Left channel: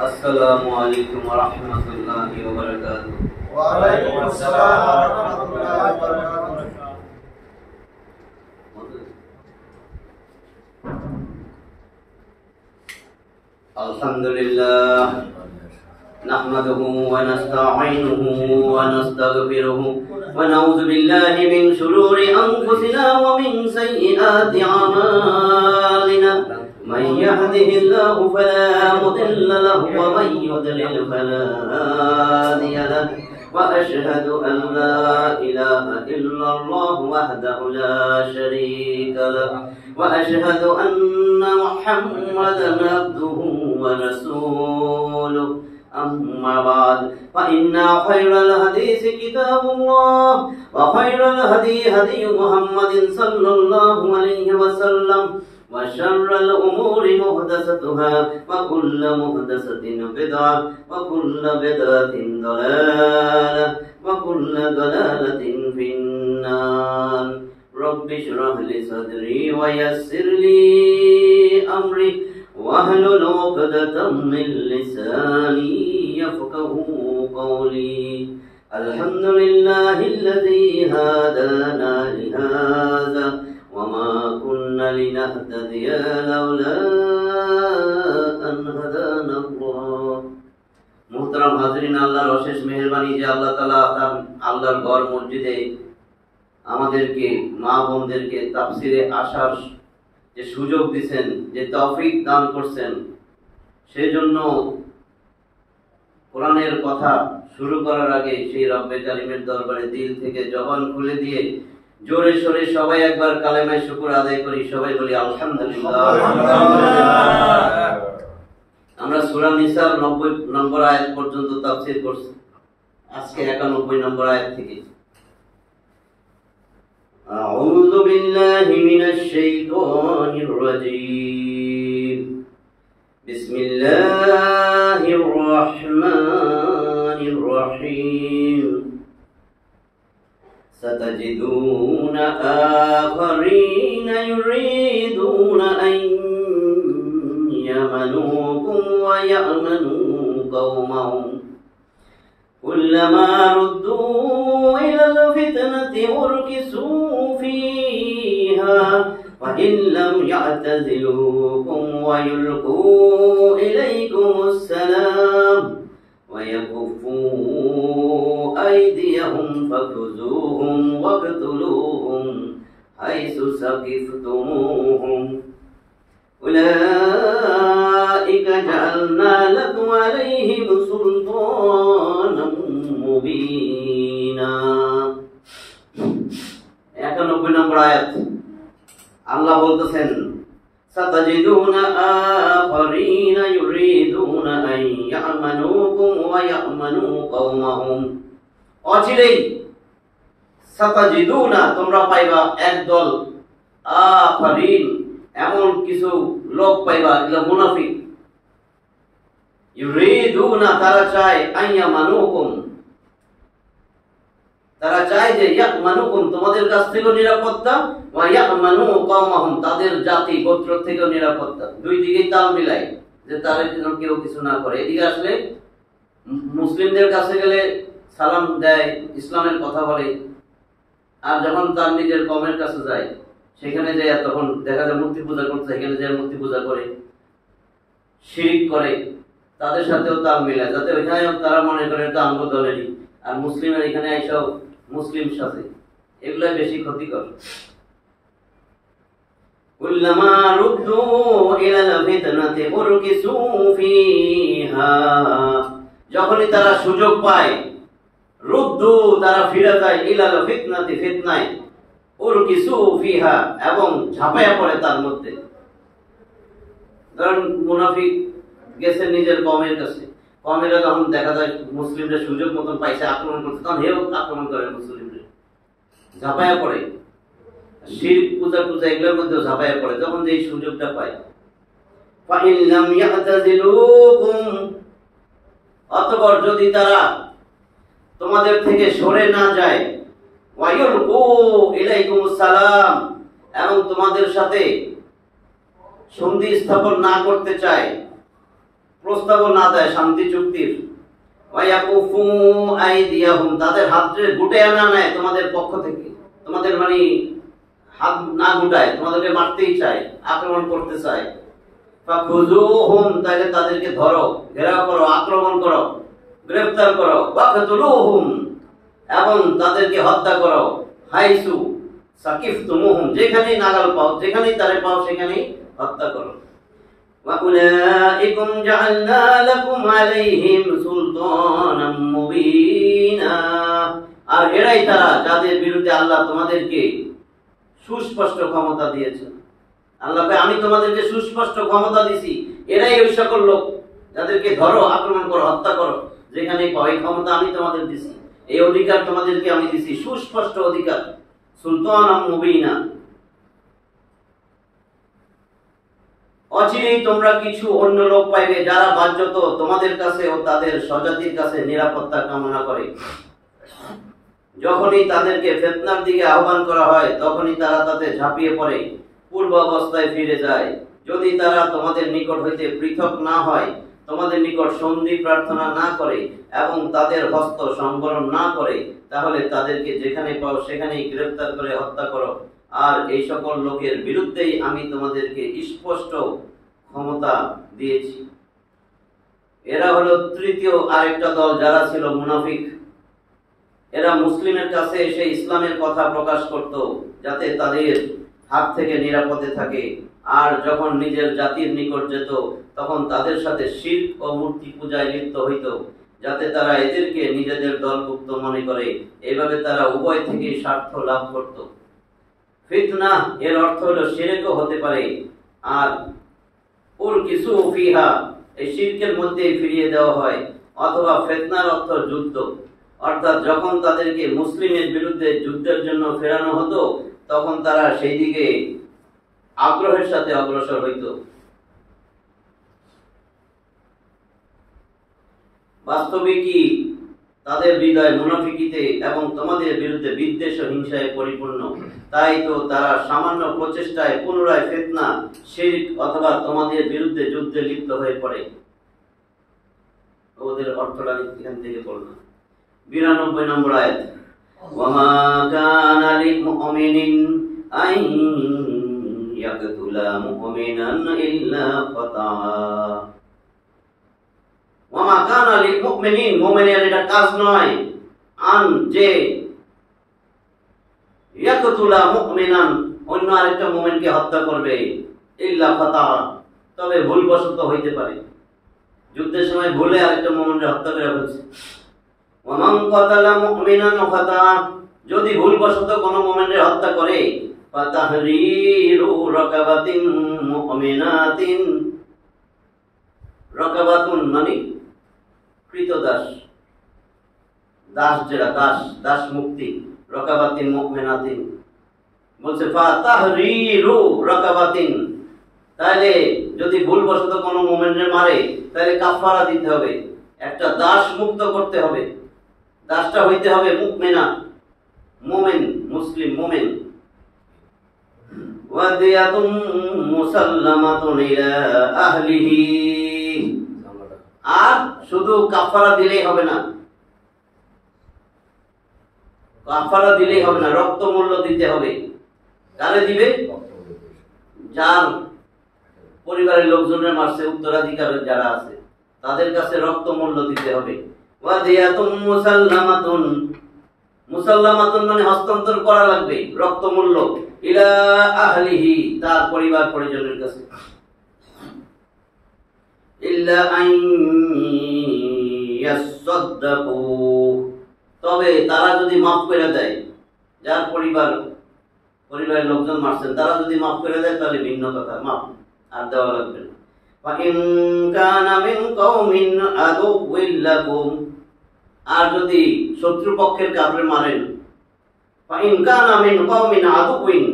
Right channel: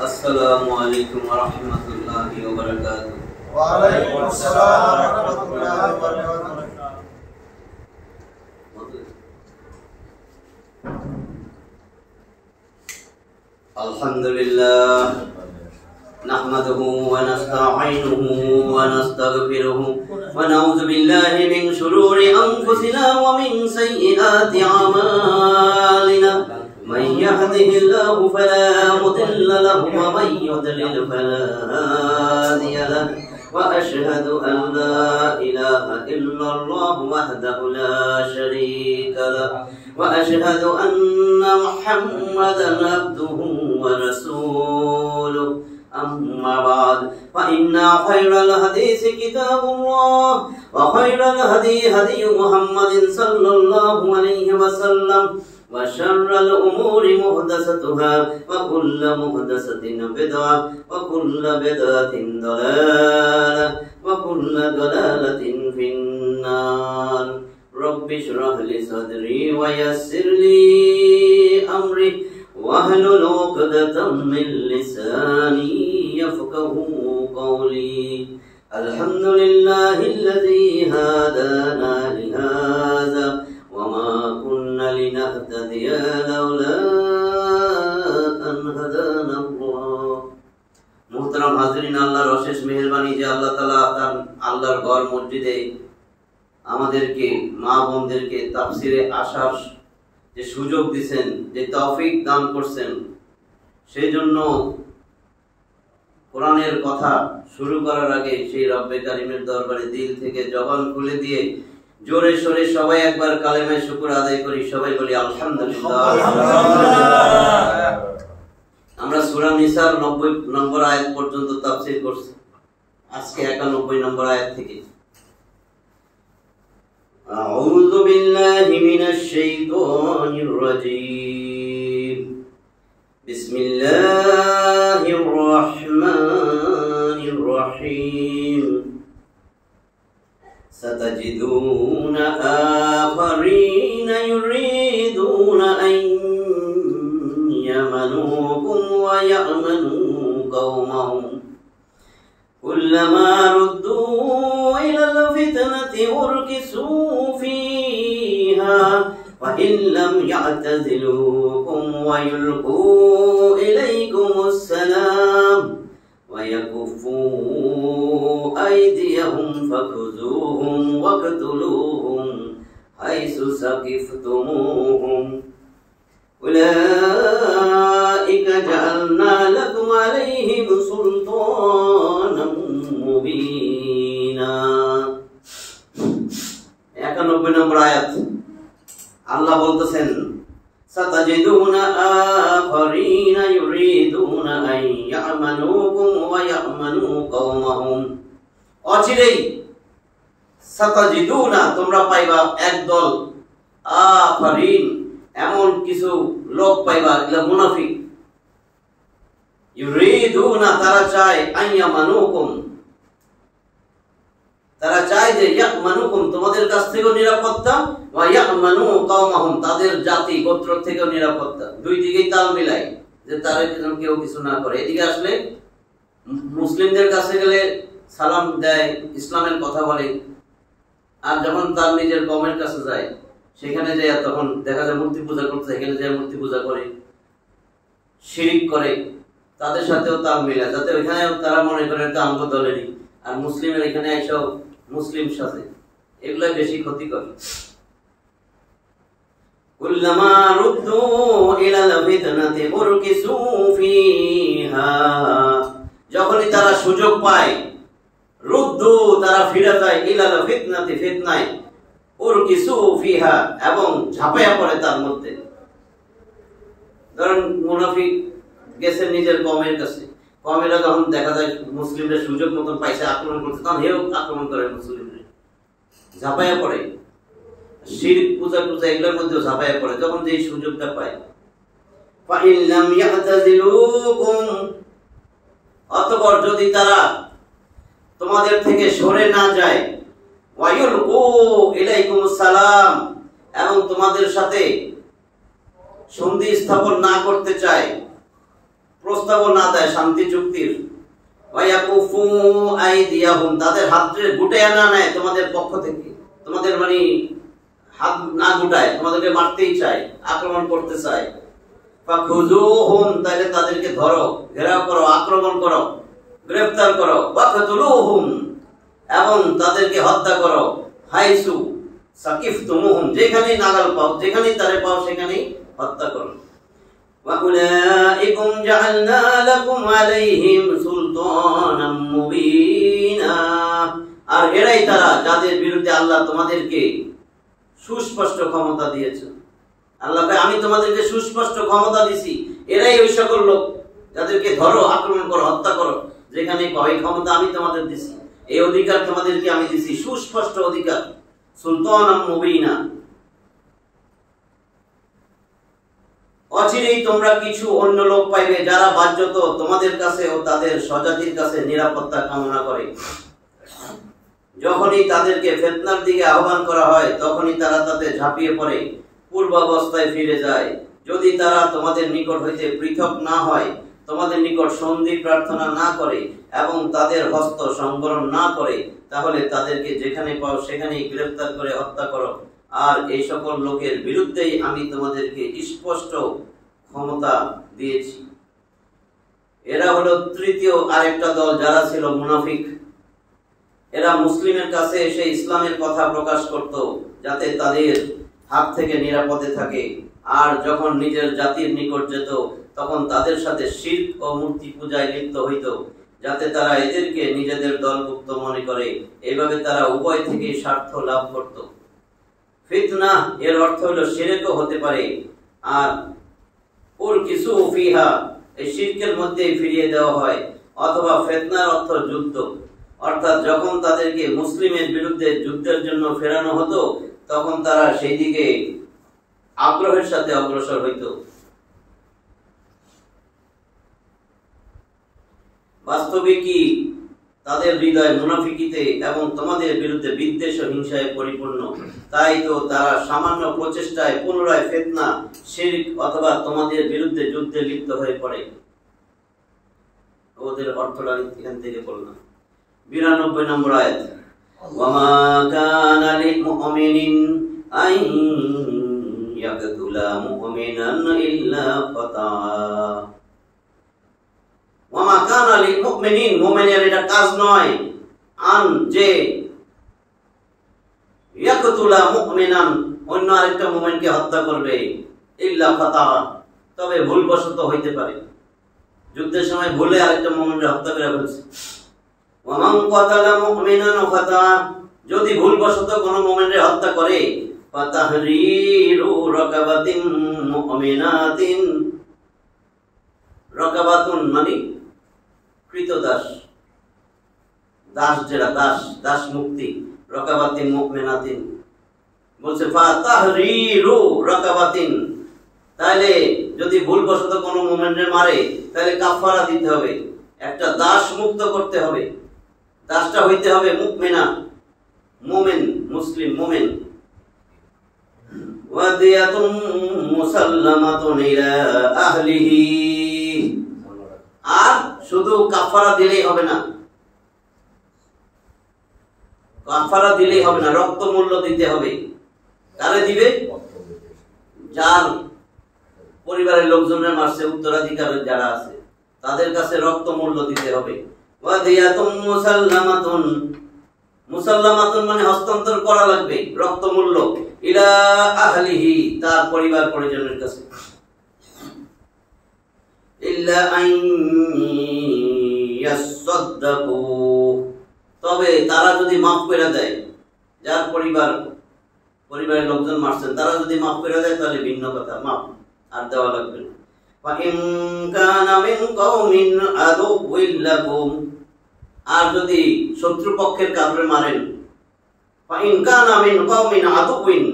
السلام عليكم ورحمة الله وبركاته. وعليكم السلام ورحمة الله وبركاته. الحمد لله نحمده ونستعينه ونستغفره ونعوذ بالله من شرور أنفسنا ومن سيئات أعمالنا من يهده الله فلا مضل له ومن يضلل فلا هادي له وأشهد أن لا إله إلا الله وحده لا شريك له وأشهد أن محمدا عبده ورسوله أما بعد فإن خير الحديث كتاب الله وخير الهدي هدي محمد صلى الله عليه وسلم وشر الأمور محدثاتها وكل محدثة بدعة وكل بدعة ضلالة وكل ضلالة في النار. رب اشرح لي صدري ويسر لي أمري واحلل عقدة من لساني يفقهوا قولي. الحمد لله الذي هدانا لهذا وما كنا لنهتدي لولا أن هدانا الله. মুহতারাম হাজিরিন, আল্লাহর অশেষ মেহেরবানি যে আল্লাহ তাআলা তার আল্লাহর ঘর মসজিদে আমাদেরকে মা বোনদেরকে তাফসিরে আসার যে সুযোগ দিয়েছেন, যে তৌফিক দান করছেন, সেই জন্য কোরআনের কথা শুরু করার আগে সেই রব্বে কারিমের দরবারে দিল থেকে জবান খুলে দিয়ে জোরে সোরে সবাই একবার কালেমায়ে শুকর আদায় করি। সবাই বলি আলহামদুলিল্লাহ। আমরা সূরা নিসার 90 নম্বর আয়াত পর্যন্ত তাফসীর করছি, আজকে 91 নম্বর আয়াত থেকে। আউযু বিল্লাহি মিনাশ শাইতানির রাজীম। বিসমিল্লাহির রাহমানির রহিম। ستجدون آخرين يريدون أن يمنوكم ويأمنوا قومهم كلما ردوا إلى الفتنة أركسوا فيها وإن لم يعتزلوكم ويلقوا إليكم السلام ويكفوا أيديهم فخذوهم واقتلوهم حيث ثقفتموهم أولئك جعلنا لكم عليهم سلطانا مبينا। 91 নম্বর আয়াত আল্লাহ বলতেছেন, সাতাজিদুনা আখারিনা ইউরিদুনা আন ইয়ামানুকুম ওয়া ইয়ামানু কওমাহুম। অচিরেই সাতাজিদুনা তোমরা পাইবা একদল, আখারিন এমন কিছু লোক পাইবা, এগুলা মুনাফিক। ইউরিদুনা তারা চায়, আন ইয়ামানুকুম তারা চায় যে ইয়ামানুকুম তোমাদের কাছ থেকেও নিরাপত্তা, ওয়া ইয়ামানু কওমাহুম তাদের জাতি গোত্র থেকেও নিরাপত্তা। দুই দিকেই তাল মিলাই যে তারা কেউ কিছু না করে। এদিকে আসলে মুসলিমদের কাছে গেলে সালাম দেয়, ইসলামের কথা বলে, আর যখন তার নিজের কওমের কাছে যায় সেখানে যায় তখন দেখা যায় মূর্তি পূজা করতে, এখানে যায় মূর্তি পূজা করে, শিরিক করে, তাদের সাথেও তাল মিলায় যাতে ওইখানে তারা মনে করে এটা আমগো দলেরই, আর মুসলিমের এখানে এসব মুসলিম সাথে, এগুলাই বেশি ক্ষতিকর। কুল্লামা রুদ্দু ইলাল ফিতনাতি উরকিসু ফিহা যখনই তারা সুযোগ পায়, রুদ্দু তারা ফিরে যায়, ইলাল ফিতনাতি ফিতনায়, উরকিসু ফিহা এবং ঝাঁপায়া পড়ে তার মধ্যে। ধরেন মুনাফিক গেছে নিজের কওমের কাছে, কওমেরা যখন দেখা যায় মুসলিমরা সুযোগ মতন পাইছে আক্রমণ করতে, তখন হেও আক্রমণ করে মুসলিমরা, ঝাঁপায়া পড়ে, শিরক পূজা পূজা এগুলোর মধ্যে ঝাঁপায়া পড়ে যখন যে সুযোগটা পায়। ফাইন লাম ইয়াতাজিলুকুম অতঃপর যদি তারা তোমাদের থেকে সরে না যায়, ওয়ায়ুলকু ইলাইকুমুস সালাম এবং তোমাদের সাথে সন্ধি স্থাপন না করতে চায়, প্রস্তাব না দেয় শান্তি চুক্তির, ওয়ায়াকুফু আইদিয়াহুম তাদের হাতকে গুটায় না নেয় তোমাদের পক্ষ থেকে, তোমাদের মানে হাত না গুটায়, তোমাদেরকে মারতেই চায়, আক্রমণ করতে চায়, ফাখুযুহুম তাহলে তাদেরকে ধরো, ঘেরাও করো, আক্রমণ করো, গ্রেফতার করো, ওয়াকতুলুহুম এবং তাদেরকে হত্যা করো, হাইসু সাকিফতুমুহুম যেখানেই নাগাল পাও, যেখানেই তারে পাও সেখানেই হত্যা করো। وَأُولَئِكُمْ جَعَلْنَا لَكُمْ عَلَيْهِمْ سُلْطَانًا مُبِينًا আর এরাই তারা যাদের বিরুদ্ধে আল্লাহ তোমাদেরকে সুস্পষ্ট ক্ষমতা দিয়েছেন। আল্লাহ কয় আমি তোমাদেরকে সুস্পষ্ট ক্ষমতা দিছি, এরাই ওই সকল লোক যাদেরকে ধরো, আক্রমণ করো, হত্যা করো যেখানেই পাও, এই ক্ষমতা আমি তোমাদের দিছি, এই অধিকার তোমাদেরকে আমি দিছি, সুস্পষ্ট অধিকার, সুলতানাম মুবিনা। অচিরেই তোমরা কিছু অন্য লোক পাইবে যারা বাহ্যত তোমাদের কাছে ও তাদের স্বজাতির কাছে নিরাপত্তা কামনা করে। যখনই তাদেরকে ফিতনার দিকে আহ্বান করা হয় তখনই তারা তাতে ঝাঁপিয়ে পড়ে, পূর্বাবস্থায় ফিরে যায়। যদি তারা তোমাদের নিকট হইতে পৃথক না হয়, তোমাদের নিকট সন্ধি প্রার্থনা না করে এবং তাদের হস্ত সংবরণ না করে, তাহলে তাদেরকে যেখানে পাও সেখানেই গ্রেফতার করে হত্যা করো। আর এই সকল লোকের বিরুদ্ধেই আমি তোমাদেরকে স্পষ্ট ক্ষমতা দিয়েছি। এরা হলো তৃতীয় আরেকটা দল যারা ছিল মুনাফিক। এরা মুসলিমের কাছে এসে ইসলামের কথা প্রকাশ করত যাতে তাদের হাত থেকে নিরাপদে থাকে, আর যখন নিজের জাতির নিকট যেত তখন তাদের সাথে শিরক ও মূর্তি পূজায় লিপ্ত হইত যাতে তারা এদেরকে নিজেদের দলভুক্ত মনে করে। এভাবে তারা উভয় থেকে স্বার্থ লাভ করত। ফিতনা এর অর্থ হলো শিরকও হতে পারে, আর ওর কিছু ফিহা এই শিরকের মধ্যে ফিরিয়ে দেওয়া হয়, অথবা ফিতনার অর্থ যুদ্ধ, অর্থাৎ যখন তাদেরকে মুসলিমের বিরুদ্ধে যুদ্ধের জন্য ফেরানো হতো তখন তারা সেই দিকে আগ্রহের সাথে অগ্রসর হইত। বাস্তবিকই তাদের হৃদয় মুনাফিকিতে এবং তোমাদের বিরুদ্ধে বিদ্বেষ ও হিংসায় পরিপূর্ণ। তাই তো তারা সামান্য প্রচেষ্টায় পুনরায় ফিতনা, শিরক অথবা তোমাদের বিরুদ্ধে যুদ্ধে লিপ্ত হয়ে পড়ে। ওদের অর্থটা এখান থেকে বললাম। 92 নম্বর আয়াত, ওয়ামা কানা লিলমুমিনিন আন ইয়াকতুলা মুমিনান ইল্লা ফাতা। ওয়ামা কানা লিলমুমিনিন, মুমিনের এটা কাজ নয়, আন যে ইয়াকতুলা মুমিনান অন্য আরেকটা মুমিনকে হত্যা করবে, ইল্লা ফাতা তবে ভুলবশত হইতে পারে, যুদ্ধের সময় ভুলে আরেকটা মুমিনকে হত্যা করে ফেলছে। ওয়ামান কাতালা মুমিনান ফাতা যদি ভুলবশত কোনো মুমিনকে হত্যা করে, ফাতাহরিরু রাকাবাতিন মুমিনাতিন, রাকাবাতুন মানে কৃতদাস, দাস যেটা দাস, দাস মুক্তি, রাকাবাতিন মুমিনাতিন বলছে ফাতাহরিরু রাকাবাতিন। তাহলে যদি ভুলবশত কোনো মুমিনকে মারে তাহলে কাফারা দিতে হবে, একটা দাস মুক্ত করতে হবে, দাসটা হইতে হবে মুমিনা, মুমিন, মুসলিম মুমিন। ওয়াদিয়াতুম মুসাল্লামাতুন ইলা আহলিহি, আর শুধু কাফারা দিলেই হবে না, কাফারা দিলেই হবে না, রক্ত মূল্য দিতে হবে। কারে দিবে? যার পরিবারের লোকজনের মারছে, উত্তরাধিকার যারা আছে তাদের কাছে রক্ত মূল্য দিতে হবে। ওয়াদিয়াতুম মুসাল্লামাতুন, মুসাল্লামাতুন মানে হস্তান্তর করা লাগবে রক্ত মূল্য, ইলা আহলিহি তার পরিবার পরিজনের কাছে। ইল্লা আন ইয়াসাদদাকু, তবে তারা যদি মাফ করে দেয়, যার পরিবারের লোকজন মারছেন তারা যদি মাফ করে দেয় তাহলে ভিন্ন কথা, মাফ আর দেওয়া লাগবে না। ফাইন কানা মিন কওমিন আদুউইল লাকুম, আর যদি শত্রুপক্ষের কাফের মারেন, ফাইন কানা মিন কওমিন আদুউইন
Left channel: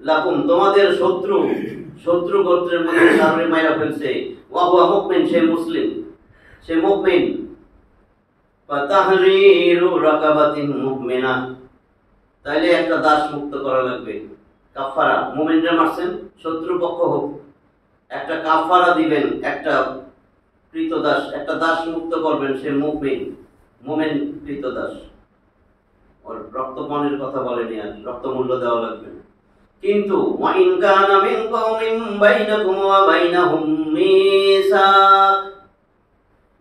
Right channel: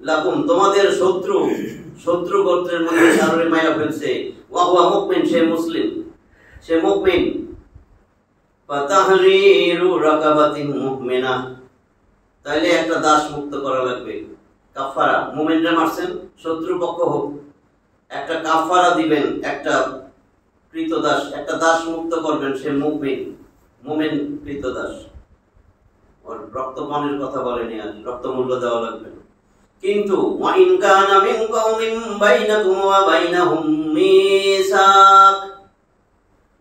লাকুম তোমাদের শত্রু গোত্রের মধ্যে কারোরে মাইরা ফেলছে, ওয়া হুয়া মুমিন সে মুসলিম, সে মুমিন, ফাতাহরিরু রাকাবাতিন মুমিনা তাইলে একটা দাস মুক্ত করা লাগবে। কাফারা, মুমিনরা মারছেন শত্রুপক্ষ হোক, একটা কাফারা দিবেন, একটা কৃতদাস, একটা দাস মুক্ত করবেন, সে মুমিন কৃতদাস। ওর রক্তপানের কথা বলেনি, আর রক্তমূল্য দেওয়া লাগবে। কিন্তু ওয়াইন কানা মিন কওমিন বাইনাকুম ওয়া বাইনাহুম মিসাক,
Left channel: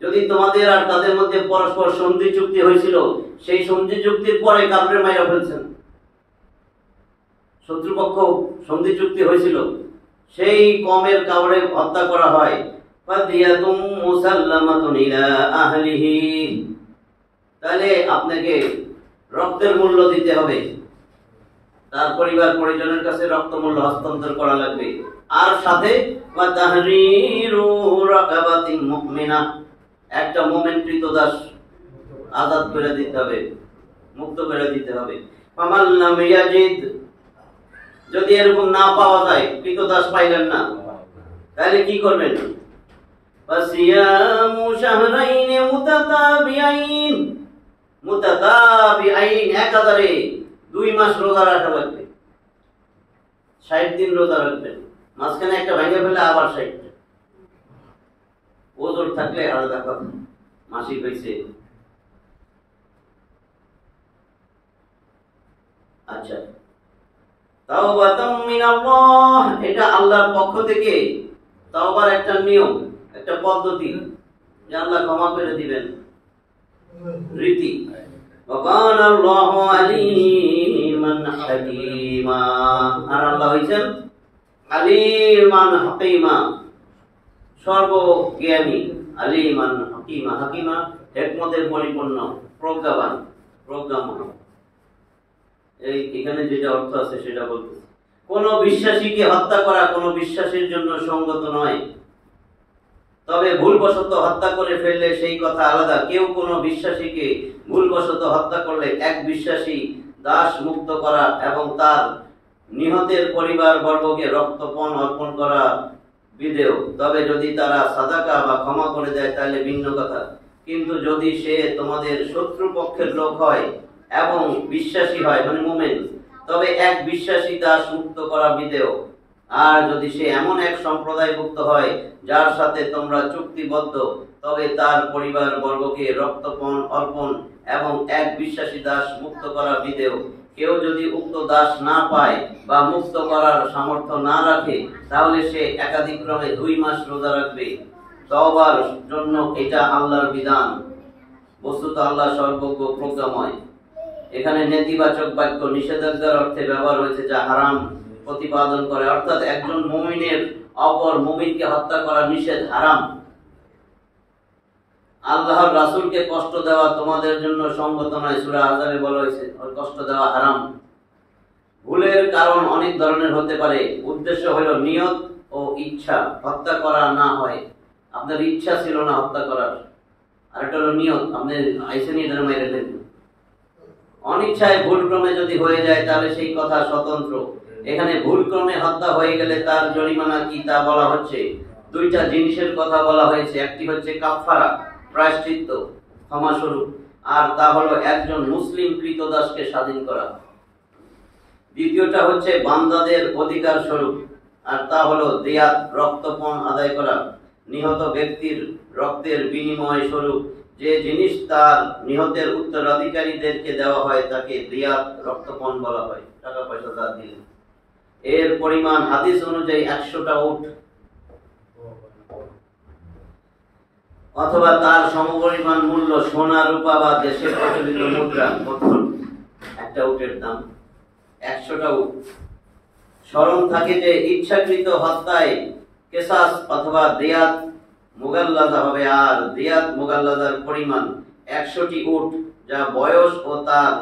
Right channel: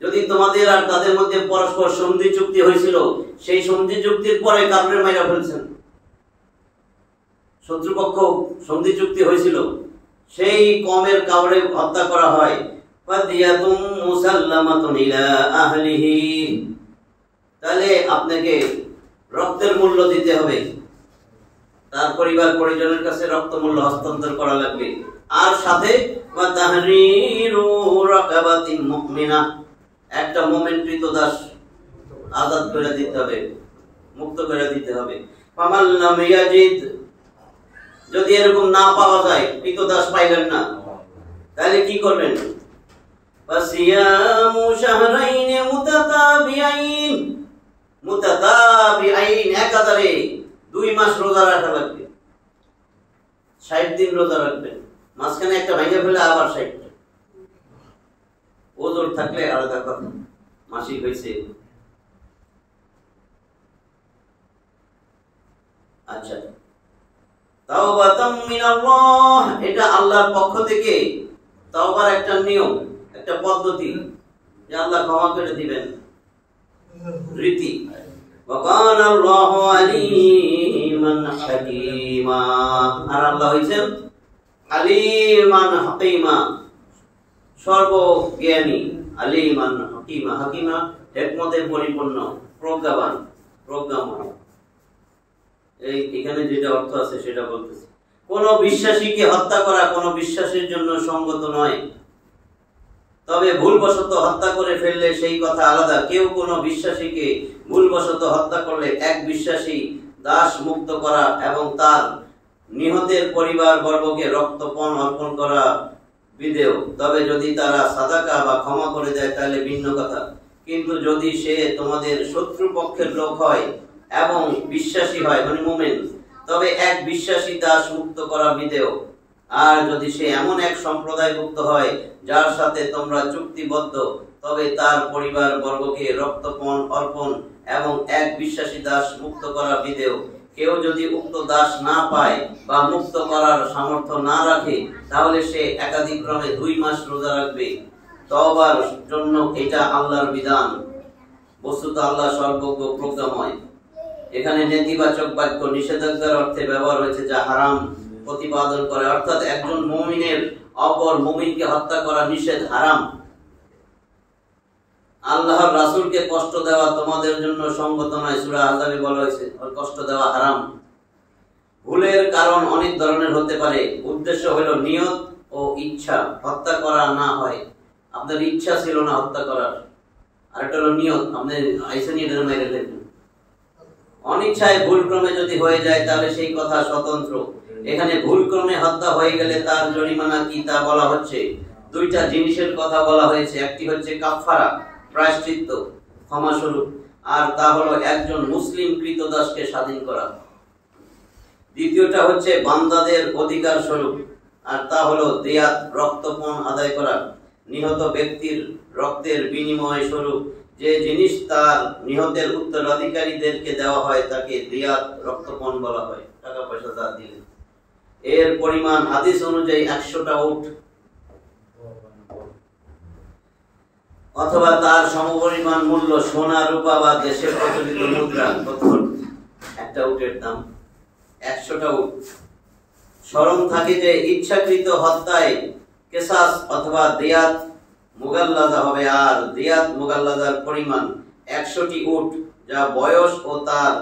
যদি তোমাদের আর তাদের মধ্যে পরস্পর সন্ধি চুক্তি হয়েছিল, সেই সন্ধি চুক্তির পরে কাফের মাইরা ফেলছেন, শত্রুপক্ষ সন্ধি চুক্তি হয়েছিল, সেই কমের কাউরে হত্যা করা হয়, ফাদিয়াতুম মুসাল্লামাতুন ইলা আহলিহি, তাহলে আপনাকে রক্তের মূল্য দিতে হবে, তার পরিবার পরিজনের কাছে রক্ত মূল্য হস্তান্তর করা লাগবে। আর সাথে ওয়া তাহরিরু রাকাবাতিন মুমিনা, একটা মুমিন কৃতদাস আজাদ করে দিতে হবে, মুক্ত করে দিতে হবে। ফামান লাম ইয়াজিদ, যদি এরকম না পাওয়া যায়, কৃতদাস পাইলেন না, তাহলে কি করবেন? ফাসিয়ামু শাহরাইন মুতাতাবিআইন, একাধারে 2 মাস রোজা রাখা লাগবে, 60 দিন রোজা রাখবেন, মাঝখানে একটা ভেঙে ফেলে আবার 60টা। ওজোর থাকলে আলাদা কথা, মাসিক হয়েছে। আচ্ছা, তাওবাতাম মিনাল্লাহ, এটা আল্লাহর পক্ষ থেকে তাওবার একটা নিয়ম, একটা পদ্ধতি, যে আল্লাহ ক্ষমা করে দিবেন, রীতি। ওয়া কানা আল্লাহু আলিমান হাকীমা, আর আল্লাহ হইছেন আলিমান হাকীমা, সর্বজ্ঞানী। আলিমান হাকীমা, হাকীমা হিকমতের পরিপূর্ণ, প্রজ্ঞাবান, প্রজ্ঞাময়। এখানে যেটা অর্থ আছে সেটা বলতেছে। কোন বিশ্বাসীকে হত্যা করা কোন বিশ্বাসীর জন্য সঙ্গত নয়, তবে ভুলবশত হত্যা করে ফেললে সেই কথা আলাদা। কেউ কোন বিশ্বাসীকে ভুলবশত হত্যা করলে এক বিশ্বাসী দাস মুক্ত করা এবং তার নিহতের পরিবার বর্গকে রক্তপণ অর্পণ করা বিধেয়। তবে যদি তারা সাদাকা বা ক্ষমা করে দেয় তাহলে ভিন্ন কথা। কিন্তু যদি সে তোমাদের শত্রুপক্ষের লোক হয় এবং বিশ্বাসী হয়, মানে মুমিন, তবে এক বিশ্বাসী দাস মুক্ত করা বিধেয়। আর যদি সে এমন এক সম্প্রদায়ভুক্ত হয় যার সাথে তোমরা চুক্তিবদ্ধ, তবে তার পরিবার বর্গকে রক্তপণ অর্পণ এবং এক বিশ্বাসী দাস মুক্ত করা বিধেয়। কেউ যদি উক্ত দাস না পায় বা মুক্ত করার সামর্থ্য না রাখে, তাহলে সে একাধিক্রমে 2 মাস রোজা রাখবে। তওবার জন্য এটা আল্লাহর বিধান। বস্তুত আল্লাহ সর্বজ্ঞ, প্রজ্ঞাময়। এখানে নেতিবাচক বাক্য নিষেধাজ্ঞার অর্থে ব্যবহার হয়েছে, যা হারাম প্রতিপাদন করে, অর্থাৎ একজন মুমিনের অপর মুমিনকে হত্যা করা নিষেধ, হারাম। আল্লাহর রাসূলকে কষ্ট দেওয়া তোমাদের জন্য সঙ্গত নয়, সূরা আহজাবে বলা হয়েছে কষ্ট দেওয়া হারাম। ভুলের কারণ অনেক ধরনের হতে পারে। উদ্দেশ্য হলো নিয়ত ও ইচ্ছা, হত্যা করা না হয়। আপনার ইচ্ছা ছিল না হত্যা করার, আর একটা হলো নিয়ত, আপনি আইসেনি এটা মেরে ফেলবেন। অনিচ্ছায় ভুলক্রমে যদি হয়ে যায় তাহলে সেই কথা স্বতন্ত্র। এখানে ভুলক্রমে হত্যা হয়ে গেলে তার জরিমানা কি তা বলা হচ্ছে। 2টা জিনিসের কথা বলা হয়েছে। একটি হচ্ছে কাফফারা, প্রায়শ্চিত্ত, ক্ষমাস্বরূপ, আর তা হলো একজন মুসলিম কৃতদাসকে স্বাধীন করা। দ্বিতীয়টা হচ্ছে বান্দাদের অধিকার স্বরূপ, আর তা হলো দিয়াত, রক্তপণ আদায় করা। নিহত ব্যক্তির রক্তের বিনিময় স্বরূপ যে জিনিস তার নিহতের উত্তরাধিকারীদেরকে দেওয়া হয় তাকে দিয়াত, রক্তপণ বলা হয়, টাকা পয়সা যা দিলে। এর পরিমাণ হাদিস অনুযায়ী 100টা উট অথবা তার সমপরিমাণ মূল্য সোনা, রূপা বা দেশে প্রচলিত মুদ্রা। তখন একটা উটের দাম 100টা উট। স্মরণ থাকে যে ইচ্ছাকৃত হত্যায় কেসাস অথবা দিয়াত মুগাল্লাজা হবে, আর দিয়াত মুগাল্লাজার পরিমাণ 100টি উট, যা বয়স ও তার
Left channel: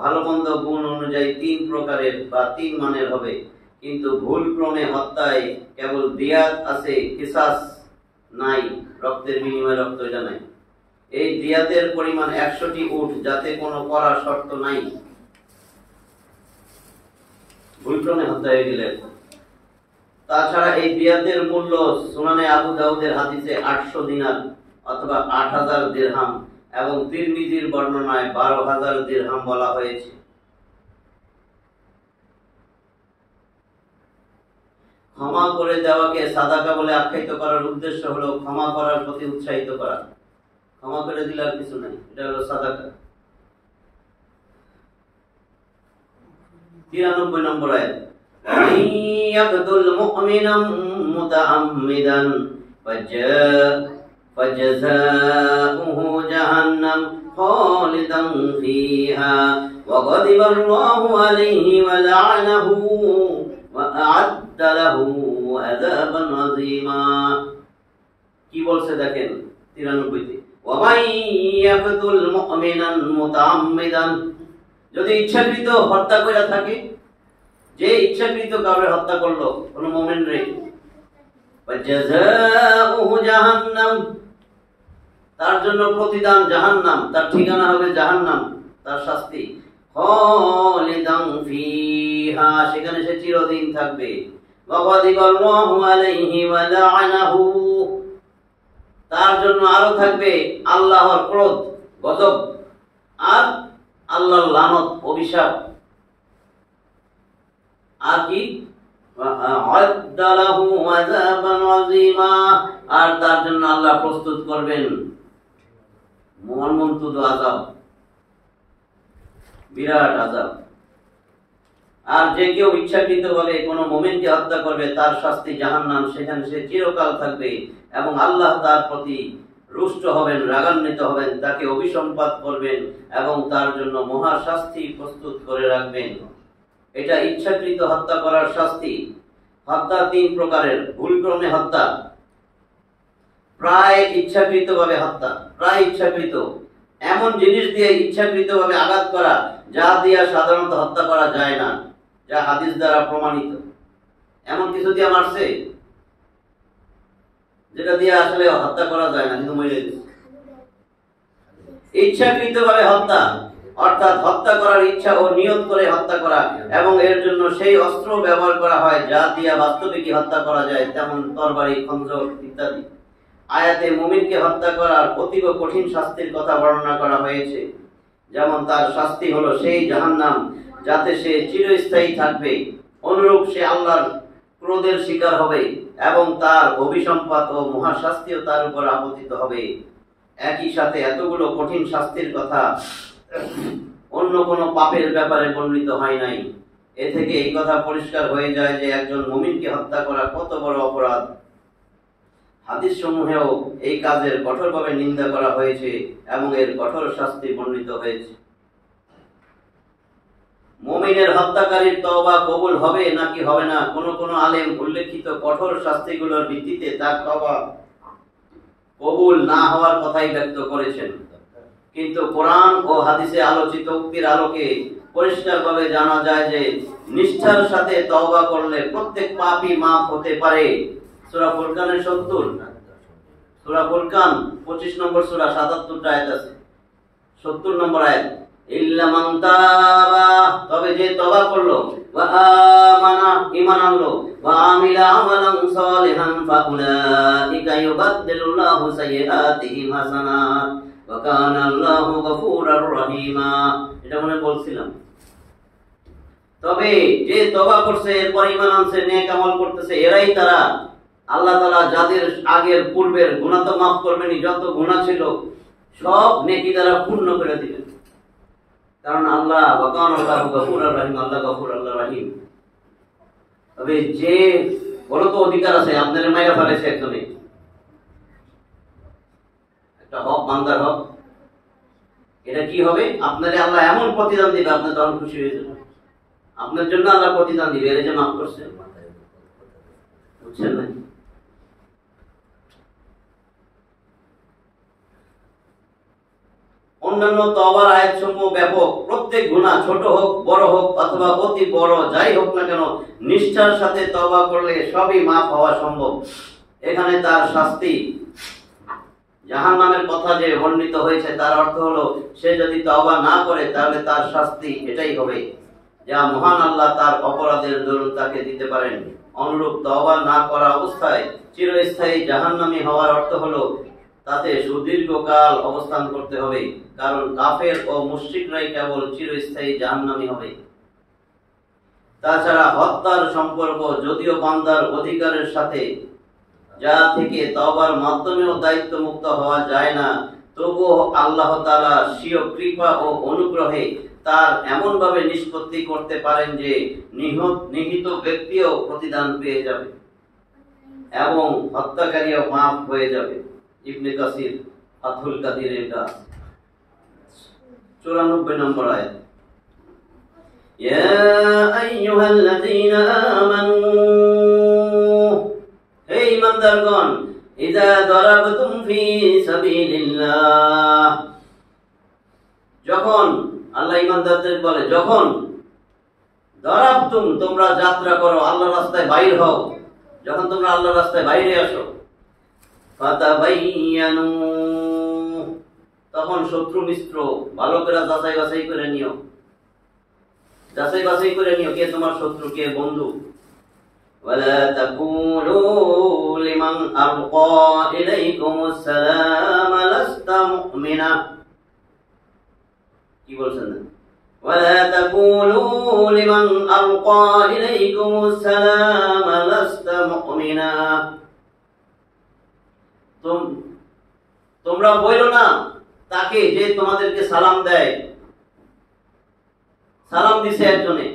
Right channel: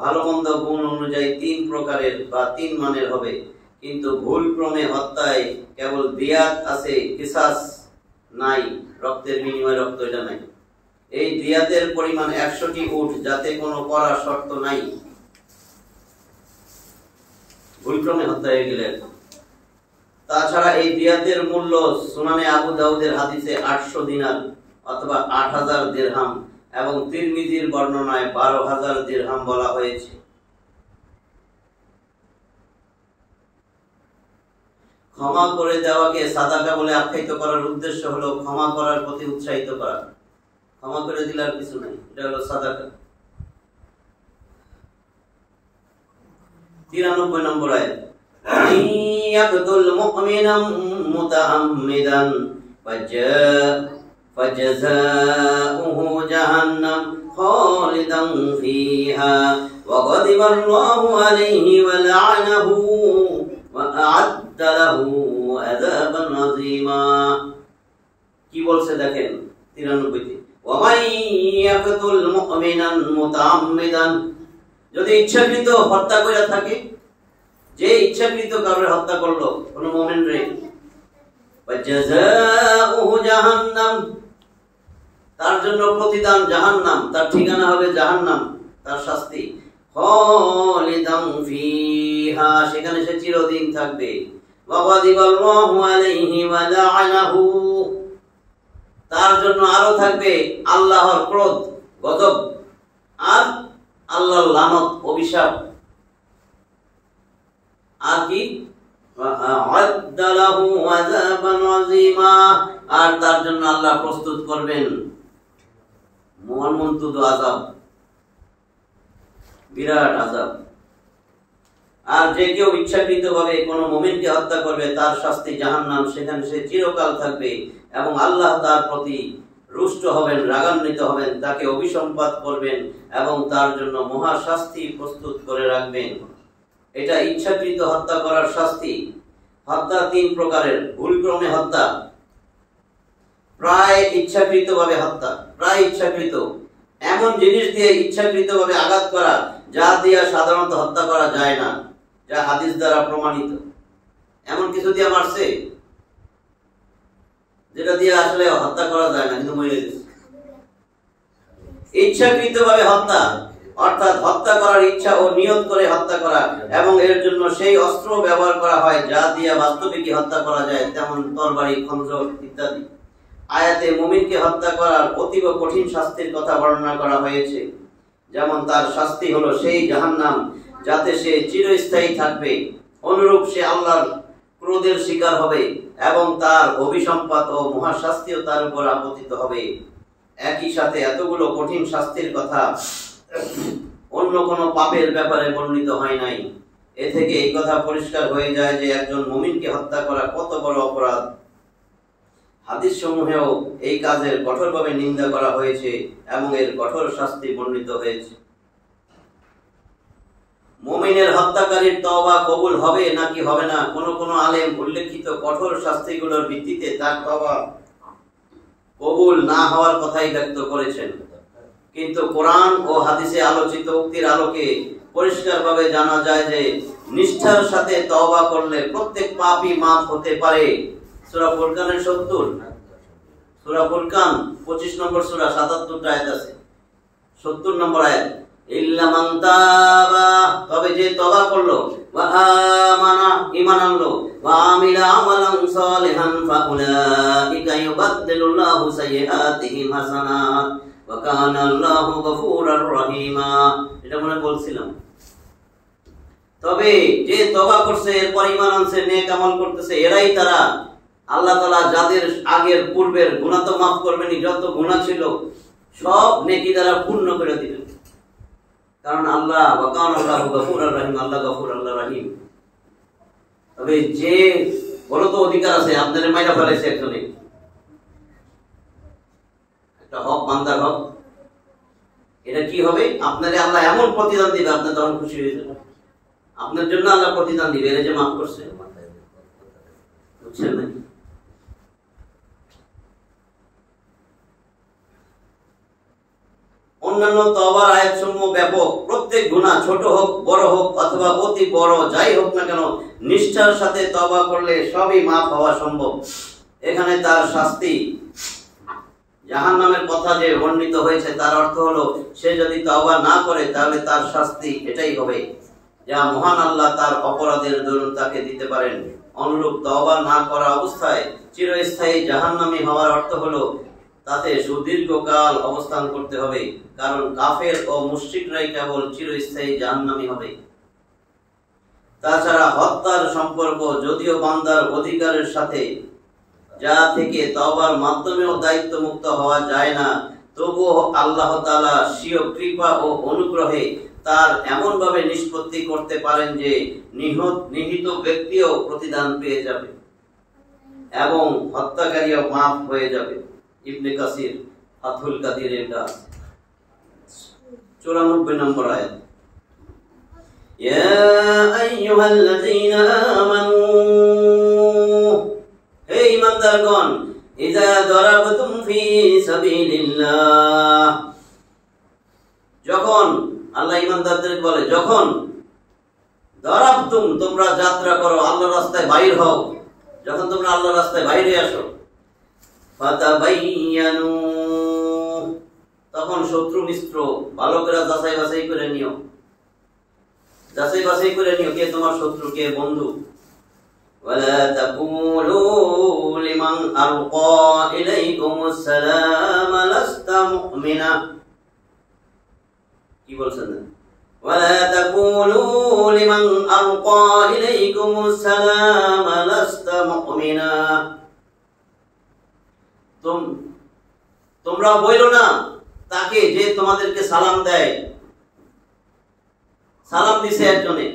ভালো মন্দ গুণ অনুযায়ী 3 প্রকারের বা 3 মানের হবে। কিন্তু ভুলক্রমে হত্যায় কেবল দিয়াত আছে, কিসাস নাই, রক্তের বিনিময়ে রক্ত এটা নাই। এই দিয়াতের পরিমাণ 100টি উট, যাতে কোনো করা শর্ত নাই, ভুলক্রমে হত্যা হয়ে গেলে। তাছাড়া এই দিয়াতের মূল্য সুনানে আবু দাউদের হাদিসে 800 দিনার অথবা 8000 দিরহাম এবং তিরমিজির বর্ণনায় 12000 দিরহাম বলা হয়েছে। ক্ষমা করে দেওয়াকে সাদাকা বলে আখ্যায়িত করার উদ্দেশ্য হলো ক্ষমা করার প্রতি উৎসাহিত করা। ক্ষমা করে দিলে আর কিছু নাই, এটা হলো সাদাকা। 93 নম্বর আয়াত, ইয়াকতুল মুমিনা মুতাআম্মিদান ফাজাযাউহু জাহান্নাম খালিদান ফিহা ওয়া গাদিবাল্লাহু আলাইহি ওয়া লা'নাহু ওয়া আ'আদ্দা লাহু আযাবান আযীমা। কি বলছে দেখেন 93 তে, ওয়া মান ইয়াকতুল মুমিনান মুতাআম্মিদান, যদি ইচ্ছাকৃত হত্যা করে থাকে, যে ইচ্ছাকৃত কাউকে হত্যা করলো কোন মুমিন রে, ফাজাযাউহু জাহান্নাম, তার জন্য প্রতিদান জাহান্নাম, তার ঠিকানা হবে জাহান্নাম, তার শাস্তি খালিদান ফিহা, সেখানে সে চিরদিন থাকবে। ওয়া গাদিবাল্লাহু আলাইহি ওয়া লা'নাহু, তার জন্য আরো থাকবে আল্লাহর ক্রোধ, গজব, আর আল্লাহর লানত, অভিশাপ। আর কি, আ'আদ্দা লাহু আযাবান আযীমা, আর তার জন্য আল্লাহ প্রস্তুত করবেন মর্মন্তুদ আযাব, বিরাট আযাব। আর যে কেউ ইচ্ছাকৃতভাবে কোনো মুমিনকে হত্যা করবে তার শাস্তি জাহান্নাম, সেখানে সে চিরকাল থাকবে এবং আল্লাহ তার প্রতি রুষ্ট হবেন, রাগান্বিত হবেন, তাকে অভিসম্পাত করবেন এবং তার জন্য মহা শাস্তি প্রস্তুত করে রাখবেন। এটা ইচ্ছাকৃত হত্যা করার শাস্তি। হত্যা 3 প্রকারের, ভুলক্রমে হত্যা, প্রায় ইচ্ছাকৃতভাবে হত্যা, প্রায় ইচ্ছাকৃত, এমন জিনিস দিয়ে ইচ্ছাকৃতভাবে আঘাত করা যা দিয়ে সাধারণত হত্যা করা যায় না, যা হাদিস দ্বারা প্রমাণিত। এমন কিছু দিয়ে মারছে যেটা দিয়ে আসলে হত্যা করা যায় না, কিন্তু মরে গেছে। ইচ্ছাকৃতভাবে হত্যা অর্থাৎ হত্যা করার ইচ্ছা ও নিয়ত করে হত্যা করা, এবং এর জন্য সেই অস্ত্র ব্যবহার করা হয় যা দিয়ে বাস্তবিকই হত্যা করা যায়, যেমন তরবারি, খঞ্জর ইত্যাদি। আয়াতে মুমিনকে হত্যা করার অতীব কঠিন শাস্তির কথা বর্ণনা করা হয়েছে, যেমন তার শাস্তি হলো সেই জাহান্নাম যাতে সে চিরস্থায়ী থাকবে, অনুরূপ সে আল্লাহর ক্রোধের শিকার হবে এবং তার অভিসম্পাত ও মহাশাস্তিও তার উপর আপতিত হবে। একই সাথে এতগুলো কঠিন শাস্তির কথা অন্য কোনো পাপের ব্যাপারে বর্ণিত হয় নাই। এ থেকে এই কথা পরিষ্কার হয়ে যায় যে একজন মুমিনকে হত্যা করা কত বড় অপরাধ। হাদিস সমূহেও এই কাজের কঠোরভাবে নিন্দা করা হয়েছে এবং এর কঠোর শাস্তি বর্ণিত হয়েছে। মুমিনের হত্যাকারীর তওবা কবুল হবে নাকি হবে না, কোন কোন আলেম উল্লেখিত কঠোর শাস্তিগুলোর ভিত্তিতে তার তওবা কবুল না হওয়ার কথাই ব্যক্ত করেছেন। কিন্তু কোরআন ও হাদিসে আলোচিত উক্তির আলোকে পরিষ্কারভাবে জানা যায় যে নিষ্ঠার সাথে তওবা করলে প্রত্যেক পাপই মাফ হতে পারে। সূরা ফুরকানের 70, সূরা ফুরকান 25 নম্বর সূরা 77 আয়াত আছে, 70 নম্বর আয়াত, ইল্লা মান তাবা, তবে যে তওবা করলো, ওয়া আমানা, ঈমান আনলো, ওয়া আমিলা আমালান সালিহান ফাউলাইকা ইউবাদদিলুল্লাহু সাইয়্যাতিহিম হাসানাত ওয়া কানা আল্লাহু গফুরার রহিমা। এটা মনে বলছিলাম। তবে যে তওবা করছে, এরপর ঈমান আনছে, নেক আমল করতেছে, এরাই তারা আল্লাহ তাআলা যাদের আগের পূর্বের গুনাহ তো মাফ করবেনই, যত গুনাহ ছিল সব নেকি দ্বারা পূর্ণ করে দিবেন। কারণ আল্লাহ ওয়া কানা আল্লাহু গফুরার রহিম, আল্লাহ গফুর, আল্লাহ রহিম। তবে যে বড় তো অধিকার আছে, আপনাদের মাইরা ফেলেছে একজনে, একটা হক, বান্দার হক, এটা কি হবে? আপনারে আল্লাহ এমন প্রতিদান দিবে, আপনি তখন খুশি হয়ে যাবেন। আপনার জন্য আল্লাহ প্রতিদান দিবে, এর যে মাফ করছে, বুঝছেন না? অন্যান্য তওবার আয়াতসমূহ ব্যাপক। প্রত্যেক গুনাহ ছোট হোক, বড় হোক অথবা অতি বড় যাই হোক না কেন, নিষ্ঠার সাথে তওবা করলে সবই মাফ হওয়া সম্ভব। এখানে তার শাস্তি, জাহান্নামের কথা যে বর্ণিত হয়েছে তার অর্থ হলো সে যদি তওবা না করে তাহলে তার শাস্তি এটাই হবে যা মহান আল্লাহ তার অপরাধের দরুন তাকে দিতে পারেন। অনুরূপ তওবা না করা অবস্থায় চিরস্থায়ী জাহান্নামী হওয়ার অর্থ হলো তাতে সুদীর্ঘকাল অবস্থান করতে হবে, কারণ কাফের ও মুশরিকরাই কেবল চিরস্থায়ী জাহান্নামী হবে। তাছাড়া হত্যার সম্পর্ক যদিও বান্দার অধিকারের সাথে, যা থেকে তওবার মাধ্যমেও দায়িত্ব মুক্ত হওয়া যায় না, তবুও আল্লাহ তাআলা স্বীয় কৃপা ও অনুগ্রহে তার এমন ভাবে নিষ্পত্তি করতে পারেন যে নিহিত ব্যক্তিও প্রতিদান পেয়ে যাবে এবং হত্যাকারীও মাফ হয়ে যাবে। ইবনে কাসির ফাথুল কাদিরের কাজ 94 নম্বর আয়াত। ইয়া আইয়ুহাল্লাযীনা আমানু, হে ঈমানদারগণ, ইযা দারাবতুম ফি সাবিলিল্লাহ, যখন আল্লাহ ঈমানদারদের বলে যখন দারাবতুম তোমরা যাত্রা করো, আল্লাহর রাস্তায় বাইর হও, যখন তোমরা আল্লাহর রাস্তায় বাইরে আসো, ফাতাবাইয়ানু, তখন শত্রু মিত্র ভালো করে যাচাই বাছাই করে নিও, যাচাই বাছাই করে নিও কে তোমার শত্রু কে বন্ধু। ওয়ালা তাকুলু লিমান আলকা ইলাইকুমুস সালাম লাস্তা মুমিনা, কি বলছেন? ওয়ালা তাকুলু লিমান আলকা ইলাইকুমুস সালাম লাস্তা মুমিনা, তোমরা বলো না তাকে যে তোমাদেরকে সালাম দেয়, সালাম দিছে একজনে,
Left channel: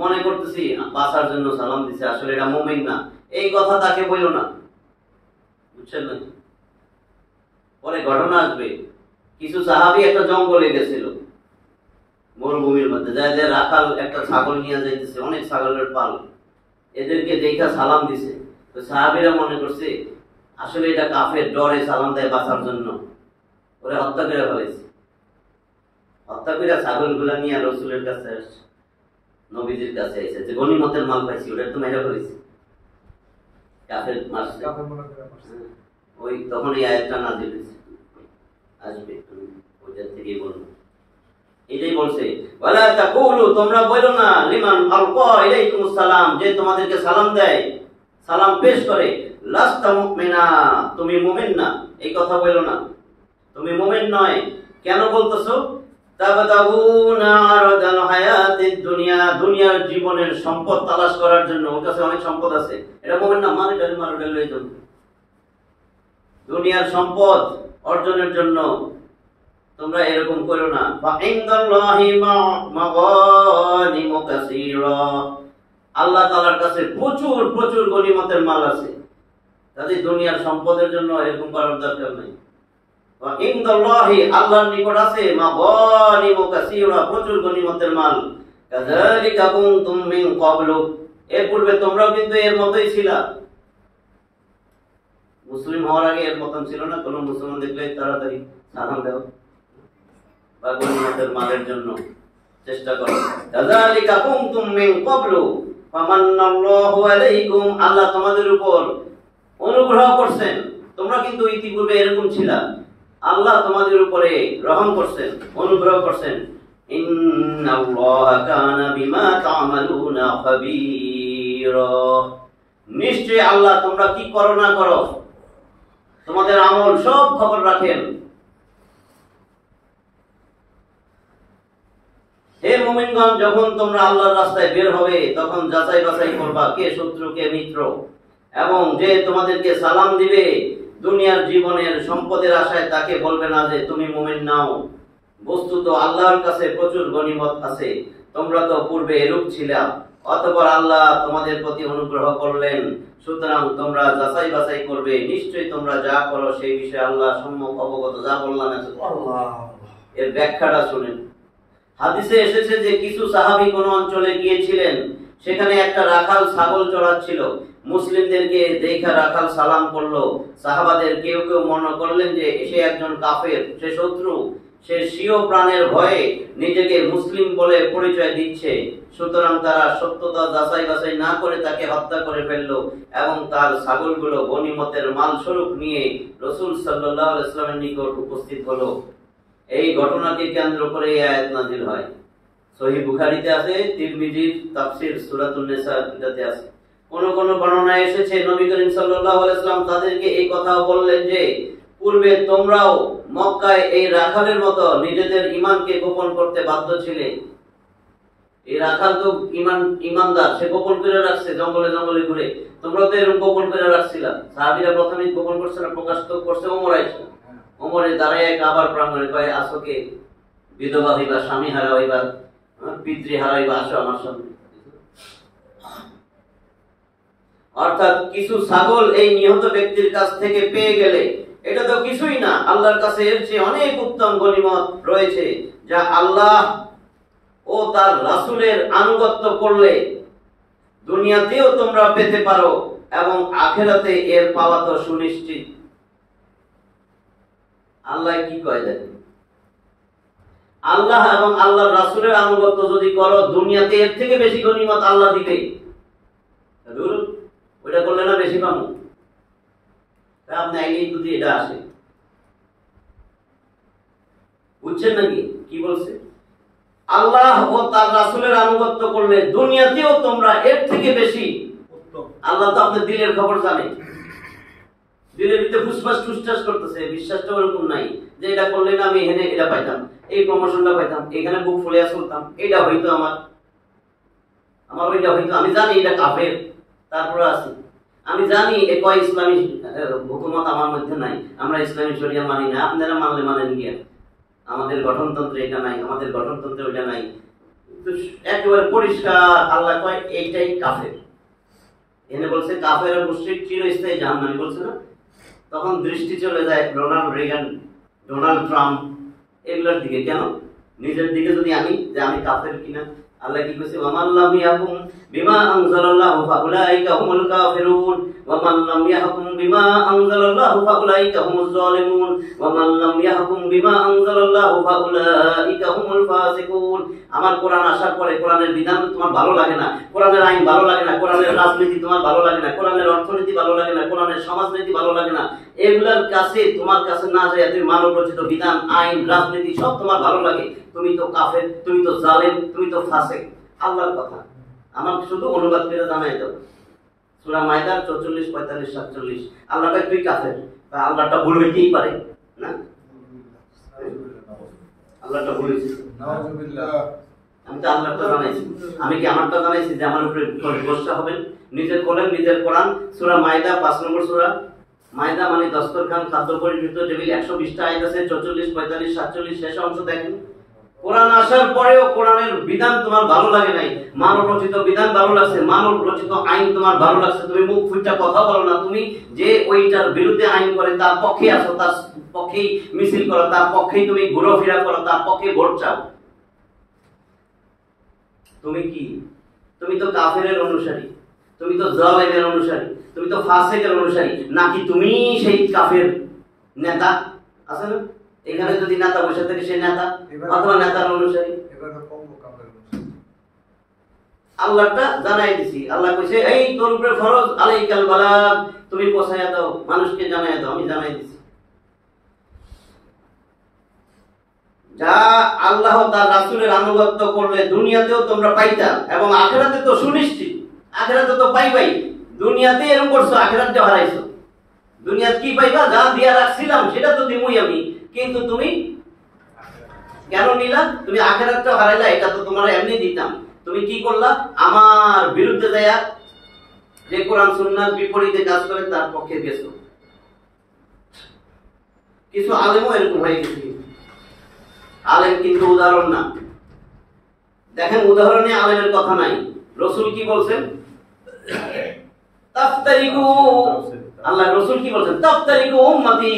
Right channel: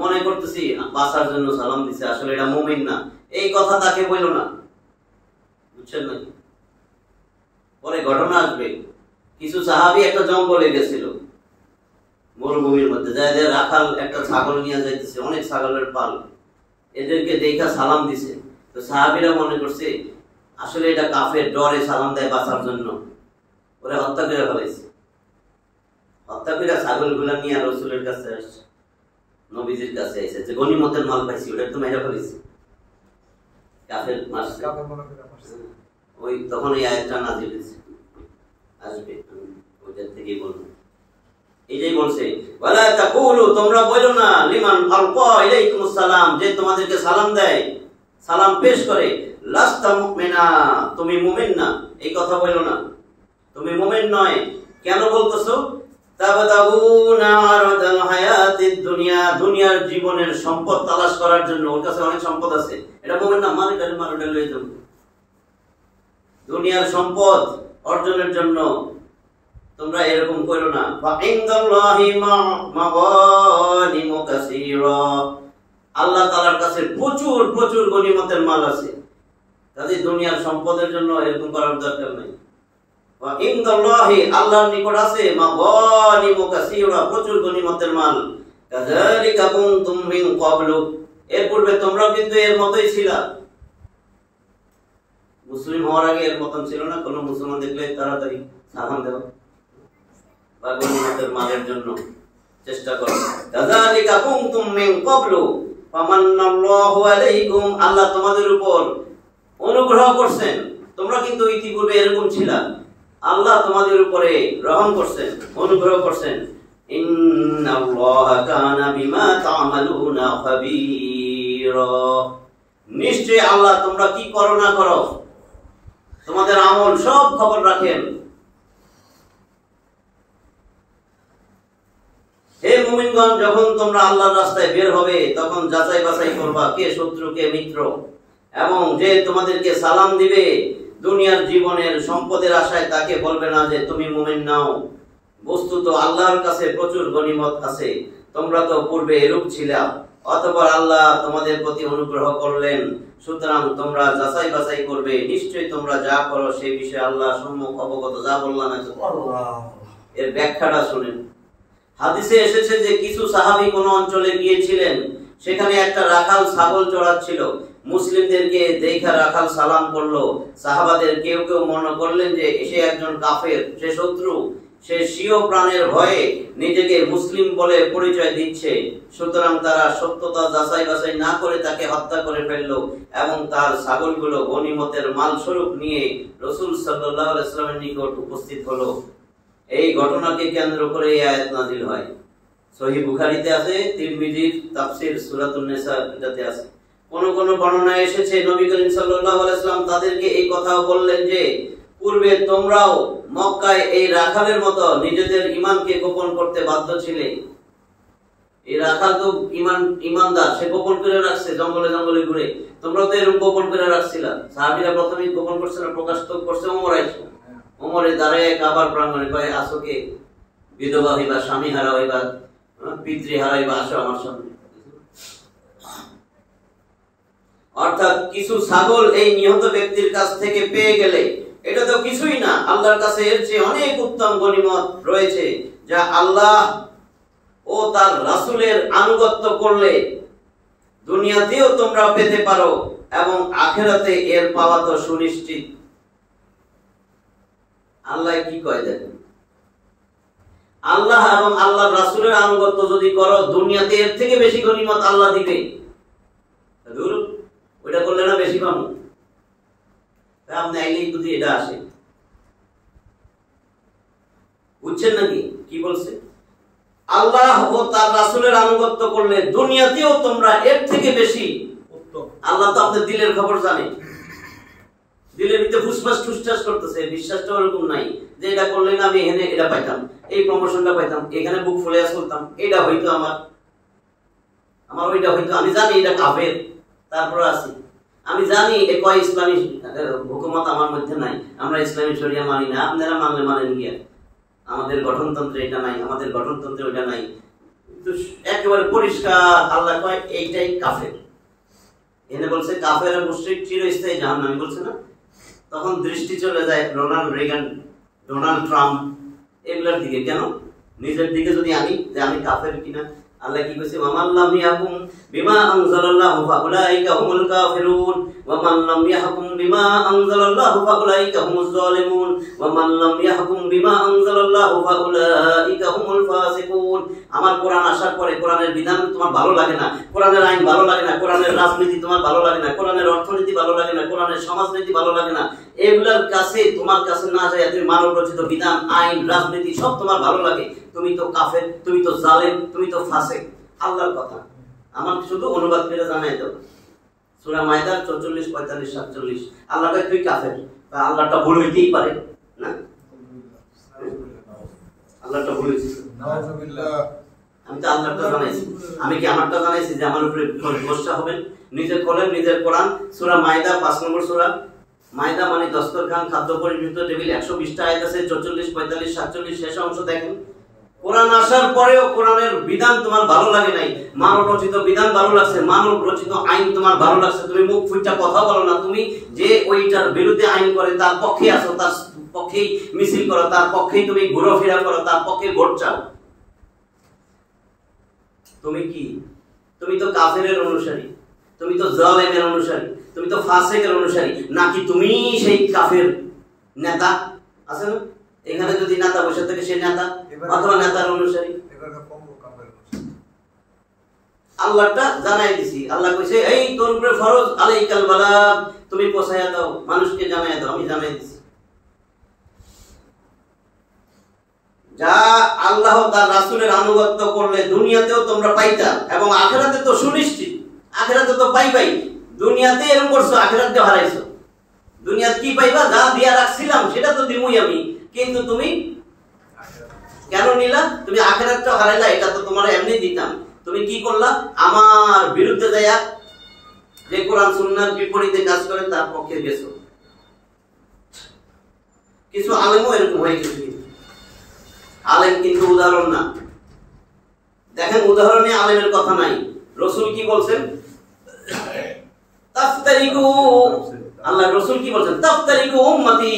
মনে করতেছি বাঁচার জন্য সালাম দিছে, আসলে এটা মুমিন না, এই কথা তাকে বলো না, বুঝছেন না? পরে ঘটনা আসবে, কিছু সাহাবী একটা জঙ্গলে গেছিল মরুভূমির মধ্যে, যায় রাখাল একটা ছাগল নিয়ে যাইতেছে, অনেক ছাগলের পাল, এদেরকে দেখা সালাম দিছে, তো সাহাবীরা মনে করছে আসলে এটা কাফের, ডরে সালাম দেয় বাঁচার জন্য, ওরে হত্যা করে ফেলেছে। হত্যা করে ছাগলগুলা নিয়ে রাসূলের কাছে আসছে, নবীজির কাছে এসে যে গনিমতের মাল পাইছি ওটা তো মেরে ফেলেছে, কাফের মারছে, ওই তখন এই আয়াতটা নাযিল হয়েছে, আসবে ওইটার থেকেই বলবো। এটাই বলছে ওয়ালা তাকুলু, তোমরা বলো না লিমান আলকা ইলাইকুমুস সালাম, যে তোমাদেরকে সালাম দেয়, সালাম পেশ করে, লাস্তা মুমিনা, তুমি মুমিন না, এই কথা বলো না, তুমি মুমিন নয়। কেন বলতেছো? তাবতাগুনা আরাদাল হায়াতিদ দুনিয়া, দুনিয়ার জীবনের সম্পদ তালাশ করার জন্য, ওর কাছে অনেক সম্পদ আছে, এটা মুমিন না, মারে ডালে হয়ে যাবে। দুনিয়ার সম্পদ অর্জনের জন্য তোমরা এরকম করো না। ফা ইনদাল্লাহি মাগানিমু কাসীরা, আল্লাহ তাআলার কাছে প্রচুর প্রচুর গনিমতের মাল আছে, তাই দুনিয়ার সম্পদের জন্য এরকম করার দরকার নেই। ওয়া ইনদাল্লাহি, আল্লাহর নিকট আছে মাগানিমু কাসীরা, প্রচুর গনিমতের মাল। কাযালিকা কুনতুম মিন ক্বাবলু, এর পূর্বে তোমরাও কিন্তু এর মতই ছিলা, মুসলিম হওয়ার আগে এর মতন ছিল না, কোন মুসলমান দেখলে তাড়াতাড়ি সালাম দাও বা গনিমতের মালের জন্য চেষ্টা করো। কাযালিকা কুনতুম মিন ক্বাবলু ফামান্নাল্লাহু আলাইকুম, আল্লাহ তোমাদের উপর অনুগ্রহ করছেন, তোমরা কিন্তু ইতিপূর্বে এরকম ছিলা, আল্লাহ তোমাদের উপরে রহম করছেন, অনুগ্রহ করছেন। ইন্নাল্লাহা কানা বিমা তা'মালুনা খাবীরা, নিশ্চয়ই আল্লাহ তোমরা কি করো না করো তোমাদের আমল সব খবর রাখেন। হে মুমিনগণ, যখন তোমরা আল্লাহর রাস্তায় বের হবে তখন যাচাই বাছাই করবা কে শত্রু কে মিত্র, এবং যে তোমাদেরকে সালাম দিবে দুনিয়ার জীবনের সম্পদের আশায় তাকে বলবে না যে তুমি মুমিন নাও, বস্তুত আল্লাহর কাছে প্রচুর গনিমত আছে, তোমরা তো পূর্বে এরূপ ছিলা, অতঃপর আল্লাহ তোমাদের প্রতি অনুগ্রহ করলেন, সুতরাং তোমরা যাচাই বাছাই করবে, নিশ্চয়ই তোমরা যা করো সেই বিষয়ে আল্লাহ সম্যক অবগত। যা বললাম এর ব্যাখ্যাটা শুনেন। হাদিসে এসেছে যে কিছু সাহাবী কোন অঞ্চলে গিয়েছিলেন, সেখানে একটা রাখাল ছাগল চড়াচ্ছিল, মুসলিমদেরকে দেখা রাখাল সালাম করলো, সাহাবাদের কেউ কেউ মনে করলেন যে সে একজন কাফের, সে শত্রু, সে স্বীয় প্রাণের ভয়ে নিজেকে মুসলিম বলে পরিচয় দিচ্ছে, সুতরাং তারা সত্যতা যাচাই বাছাই না করে তাকে হত্যা করে ফেললো এবং তার ছাগলগুলো গনিমতের মাল স্বরূপ নিয়ে রাসূল সাল্লাল্লাহু আলাইহি ওয়াসাল্লামের নিকট উপস্থিত হলো। এই ঘটনাকে কেন্দ্র করে এই আয়াত নাযিল হয়। সহিহ বুখারীতে আছে, তিরমিজির তাফসীর সূরাতুন নিসা এটাতে আছে। কোন কোন বর্ণনায় এসেছে নবী করিম সাল্লাল্লাহু আলাইহি ওয়াসাল্লাম তাদেরকে এই কথাও বললেন যে পূর্বে তোমরাও মক্কায় এই রাখালের মতো নিজেদের ঈমানকে গোপন করতে বাধ্য ছিলে, এই রাখাল তো ইমানদার, সে গোপন করে রাখছে জঙ্গলে জঙ্গলে ঘুরে। তোমরা তো এরকম গোপন করে রাখছিলা। সাহাবীরা প্রথমে গোপন করছে না, প্রকাশ তো করছে ওমর আইছে। ওমরে দাঁড়ায় কাবার প্রাঙ্গণে কয়, আসোকে বিধবা হইবা, স্বামী হারা হইবা, পিতৃ হারা হইবা, আসো আমার সামনে। অর্থাৎ কিছু ছাগল এই নিহত ব্যক্তির কাছ থেকে পেয়ে গেলে এটা তো কিছুই না, আল্লাহর কাছে এর চেয়ে অনেক উত্তম গনিমত রয়েছে, যা আল্লাহ ও তার রাসূলের আনুগত্য করলে দুনিয়াতেও তোমরা পেতে পারো এবং আখিরাতে এর পাওয়া তো সুনিশ্চিত। আল্লাহ কি কয় দেখেন, আল্লাহ এবং আল্লাহর রাসূলের আনুগত্য যদি করো দুনিয়াতে এর থেকে বেশি গনিমত আল্লাহ দিবে। দূর ওইটা করলে না বেশি পাবো? আপনি আইলেই যদি এটা আসে, বুঝছেন নাকি কি বলছে? আল্লাহ ও তার রাসূলের আনুগত্য করলে দুনিয়াতেও তোমরা এর থেকে বেশি উত্তম। আল্লাহ তো আপনার দিলের খবর জানে, দিলের ভিতরে ফুসফাস টুসটাস করতেছে, বিশ্বাসটা ওরকম নাই যে এটা করলে না আমি এখানে এটা পাইতাম, এই প্রমোশনটা পাইতাম, এখানে বুক ফুলে চলতাম, এটা হইতো আমার ওইটা হইতো। আমি জানি এটা কাফের, তারপরে আছি। আমি জানি এ কয় ইসলামী হুকুমত আমার মধ্যে নাই, আমরা ইসলামী শরিয়া মানি না, আপনারা মানলে মানেন গিয়া, আমাদের গঠনতন্ত্রে এটা নাই, আমাদের গঠনতন্ত্রে ওইটা নাই। তো একেবারে পরিষ্কার আল্লাহ কয় এইটাই কাফের। এনে বলছে কাফের আর মুশরিক চিরস্থায়ী জাহান্নামী বলছে না? তখন দৃষ্টি চলে যায় রোনাল্ড রেগান, ডোনাল্ড ট্রাম্প এগুলোর দিকে। কেন? নিজের দিকে যদি আনি যে আমি কাফের কিনা। আল্লাহ কি কইছে, ওয়ামান লাম ইয়াহকুম বিমা আনজালাল্লাহু ফাউলাইকা হুমুল কাফিরুন ওয়ামান লাম ইয়াহকুম বিমা আনজালাল্লাহু ফাউলাইকা হুমুজ জালিমুন ওয়ামান লাম ইয়াহকুম বিমা আনজালাল্লাহু ফাউলাইকা হুমুল ফাসিকুন। আমার কোরআন আসার পরে কোরআনের বিধান তোমার ভালো লাগে না, কোরআনের আইন ভালো লাগে না, কোরআনের রাজনীতি তোমার ভালো লাগে না, কোরআনের অর্থনীতি ভালো লাগে না, কোরআনের সমাজনীতি ভালো লাগে না, এগুলার কাছে তোমার কাছে না যায় তুমি মানব রচিত বিধান, আইন, রাজনীতি সব তোমার ভালো লাগে, তুমি তো কাফের, তুমি তো জালেম, তুমি তো ফাসিক। আল্লাহর কথা আমার শুধু অনুবাদ করে জানাই দাও। সূরা মাইদার 44, 45, 47 আল্লাহ কয় তুই কাফের। আল্লাহটা ভুল হইতেই পারে না? আল্লাহটা ভুল হইছে, নাউযুবিল্লাহ। আমি তো আল্লাহটা জানাইছি, আমি কি আমারটা জানাইছি যে আমার উপরে গোসা হবেন? নিজে খোলেন নিজের কোরআন, সূরা মাইদা 5 নম্বর সূরা। মাইদা মানে দস্তরখান, খাদ্য পরিবেশিত টেবিল। 120টা আয়াত আছে, 44, 45, 47 শেষ অংশ দেখেন। কোরআন আসার পরেও কোরআনের বিধান তোমার ভালো লাগে নাই, মানব রচিত বিধান ভালো লাগছে, মানব রচিত আইন তোমার ভালো লাগছে, তুমি মুখ ফুটটা কথা বলো না, তুমি যে ওইটার বিরুদ্ধে আইন করে তার পক্ষে আসো, তার পক্ষেই মিছিল করো, তার পক্ষেই তুমি ঘোরাফেরা করো, তার পক্ষে ভোট চাও। তুমি কি? তুমি তো কাফেরের অনুসারী, তুমি তো জালেমের অনুসারী, তুমি তো ফাসিকের অনুসারী, নাকি তুমি সেই কাফের নেতা আছে না? এখানে যদি নেতা বসে থাকে সে নেতা অথবা নেতার অনুসারী। আল্লাহটা জানাই দিছি। আল্লাহ কইছে এই তোর উপরে ফরজ আলাইকাল বালাগ, তুমি পৌঁছায়া দাও, মানুষকে জানাই দাও, আমি জানাই দিছি। যা আল্লাহ তার রাসূলের আনুগত্য করলে দুনিয়াতেও তোমরা পাইতা এবং আখিরাতে তো সুনিশ্চিত, আখিরাতে তো পাইবাই। দুনিয়াতে এরকম করছো, আখিরাতে হারাইছো। দুনিয়াতে কি পাইবা? যা দিয়া রাখছিলাম সেটা তো দিমুই আমি, কিন্তু তুমি কেন নিলা? তুমি আখিরাতটা হারাইলা, এটা তো তোমার এমনি দিতাম। তুমি কি করলা? আমার বিরুদ্ধে যায়া যে কোরআন সুন্নাহর বিপরীতে কাজ করে তার পক্ষে গেছো। কিছু আলেমও এরকম হয়ে গেছে। আলেম কিন্তু উদাহরণ না। দেখেন উদাহরণে আলেমের কথা নাই। রাসূল কি বলছেন? তাফতারিকু, আল্লাহ রাসূল কি বলছেন? তাফতারিকু উম্মতি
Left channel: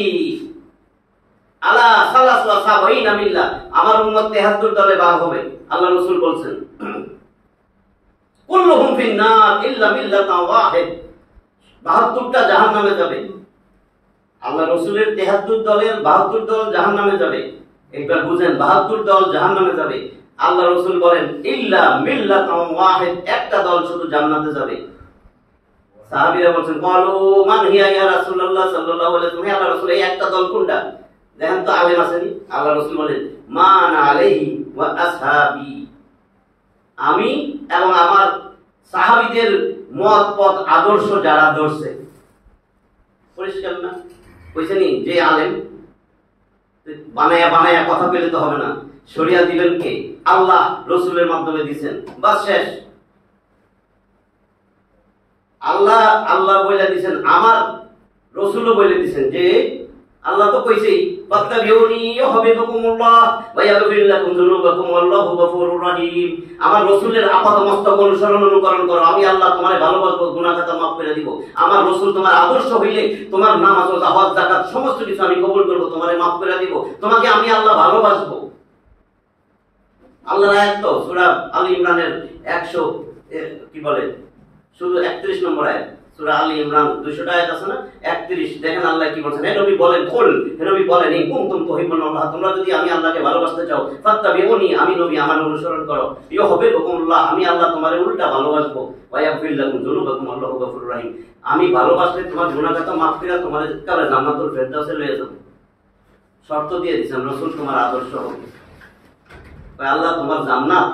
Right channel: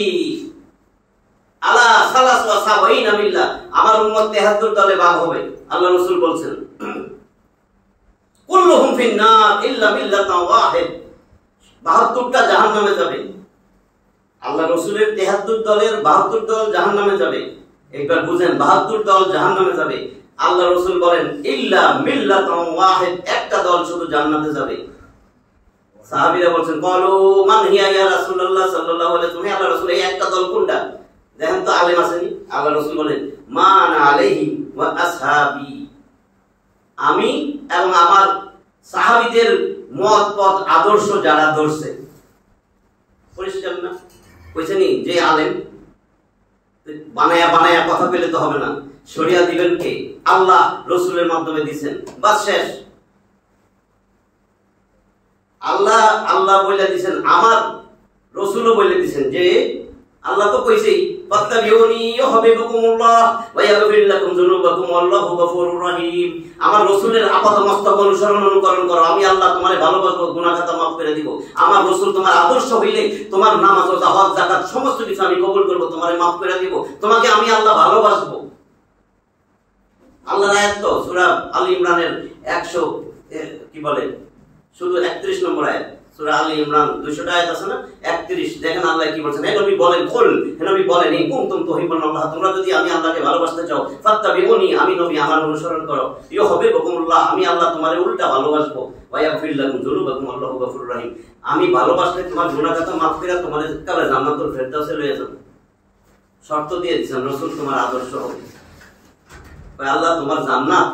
আলা সালাস ওয়া সাবাইনা মিল্লাহ, আমার উম্মত 73 দলে ভাগ হবে। আল্লাহ রাসূল বলছেন কুল্লুহুম ফিন নার ইল্লা মিল্লাতান ওয়াহিদ, 72টা জাহান্নামে যাবে। আল্লাহ রাসূলের 73 দলের 72 দল জাহান্নামে যাবে। একবার বুঝেন, 72 দল জাহান্নামে যাবে। আল্লাহ রাসূল বলেন ইল্লা মিল্লাতান ওয়াহিদ, একটা দল শুধু জান্নাতে যাবে। সাহাবীরা বলছেন ক্বালু মান হিয়া ইয়া রাসূলুল্লাহ সাল্লাল্লাহু আলাইহি ওয়াসাল্লাম, আল্লাহ রাসূল এই একটা দল কোনটা? দেখেন তো আলেম আসেনি। আল্লাহ রাসূল বলেন মান আলাইহি ওয়া আসহাবি, আমি এবং আমার সাহাবীদের মত পথ আদর্শ যারা ধরছে। পরিষ্কার না? কইছেনি যে আলেম বানায়া বানায়া কথা পেলে তো হবে না। শরিয়া দিবেন কে? আল্লাহ রসুলের মাধ্যমে দিচ্ছেন, বাস শেষ। আল্লাহ আল্লাহ বলে দিচ্ছেন, আমার রসুলও বলে দিচ্ছেন যে আল্লাহ তো কইছেই ফাত্তাবিউনি ইউহিব্বুকুমুল্লাহ ওয়া ইয়াগফির লাকুম যুনুবাকুম ওয়াল্লাহু গফুরুর রহিম। আমার রসুলের আপাতমস্তক অনুসরণ অনুকরণ করো, আমি আল্লাহ তোমারে ভালোবাসবো, গুনাহ খাতা মাফ করে দিব। আমার রসুল তোমার আদর্শ হইলে তোমার নামাজ রোজা হজ যাকাত সমস্ত কিছু আমি কবুল করব, তোমারে মাফ করে দিব, তোমাকে আমি আল্লাহ ভালোবাসবো। আল্লাহর আয়াত তো সূরা আলী ইমরানের 100 কি বলে শুধু 31 নম্বর আয়াত। সূরা আলী ইমরান 200টা আয়াত আছে না, 31। দেখেন আল্লাহ কি বলছেন, হে নবী বলেন, কুল, হে নবী বলেন, ইন কুনতুম তুহিব্বুনাল্লাহ, তোমরা যদি আমি আল্লাহকে ভালোবাসতে চাও, ফাত্তাবিউনি, আমি নবী আমার অনুসরণ করো, ইউহিব্বুকুমুল্লাহ, আমি আল্লাহ তোমারে উল্টা ভালোবাসবো, ওয়া ইয়াগফির লাকুম যুনুবাকুম আল্লাহু গফুরুর রহিম, আমি ভালোবাসলে তোমার গুনাহ খাতা মাফ করে তোমারে কালে জান্নাতুল ফেরদাউসে লয়ে যাব। শর্ত দিয়ে দিয়েছেন রসুল তোমার আদর্শ হবে। আল্লাহ তোমার জান্নাত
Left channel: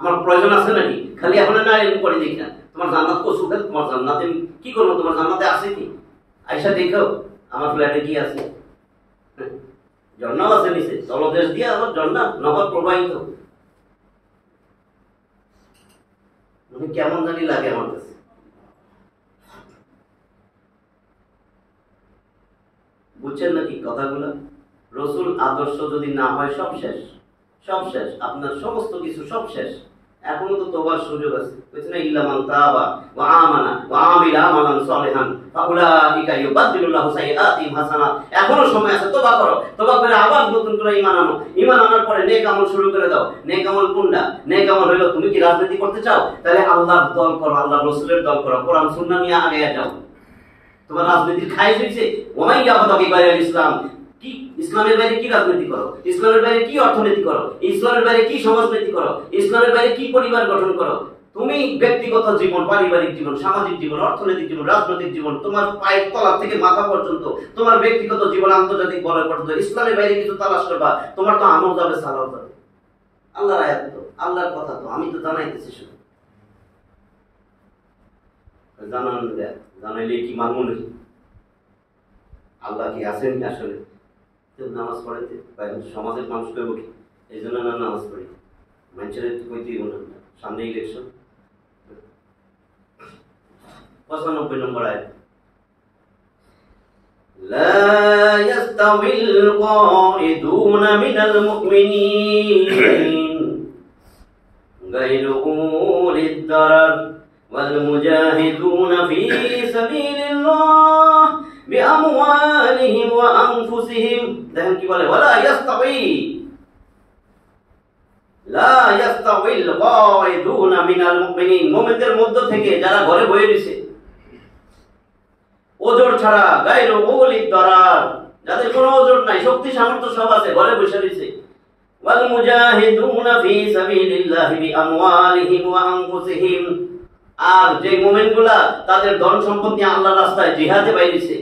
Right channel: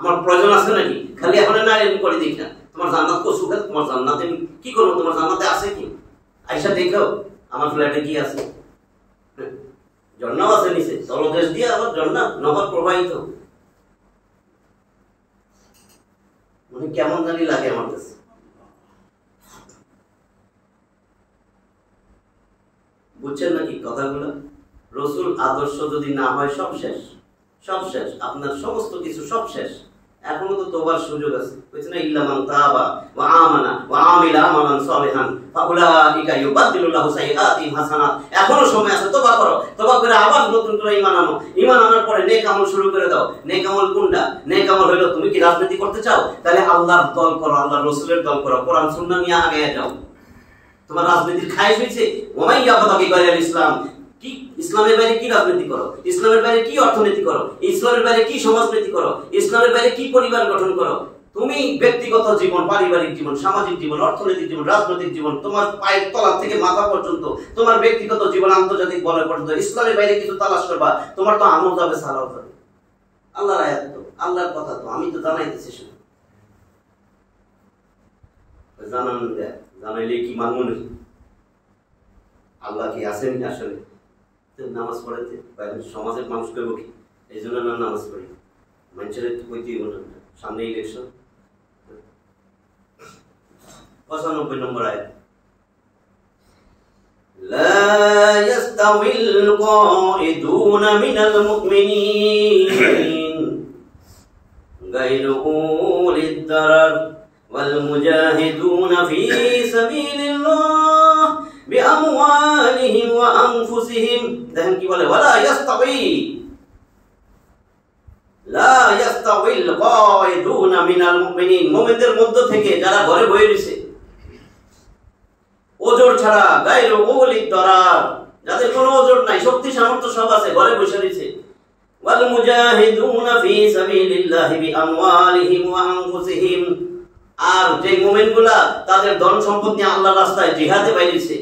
আমার প্রয়োজন আছে নাকি? খালি এখন না এরকম করে দেখি না, তোমার জান্নাত কো সুখে, তোমার জান্নাতে আমি কি করবো, তোমার জান্নাতে আছে কি? আয়সা দেখো আমার ফ্ল্যাটে কি আছে, ঝর্ণাও আছে নিচে, তলদেশ দিয়ে আবার ঝর্ণা নহর প্রবাহিত, মানে কেমন জানি লাগে আমার কাছে। বুঝছেন নাকি কথাগুলো? রসুল আদর্শ যদি না হয় সব শেষ, সব শেষ, আপনার সমস্ত কিছু সব শেষ। এখনো তো তওবার সুযোগ আছে, বুঝছেন না? ইল্লা মান তাবা ওয়া আমানা ওয়া আমিলা আমালান সালিহান ফাউলাইকা ইউবাদদিলুল্লাহু সাইয়্যাতিহিম হাসানাত। এখনো সময় আছে, তওবা করো, তওবা করে আবার নতুন করে ঈমান আনো, ঈমান আনার পরে নেক আমল শুরু করে দাও। নেক আমল কোনটা? নেক আমল হলো তুমি কি রাজনীতি করতে চাও, তাহলে আল্লাহর দল করো, আল্লাহর রাসূলের দল করো, কোরআন সুন্নাহ নিয়ে আগে যাও। তোমার রাজনীতির খায়েশ হয়েছে, ওমাই ইয়াবতাগি গায়রাল ইসলাম, কি ইসলামের বাইরে কি রাজনীতি করো, ইসলামের বাইরে কি অর্থনীতি করো, ইসলামের বাইরে কি সমাজনীতি করো, ইসলামের বাইরে কি পরিবার গঠন করো। তুমি ব্যক্তিগত জীবন, পারিবারিক জীবন, সামাজিক জীবন, অর্থনৈতিক জীবন, রাজনৈতিক জীবন, তোমার পায়ের তলা থেকে মাথা পর্যন্ত তোমার ব্যক্তিগত জীবন, আন্তর্জাতিক বলয় পর্যন্ত ইসলামের বাইরে কিছু তালাশ করবা, তোমার তো আমল যাবে, সালাও যাবে। আল্লাহর আয়াত তো, আল্লাহর কথা তো, আমি তো জানাইতেছি শুধু। জানাইলে কি মানবো নাকি? আল্লাহ কি আছেন আসলে? নামাজ পড়াইতে সমাজের মানুষ করবো কি? এই জন্য না নামাজ পড়ি, মানুষের কইতেই না, সামনে ইলেকশন। 95 নম্বর আয়াত, লা ইয়াস্তাউিল কাঈদুনা মিনাল মুমিনিন গায়রু উলিদ দারার ওয়াল মুজাহিদুনা ফি সাবিলিল্লাহ বিআমওয়ালিহিম ওয়া আনফুসিহিম। দেখেন কি বলে, ওয়ালা ইয়াস্তাউই, লা ইয়াস্তাউিল কাঈদুনা মিনাল মুমিনিন, মুমিনদের মধ্য থেকে যারা ঘরে বসে রয়েছে ওজর ছাড়া, গায়রু উলিদ দারার, যাদের কোনো ওজর নাই, শক্তি সামর্থ্য সব আছে, ঘরে বসে রয়েছে, ওয়াল মুজাহিদুনা ফি সাবিলিল্লাহি বিআমওয়ালিহিম ওয়া আনফুসিহিম, আর যে মুমিনগুলা তাদের ধন সম্পদ নিয়ে আল্লাহর রাস্তায় জিহাদে বাইরেছে,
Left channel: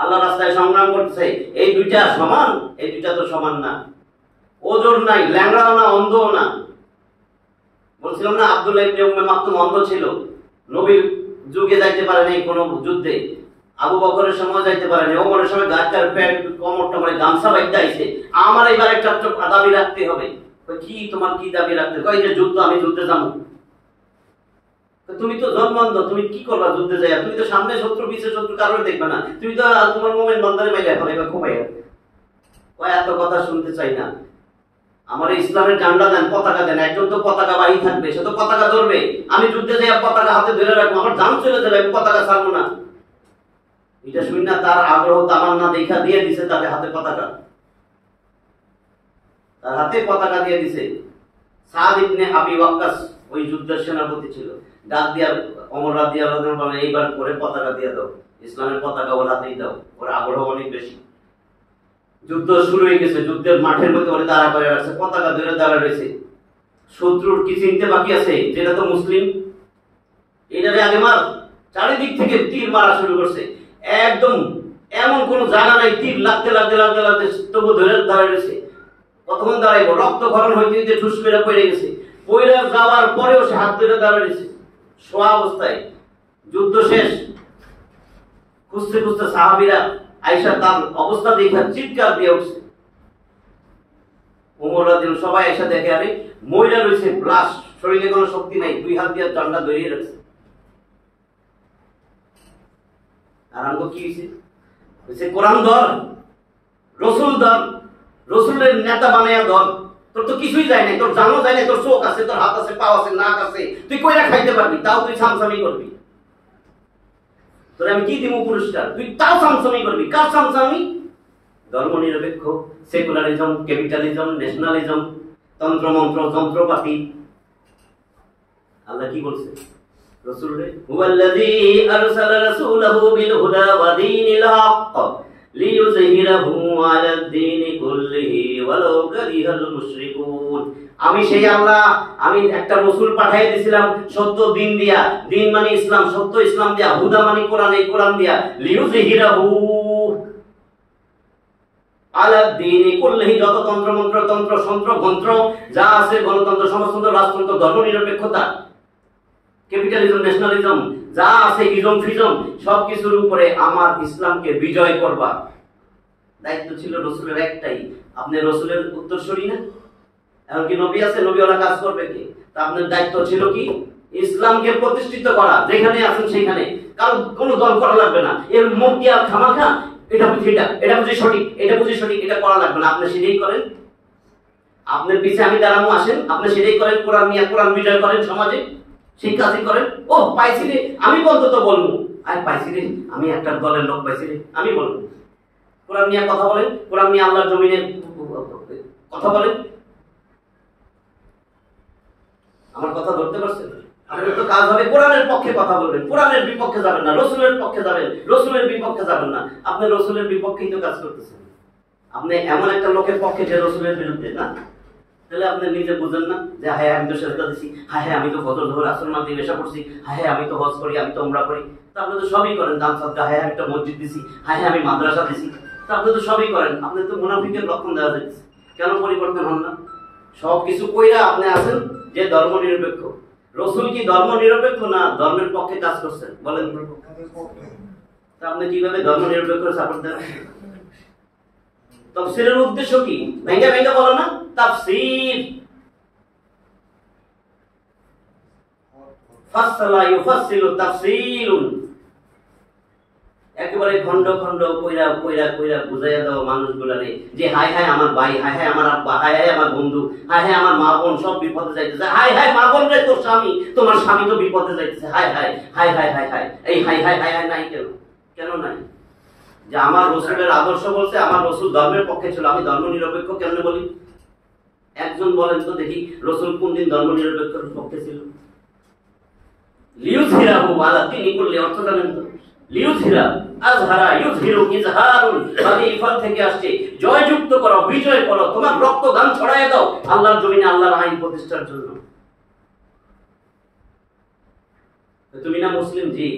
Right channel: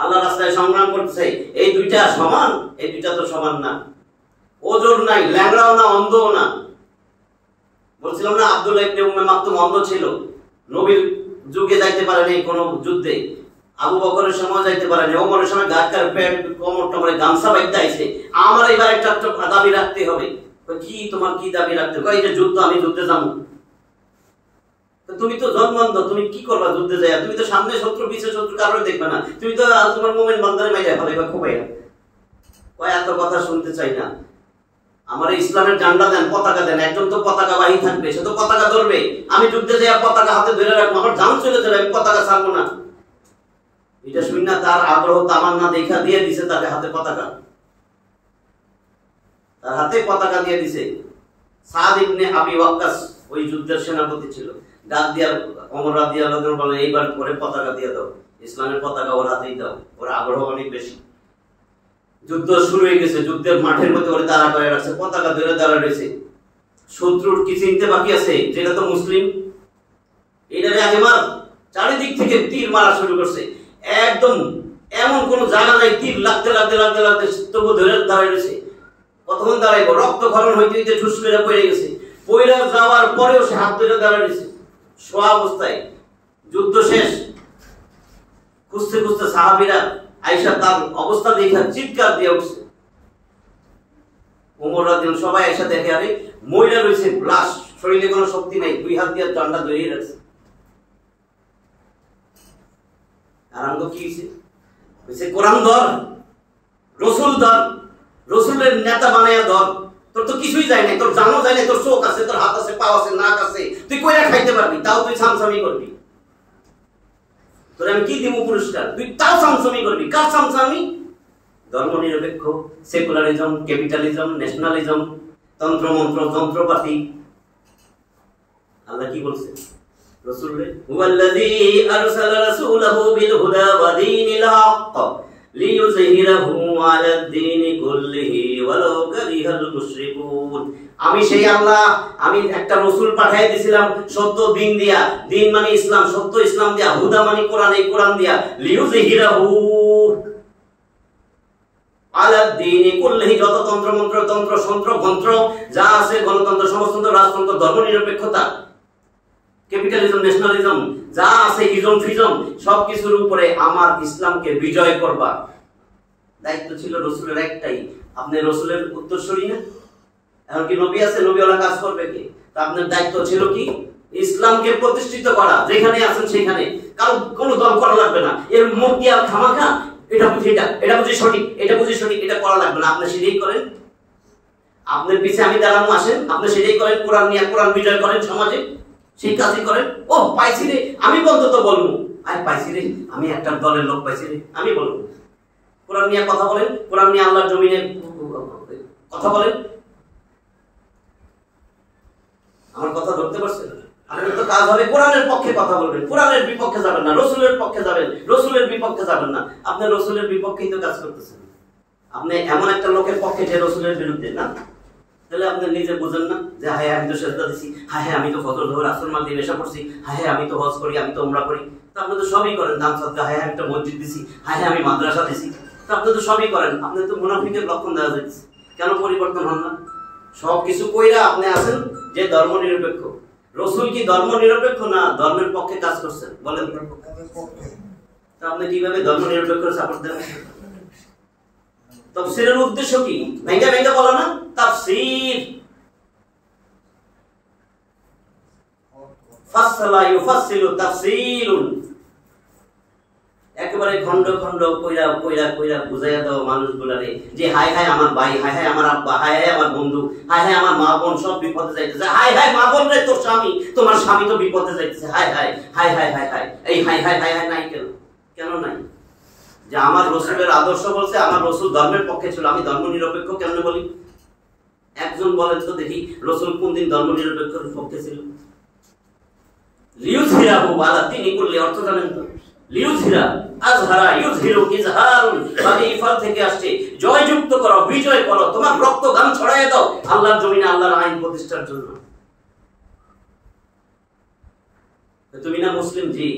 আল্লাহর রাস্তায় সংগ্রাম করতেছে, এই দুইটা সমান? এই দুইটা তো সমান না। ওজর নাই, ল্যাংড়াও না, অন্ধও না। বলছিলাম না আব্দুল্লাহ ইবনে উম্মে মাকতুম অন্ধ ছিল, নবীর যুগে যাইতে পারেনি কোনো যুদ্ধে, আবু বকরের সময় যাইতে পারেনি, ওমরের সময় গাছটার পেট কোমর টমরে গামছা বাইতে আইছে, আমার এবার একটা দাবি রাখতে হবে। কি তোমার কি দাবি রাখতে? কই যে যুদ্ধ, আমি যুদ্ধে যাবো। তুমি তো জন্মান্ধ, তুমি কি করবা যুদ্ধে যাইয়া? তুমি তো সামনে শত্রু পিছে শত্রু কারোর দেখবে না, তুমি তো তোমার মুমিন বান্দারে মাইরা ফেলাইবা খুবাইয়া। কয় এত কথা শুনতে চাই না, আমার ইসলামের ঝান্ডা দেন, পতাকা দেন, একজন তো পতাকাবাহী থাকবে, সে তো পতাকা ধরবে। আমি যুদ্ধে যাইয়া পতাকা হাতে ধরে রাখবো, আমার জান চলে যাবে, আমি পতাকা ছাড়বো না। এটা শুনি না, তার আগ্রহ তামান্না দেখা দিয়ে দিছে তাকে হাতে পতাকা, তার হাতে পতাকা দিয়ে দিছে। সাদ ইবনে আবি ওয়াক্কাস ওই যুদ্ধের সেনাপতি ছিল, ডাক দিয়া ওমর রাদিয়াল্লাহু আনহু বলেন, এইবার পরে পতাকা দিয়ে দাও, ইসলামের পতাকা ওর হাতেই দাও, ওর আগ্রহ অনেক বেশি। যুদ্ধ শুরু হয়ে গেছে, যুদ্ধের মাঠের মধ্যে ওরে দাঁড়া করে রাখছে, পতাকা ধরে দাঁড়া রয়েছে। শত্রুর কি চিনতে বাকি আছে? যেটা তো মুসলিম, এটারে আগে মার। চারিদিক থেকে তীর মারা শুরু করছে, একদম এমন কোন জায়গা নাই, তীর লাগতে লাগতে লাগতে লাগতে তবু ধরে দাঁড়ায় রয়েছে। কতক্ষণ দাঁড়াইবো? রক্তক্ষরণ হইতে হইতে ঠুস করে পড়ে গেছে, পড়ে যাওয়ার পরেও সে হাত ধরে দাঁড়ায় রয়েছে শোয়া অবস্থায়। যুদ্ধ শেষ, খুঁজতে খুঁজতে সাহাবীরা আয়েশা তার অবস্থা দেখে চিৎকার দিয়ে উঠছে, দিন সবাই এসে দেখে আরে মহিলা রয়েছে লাশ, শরীরে কোনো শক্তি নাই, 2 হাত দিয়ে ডান্ডা ধরিয়ে রাখছে। আর আমগো কি হয়েছে? কোরআন ধর, রসুল ধর, রসুলের নেতা বানাইয়া ধর। তোর তো কিছুই যায় নাই, তোর জানো যায় নাই, তোর চোখ আছে, তোর হাত আছে, পা আছে, নাক আছে, তুই কইরা খাইতে পারবি, তাও তুই সামসামি করবি। তোর আমি কি দিব পুরস্কার? তুই তাও সামসামি করবি। কার সামসামি? ধর্মনিরপেক্ষ, সেকুলারিজম, ক্যাপিটালিজম, ন্যাশনালিজম, তন্ত্রমন্ত্র, যন্ত্রপাতি। আল্লাহ কি বলছে রাসূলরে? হুয়াল্লাযী আরসালা রাসূলাহু বিল হুদা ওয়া দীনিল হক লিইয়ুযহিরাহু আলাদ দীনি কুল্লিহি ওয়ালাউ কারিহাল মুশরিকুন। আমি সেই আল্লাহ, আমি একটা রাসূল পাঠিয়ে দিয়েছিলাম সত্য দিন দিয়া, দিন মানে ইসলাম, সত্য ইসলাম দিয়া, হুদা মানে কোরআন, এই কোরআন দিয়া, লিইয়ুযহিরাহু আলাদ দীনি কুল্লিহি, যত তন্ত্রমন্ত্র, তন্ত্র সন্ত্র গন্ত্র যা আছে, গণতন্ত্র, সমাজতন্ত্র, রাজতন্ত্র, ধর্মনিরপেক্ষতা, ক্যাপিটালিজম, ন্যাশনালিজম যা আছে, ইজম ফিজম, সবকিছুর উপরে আমার ইসলামকে বিজয় করবা। দায়িত্ব ছিল রাসূলের একটাই। আপনি রাসূলের উত্তরসূরি না? এখন কি নবী আছে? নবীওয়ালা কাজ করবে কে? তা আপনার দায়িত্ব ছিল কি? ইসলামকে প্রতিষ্ঠিত করা। যেখানে আছেন সেখানে কারো কোনো দল করা লাগবে না। এর মুখ দিয়ে আর খামাখা এটা বুঝি, এটা বুঝি সঠিক, এটা বুঝি সঠিক, এটা করা লাগবে না। আপনি সেটাই করেন। আপনার পিছে আমি দাঁড়ানো, আসেন, আপনি সেটাই করেন। কোরআন নিয়ে কোরআন বিজয় করেন সমাজে, সেই কাজই করেন। ও পাইছি রে, আমি অন্তত বলবো, আরে পাইছি রে, আমি একটা দলের লোক পাইছি রে, আমি বলবো। কোরআন নিয়ে কথা বলেন, কোরআন নিয়ে আল্লাহর জমিনে কথা বলেন। আমার কথা ধরতে পারছেন? আপনার তো কাজ হবে কোরআনের পক্ষে কথা বলবেন, কোরআনের বিপক্ষে যাবেন না, রসুলের পক্ষে যাবেন, রসুলের বিপক্ষে যাবেন না। আপনি রসুলের বিপক্ষেই তো কাজ করতেছেন। আপনি এমন একটা লোকের পক্ষে যে রসুলের বিরুদ্ধে না, তাহলে আপনি নিজে বুঝেন না যে হায় আমি তো সেজদা দিছি, হায় হায় আমি তো ফজর জোহর আসর মাগরিব এশা পড়ছি, হায় হায় আমি তো হজ করি, আমি তো উমরা করি। তো আপনি তো সবই করেন, দান সাদকা, হায় আমি একটা মসজিদ দিছি, হায় হায় আমি মাদ্রাসা দিছি। তো আপনি তো সবই করেন। আপনি তো মুনাফিকের লক্ষণ দেখা যাচ্ছে। কেন পরিবর্তন হন না? সবকিছু কইরা আপনি আছেন যে ধর্মনিরপেক্ষ। রসুল কি ধর্মনিরপেক্ষ না ধর্মের পক্ষে কাজ করছেন? বলেন। তা আপনি কিভাবে ধর্মনিরপেক্ষ সাপোর্ট দেন? তাফসীরের উদ্দেশ্য কি? ভেঙ্গে ভেঙ্গে বলো না, তাফসীর। ফাসসালা ইউফাসসিলু তাফসীলুন। একেবারে খন্ড খন্ড কইরা কইরা কইরা বুঝাইয়া দাও মানুষগুলারে যে হায় হায় আমার ভাই, হায় হায় আমার আব্বা, হায় হায় আমার বন্ধু, হায় হায় আমার মা বোন সব বিপদে যাইতেছে, হায় হায় মা বোন রে তোর স্বামী, তোমার স্বামী তো বিপদে যাইতেছে, হায় হায় হায় হায় হায় হায়। এই হায় হায় হায় হায় নাই কেন? কেন নাই? যে আমার রসুলের আদর্শ বলছে, আমার রসুল ধর্মের পক্ষে ছিল, আমি ধর্ম নিরপেক্ষ কেমনে বলি? একজন বলেন তো দেখি, রসুল কোন দিন ধর্ম নিরপেক্ষের পক্ষে ছিল? লিউযহিরাহু আলা দীনি কুল্লি, অর্থ জানেন তো? লিউযহিরা, আযহারা, ইউযহিরু, ইজহারুন, মানে ইফাল থেকে আসছে জয়যুক্ত করো, বিজয় করো, তোমার রক্ত গান ছড়াইয়া দাও আল্লাহর জমিনে আল্লাহর আইন প্রতিষ্ঠার জন্য। তুমি না মুসলিম? জি।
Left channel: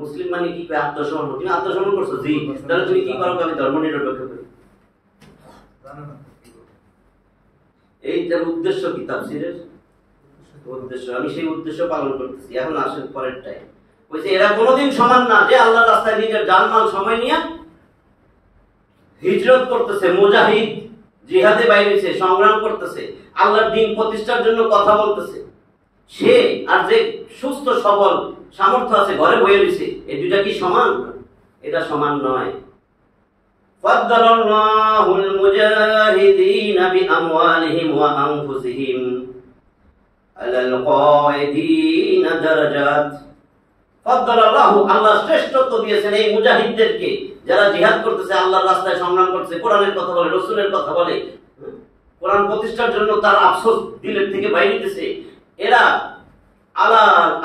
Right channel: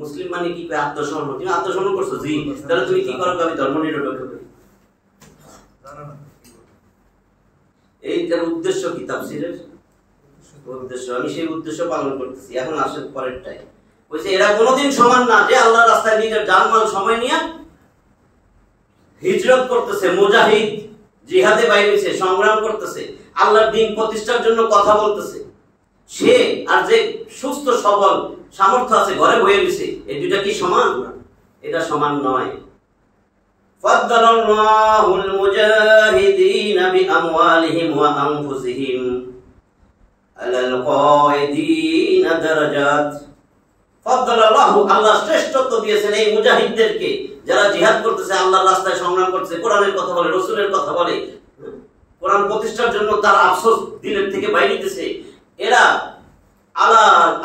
মুসলিম মানে কি? আত্মসমর্পণ। তুমি আত্মসমর্পণ করছো? জি। তাহলে তুমি কি করো? আমি ধর্ম নিরপেক্ষ করি। এইটার উদ্দেশ্য কি? তাফসীরের উদ্দেশ্য, আমি সেই উদ্দেশ্য পালন করতেছি। এখন আসেন পরেরটাই। বলছে এরা কোনোদিন সমান না যে আল্লাহর রাস্তায় নিজের জানমাল সময় নিয়ে হিজরত করতেছে, মুজাহিদ, জিহাদে বাইরে হইছে, সংগ্রাম করতেছে, আল্লাহর দ্বীন প্রতিষ্ঠার জন্য কথা বলতেছে। সে আর যে সুস্থ সবল সামর্থ্য আছে ঘরে বসে রইছে, এই দুইটা কি সমান? এটা সমান নয়। ফাদ্দালাল্লাহুল মুজাহিদিনা বিআমওয়ালিহিম ওয়া আনফুসিহিম আলাল কায়দিনা দারাজাত। ফাদ্দালাল্লাহু, আল্লাহ শ্রেষ্ঠত্ব দিয়েছেন এই মুজাহিদদেরকে, যারা জিহাদ করতেছে, আল্লাহর রাস্তায় সংগ্রাম করতেছে, কোরআনের কথা বলে, রাসূলের কথা বলে, কোরআন প্রতিষ্ঠার জন্য তার আফসোস দিলের থেকে বাইরে দিতেছে। এরা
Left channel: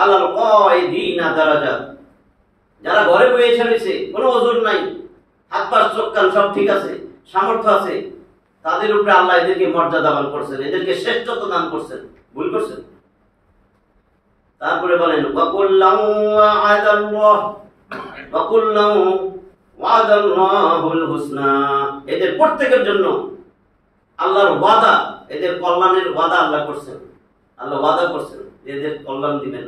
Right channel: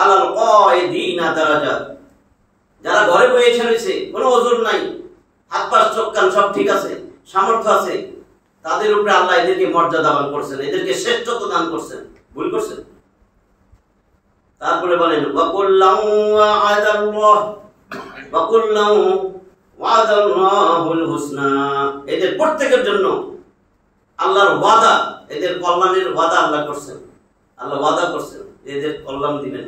আলাল কায়দিনা দারাজাত, যারা ঘরে বসে রয়েছে, কোনো ওজর নাই, হাত পা চোখ কান সব ঠিক আছে, সামর্থ্য আছে, তাদের উপরে আল্লাহ এদেরকে মর্যাদা দান করছেন, এদেরকে শ্রেষ্ঠত্ব দান করছেন। ভুল করছেন? তারপরে বলেন ওয়াদাল্লাহুল হুসনা, এদের প্রত্যেকের জন্য আল্লাহর ওয়াদা, এদের কল্যাণের ওয়াদা আল্লাহ করছেন। আল্লাহ ওয়াদা করছেন এদের কল্যাণ দিবেন।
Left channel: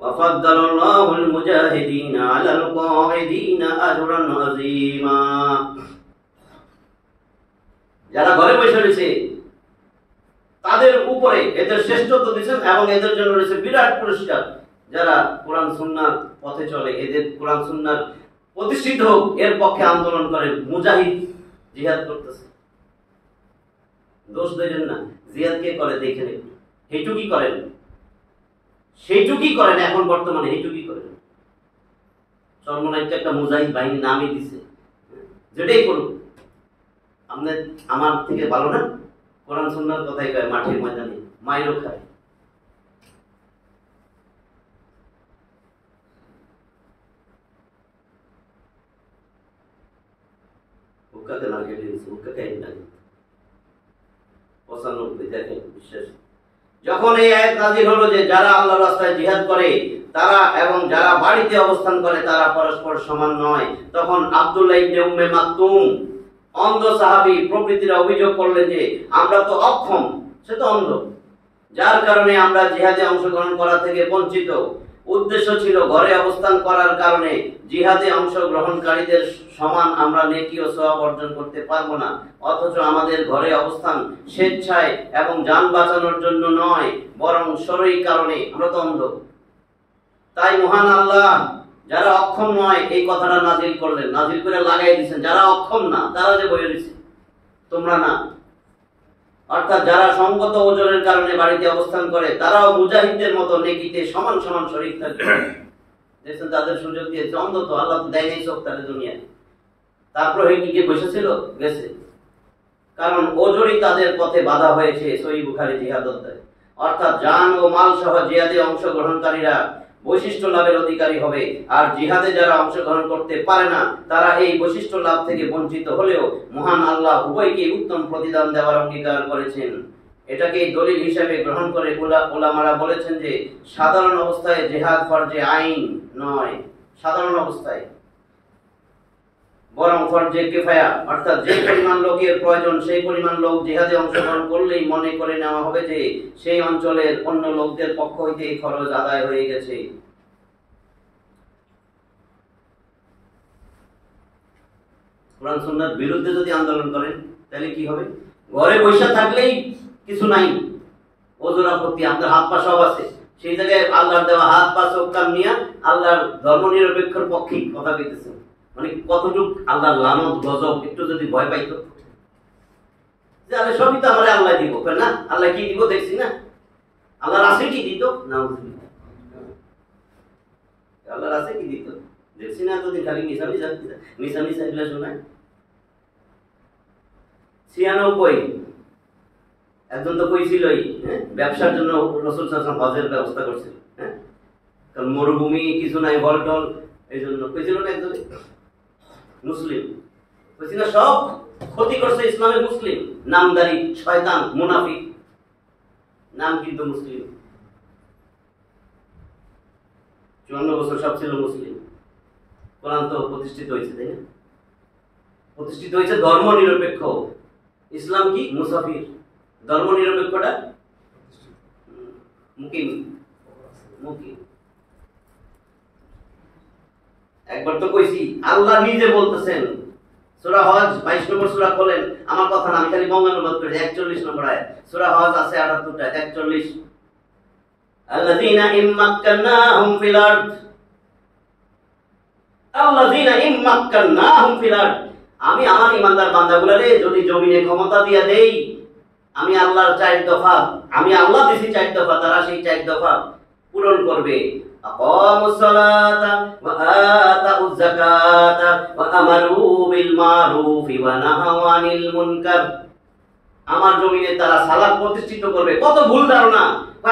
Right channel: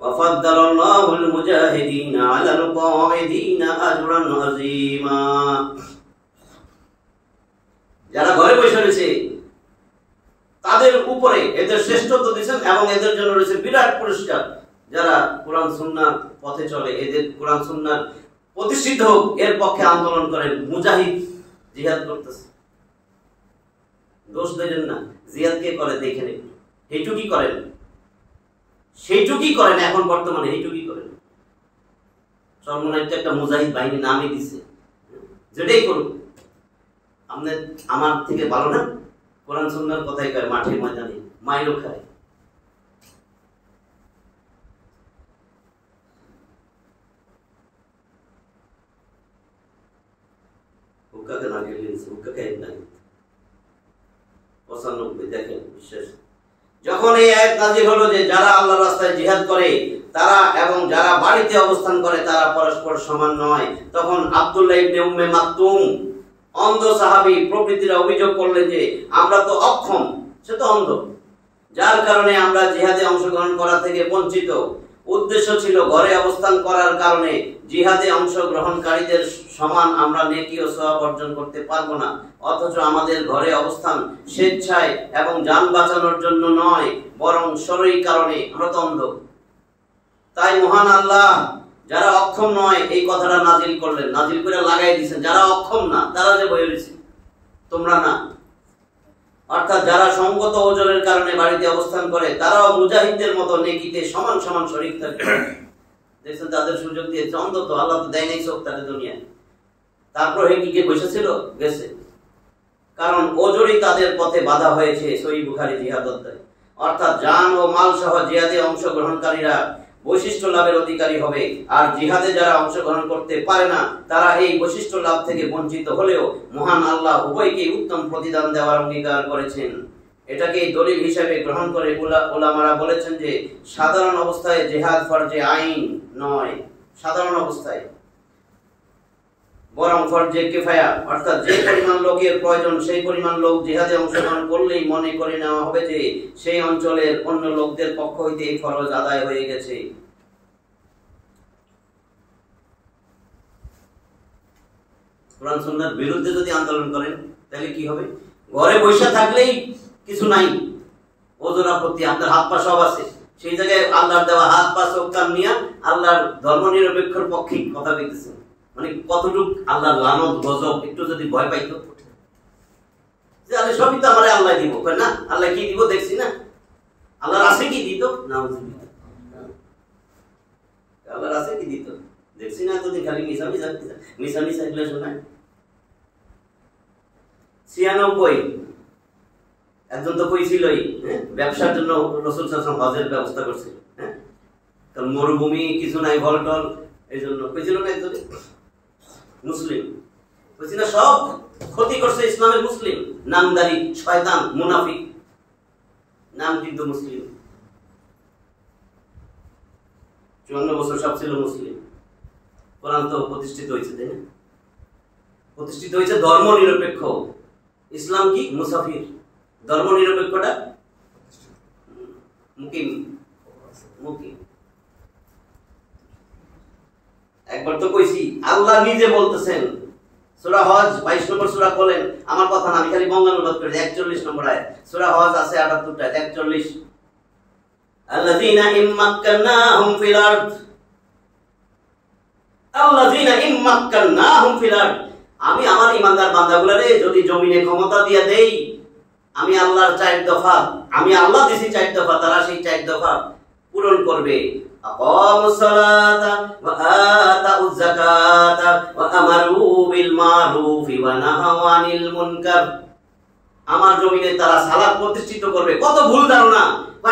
ওয়াফাদ্দালাল্লাহুল মুজাহিদিনা আলাল কায়দিনা আজরান আযীমা। যারা ঘরে বসে রয়েছে তাদের উপরে এদের শ্রেষ্ঠত্ব দিয়েছেন এবং এদের জন্য রয়েছে বিরাট পুরস্কার। যারা কোরআন সুন্নাহর পথে চলে, এদের কোরআন সুন্নাহ প্রতিষ্ঠিত হোক এর পক্ষে আন্দোলন করে, মুজাহিদ জিহাদ করতেছে। দোষ দেবেন না, জিহাদ কে করে দেখেন, এইটুকুই করেন, সেইটুকুই করেন, এখন বর্তমানে এইটুকুই করেন। চরমনাইতে একটা মুজাহিদ বাহিনী নামই দিছে, যেটাই করুক আপনার আমার থেকে ভালো না, কোরআন সুন্নাহর কথাই কয়, মাঠে ময়দানে মাইরও খায়। হুক্কাকে লাগিয়ে দিয়েছে, হুক্কাকে লাগে 95 দেখেন বিশ্বাস। যখন এই আয়াত নাযিল হলো যে যারা আল্লাহর রাস্তায় জিহাদ করে তারা এবং যারা বাড়িতে অবস্থান করে তারা পরস্পর সমান নয়, তখন আব্দুল্লাহ ইবনে উম্মে মাকতুম অন্ধ সাহাবী প্রভৃতিরা অভিযোগ করলেন যে আমরা তো অক্ষম, সে তো অন্ধ, যার কারণে আমরা জিহাদে অংশগ্রহণ করা থেকে বঞ্চিত। উদ্দেশ্য ছিল ঘরে অবস্থান করার কারণে জিহাদে অংশগ্রহণকারীদের সমান আমরা নেকি ও সওয়াব অর্জন করতে পারবো না, অথচ আমাদের ঘরে অবস্থান স্বেচ্ছায় এবং জান বাঁচানোর জন্য নয়, বরং শরীর কারণে, আমরা তো অন্ধ। তাই মহান আল্লাহ যারা অক্ষম নয় এই কথাটা নাজিল করলেন, নাজিল করে লাগাই দিয়েছেন যারা অক্ষম না তারা যে বয়ে রয়েছে, তোমরা না। অর্থাৎ যারা সঙ্গত ওজনের কারণে বাড়িতে অবস্থান করে তারাও মুজাহিদদের মতো নেকিতে সমান সমান শরীক থাকবে। দেখছেন তাদের সুযোগ দিয়েছে, অন্ধ তো, আল্লাহ তো দেয় নাই চোখ তাদের দুনিয়ায়, তারপর কি কে বসেছিল গেছে, কারণ ওজনই তাদের পথে বাধা হয়েছে। সহিহ বুখারী জিহাদ অধ্যায়। অর্থাৎ জান ও মাল সহ জিহাদে অংশগ্রহণকারীরা বৈশিষ্ট্য লাভের অধিকারী হবে, আর জিহাদে যারা অংশগ্রহণ করতে পারে না তারা এই বৈশিষ্ট্য লাভ থেকে বঞ্চিত হলেও মহান আল্লাহ উভয়কে উত্তম প্রতিদান দেওয়ার অঙ্গীকার করেছেন। এটাকে দলিল হিসেবে গ্রহণ করে উলামারা বলেছেন যে সাধারণ অবস্থায় জিহাদ ফরজে আইন নয়, সাধারণ অবস্থায়, বরং ফরজে কিফায়া, অর্থাৎ যে পরিমাণ লোকের প্রয়োজন সেই পরিমাণ লোক জিহাদে অংশগ্রহণ করলেই মনে করে নেওয়া হবে যে সেই অঞ্চলের অন্য লোকদের পক্ষ হইতে এই ফরজ আদায় হয়ে গেছে। কোরআন সুন্নাহর বিরুদ্ধে যদি আন্দোলন করেন তাহলে কি হবে? ঘরে বসে থাকলেই কিছু নাই, ওজোর আপত্তি, আপনার হাত পা সব আছে, সেই জায়গায় আল্লাহর দেওয়া হাত পা চোখ কান নিয়ে আল্লাহর ধর্মনিরপেক্ষর পক্ষে কথা কইতেছেন, মানে কতটুক আল্লাহর লানত গজব একটু যদি ভয় পাইতো যে আল্লাহ সবই তো আমারে আল্লাহ দিব, কয় না আল্লাহ কি দিব দেখছি না, আল্লাহর আছে কি দিত, নাউজুবিল্লাহ, আল্লাহর আছে কি দিত দেখছি না, এতদিন খালি মিশা এগুলো শোনায়। 96 একজন তো কইছিলই ব্যবসার জন্য রাসূল সাল্লাল্লাহু আলাইহি ওয়াসাল্লাম হজের ব্যবস্থা করছিল, কারণ মরুভূমি কিছু নাই, ভলটল, এই জন্য কইছিল না একজন মুসলিম, কইছিল সব ক্ষতি করছে ইসলামের মুসলিম, নামদারি শয়তান মুনাফিক, নাম কিন্তু মুসলিম, 54 বছর সব ছিল মুসলিম। কোরআন তো প্রতিষ্ঠিত হয়েছে, তাই না? প্রতিষ্ঠিত হয়েছে ধর্ম নিরপেক্ষ। ইসলাম কি? মুসাফির। ধর্ম নিরপেক্ষটা মুকিম, মুকিম। একবার তো কইছি আল্লাহ নিজে বলতেছেন, সূরা হজ 22 নম্বর সূরা বলেন, আমার কথা না, আমি খালি বঙ্গানুবাদ করি, 41 নম্বর আয়াত, সূরা হজ আছে 78টা, 41, আল্লাযীনা ইম্মাক্কান্নাহুম ফিল আরদ, আল্লাযীনা ইম্মাক্কান্নাহুম ফিল আরদ, আমি আমার ঈমানদার বান্দাগুলোরে যদি জমিনে ক্ষমতা দিয়া দেই, আমি আল্লাহর 4 দফা, আমি আল্লাহ দিছি 4 দফা, তারা সেই 4 দফা পূরণ করবে। আকামুস সালাতা ওয়া আতাউজ যাকাতা ওয়া আমারু বিল মারুফি ওয়া নাহাউ আনিল মুনকার, আমার জমিনে তারা সালাত প্রতিষ্ঠিত করবে। কত ভুল ধারণা,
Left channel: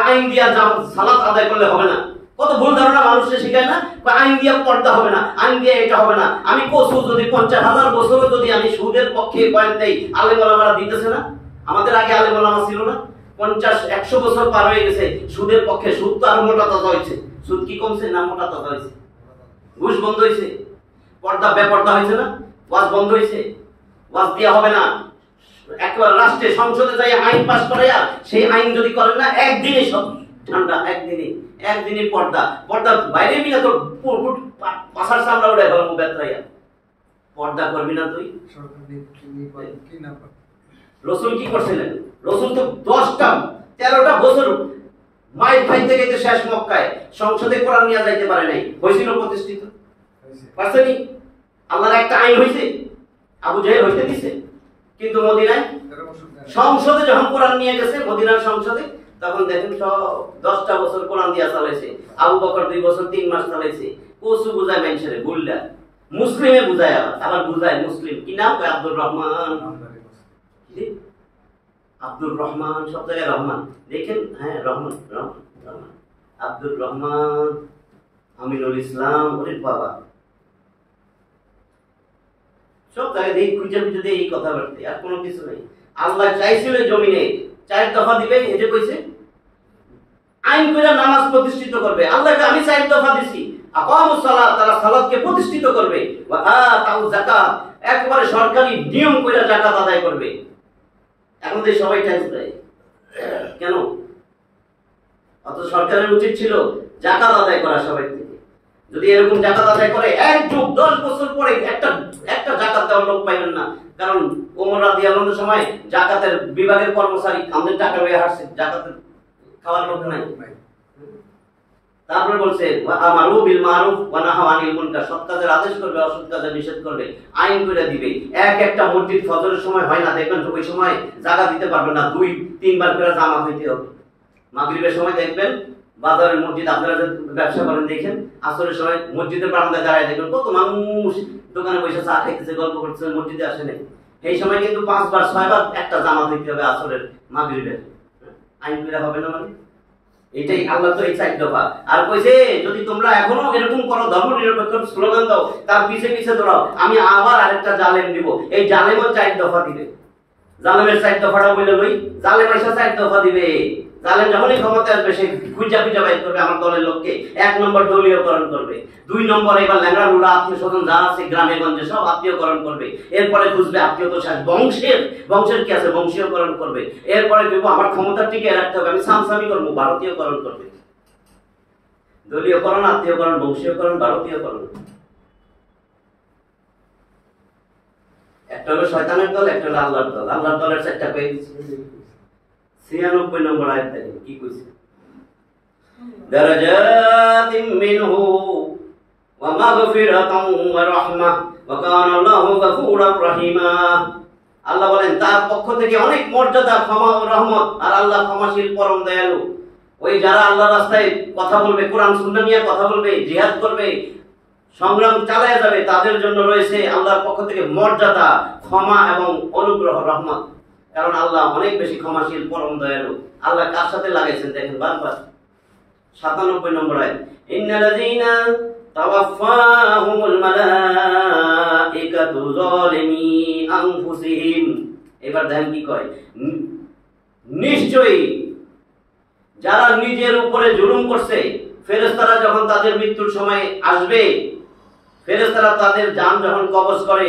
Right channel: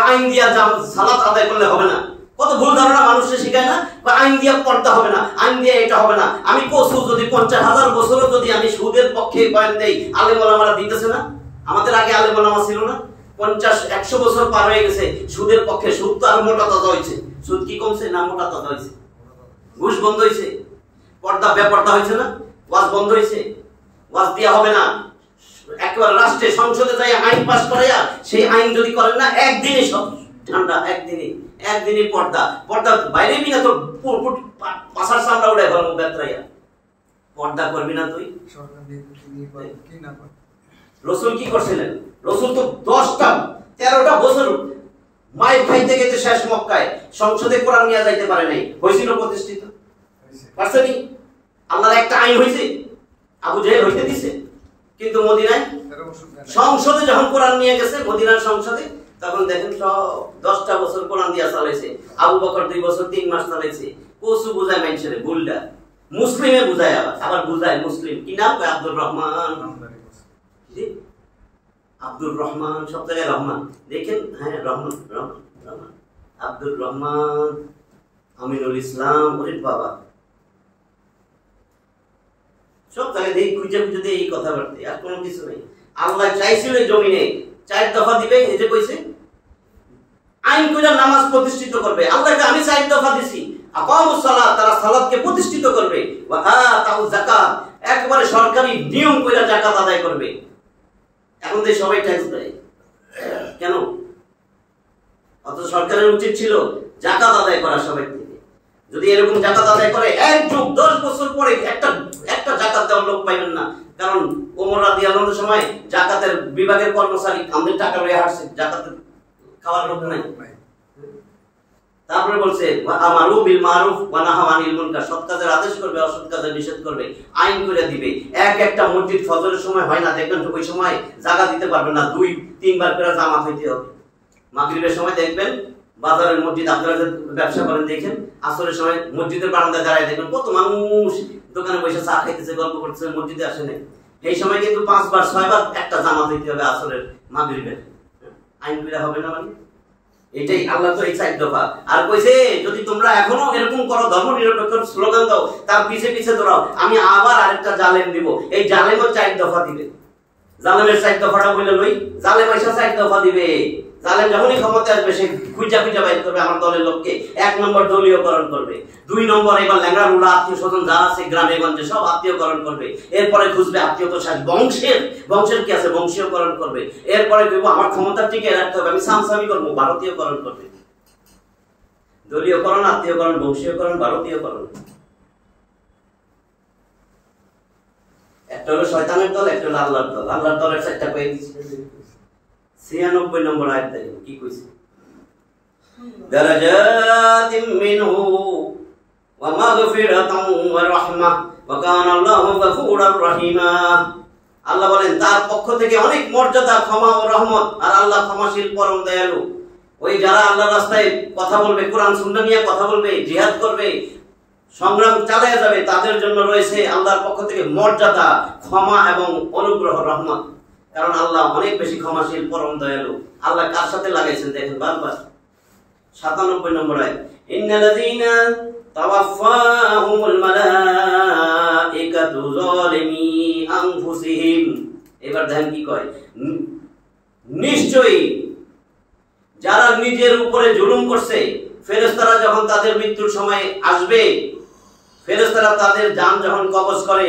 আইন দিয়া সালাত আদায় করলে হবে না, কত ভুল ধারণা মানুষকে শিখায় না, আইন দিয়া পড়তে হবে না, আইন দিয়ে এটা হবে না। আমি কসু যদি 50,000 বছরও যদি আমি সুদের পক্ষে বয়ান দেই, আলেম ওলামারা দিতেছে না? আমাদের আগে আলেম ওলামা ছিল না? 50-100 বছর পার হয়ে গেছে, সুদের পক্ষে, সুদ তো আরো মোটা তাজা হয়েছে, সুদ কি কমছে না মোটা তাজা হয়েছে? ঘুষ বন্ধ হয়েছে, পর্দা বেপর্দা হয়েছে না, ওয়াজ বন্ধ হয়েছে, ওয়াজ দেওয়া হবে না, একবার রাষ্ট্রে সংসদে যাই আইন পাস করাইয়া সেই আইন যদি করেন না, একদিনে সব ঠান্ডা, একদিনে পর্দা, পর্দা বাইরে বিনা তো পাশার চামড়া উড়াই ফেলবো বেত্রাইয়া, পর্দা করবি না তুই। রসুল কি করছিলেন? রসুল তো 10টা 13টা বছর মায়ের খাইতে গেতে শেষ মক্কায় সংসদে কোরআন নিয়ে যাইতে পারে নাই, হয়েছিল প্রতিষ্ঠিত? পারছেনি? আল্লাহর একটা আইন হয়েছে, আবু জাহেল হইতে দিছে। কিন্তু মদিনায় সংসদে যখন কোরআন নিয়ে গেছে, মদিনার সংসদে, তখন দেখেন সব 10টা বছর কোরআন দিয়া চালাইছে। আবু বকর 2 বছর 3 মাস চালাইছে। কসু বুঝায় মানুষের বুলডা, মুসলিমে বুঝায়, আবার বুঝায় মুসলিম। কি নাম? আব্দুর রহমান। আব্দুর রহমান, সব জায়গায় রহমান দেখেন। হ্যাঁ, রহমান রহমান রহমান, আব্দুর রহমান, আমিনুল ইসলাম। ওরে বাবা, সব জায়গায় দেখি খুঁজে খুঁজে দিয়ে এই কথাবার্তা, আর কোনো কিছু নেই। আল্লাহ চাইছিল জমিনে 4 দফা দিবে, এই যে কইছে আইন কইরা নামাজ প্রতিষ্ঠিত করবে। আল্লাহকে আমি 4 দফা দিছি, আকামুস সালাত, তারা সালাতকে প্রতিষ্ঠিত করবে, ওয়া আতাউ যাকাত, একবারে সরকারি নিয়ম কইরা যাকাত আদায় করবে। এখন তো সবাই ট্যাক্স দেয় কেন? অত সরকারের উচিত ছিল যাকাত আদায় করা সবাই থেকে। যদি এরকম যাকাত আদায় করে, 1 যুগ 10 বছর পরে একটা যাকাত দেওয়ার লোক পাইবেন না। কারণ ওমর রাদিয়াল্লাহু আনহুর সময় যাকাতের বিভাগের কর্মচারী আমাদের টাকা লয়ে হাঁটছে, যাকাতের খাওয়ার লোক নাই। তারপরে বলছে আমারু বিল মারুফ ওয়া নাহা আনিল মুনকার, সৎ কাজের আদেশ করবে, অসৎ কাজের নিষেধ করবে, আইন করে দিবে। একটা মসজিদ ফজরের সময় হয় না, দেখবেন তো ওই সময় জায়গা দিতে পারবে না, 2-3 বার করে জামাত হইতে হবে। মাগরিবের সময় দেখবেন বাজারের মসজিদ, আপনারা যে ব্যবসা করেন দেখেন, আসরের সময় মসজিদের বারান্দায় দাঁড়ায় দেখবেন কত মানুষ দোকানে বসে চা খাইতেছে, গল্প করতেছে, মসজিদে আসে নাই। এই সময় কিন্তু 5 বার 6 বার একটা জামাত হইতে হবে আসরের মাগরিবের। আইন করে হবে না মানে? এটাই আল্লাহ তো এই 4 দফা। আর কইছে যদি তোমরা এখনো এরকম করো, ধর্ম নিরপেক্ষ স্লোগান দাও, তার পিছে পিছে দৌড়াও, আমি আবার আরেকটা জালেম দিব। এই জালেমও 4 দফা দিবে। জালেমের 4 দফাটা বলে লই, জালেম আইসা 4 দফা দিবে। জালেম যখনই ক্ষমতায় আসবে, সে খুঁজা বাইর করবে আমার দলের লোককে। 1 নম্বর দলীয়করণ করবে, 2 নম্বর এবার ল্যাংড়া রুলা আত্মীয় স্বজন যা আছে গ্রামে গঞ্জে সব আত্মীয়করণ করবে। এরপরে খুঁজবে আত্মীয়তা শেষ, বংশের কি আছে বংশীয়করণ করবে। এরপরে দেখবো আমার ক্ষমতা টিকে রাখতে হবে, আমি সামসামি করবো, ভারতীয়করণ করবে। দলীয়করণ, আত্মীয়করণ, বংশীয়করণ, ভারতীয়করণ। একটা হলো শয়তানের দল, একটা হলো আল্লাহর দল। আল্লাহর দলের 4টা পেয়ে দিচ্ছে। 96 নম্বর আয়াত দেখেন কি কইছে, দারাজাতিম মিনহু ওয়া মাগফিরাতান ওয়া রাহমাহ ওয়া কানা আল্লাহু গফুরার রহিমা। আল্লাহ বলেন তার পক্ষ থেকে অনেক মর্যাদা, ক্ষমা ও রহমত, আর আল্লাহ ক্ষমাশীল পরম দয়ালু। ওই যারা আল্লাহর রাস্তায় কথা বলবে, কোরআন সুন্নাহ নিয়ে কথা বলবে, জিহাদ করবে, সংগ্রাম চালিয়ে যাবে, তাদের জন্য রয়েছে আল্লাহর পক্ষ থেকে মর্যাদা, ক্ষমা এবং অনুগ্রহ, রহমত। কারণ আল্লাহ অনেক বেশি ক্ষমাশীল, পরম দয়ালু। আল্লাহ কার সাথে লাগাইছেন দেখেন বারবার। 97 নম্বর আয়াত, ইন্নাল্লাযীনা তাওয়াফাহুমুল মালাইকাতু যালিমি আনফুসিহিম। এবার দেখেন কি কয়, নিশ্চয়ই যারা নিজের উপরে জুলুম করছে, ফেরেশতারা যখন তাদের মৃত্যুর সময় আসবে, ফেরেশতারা তাদের জান যখন কবজ করে,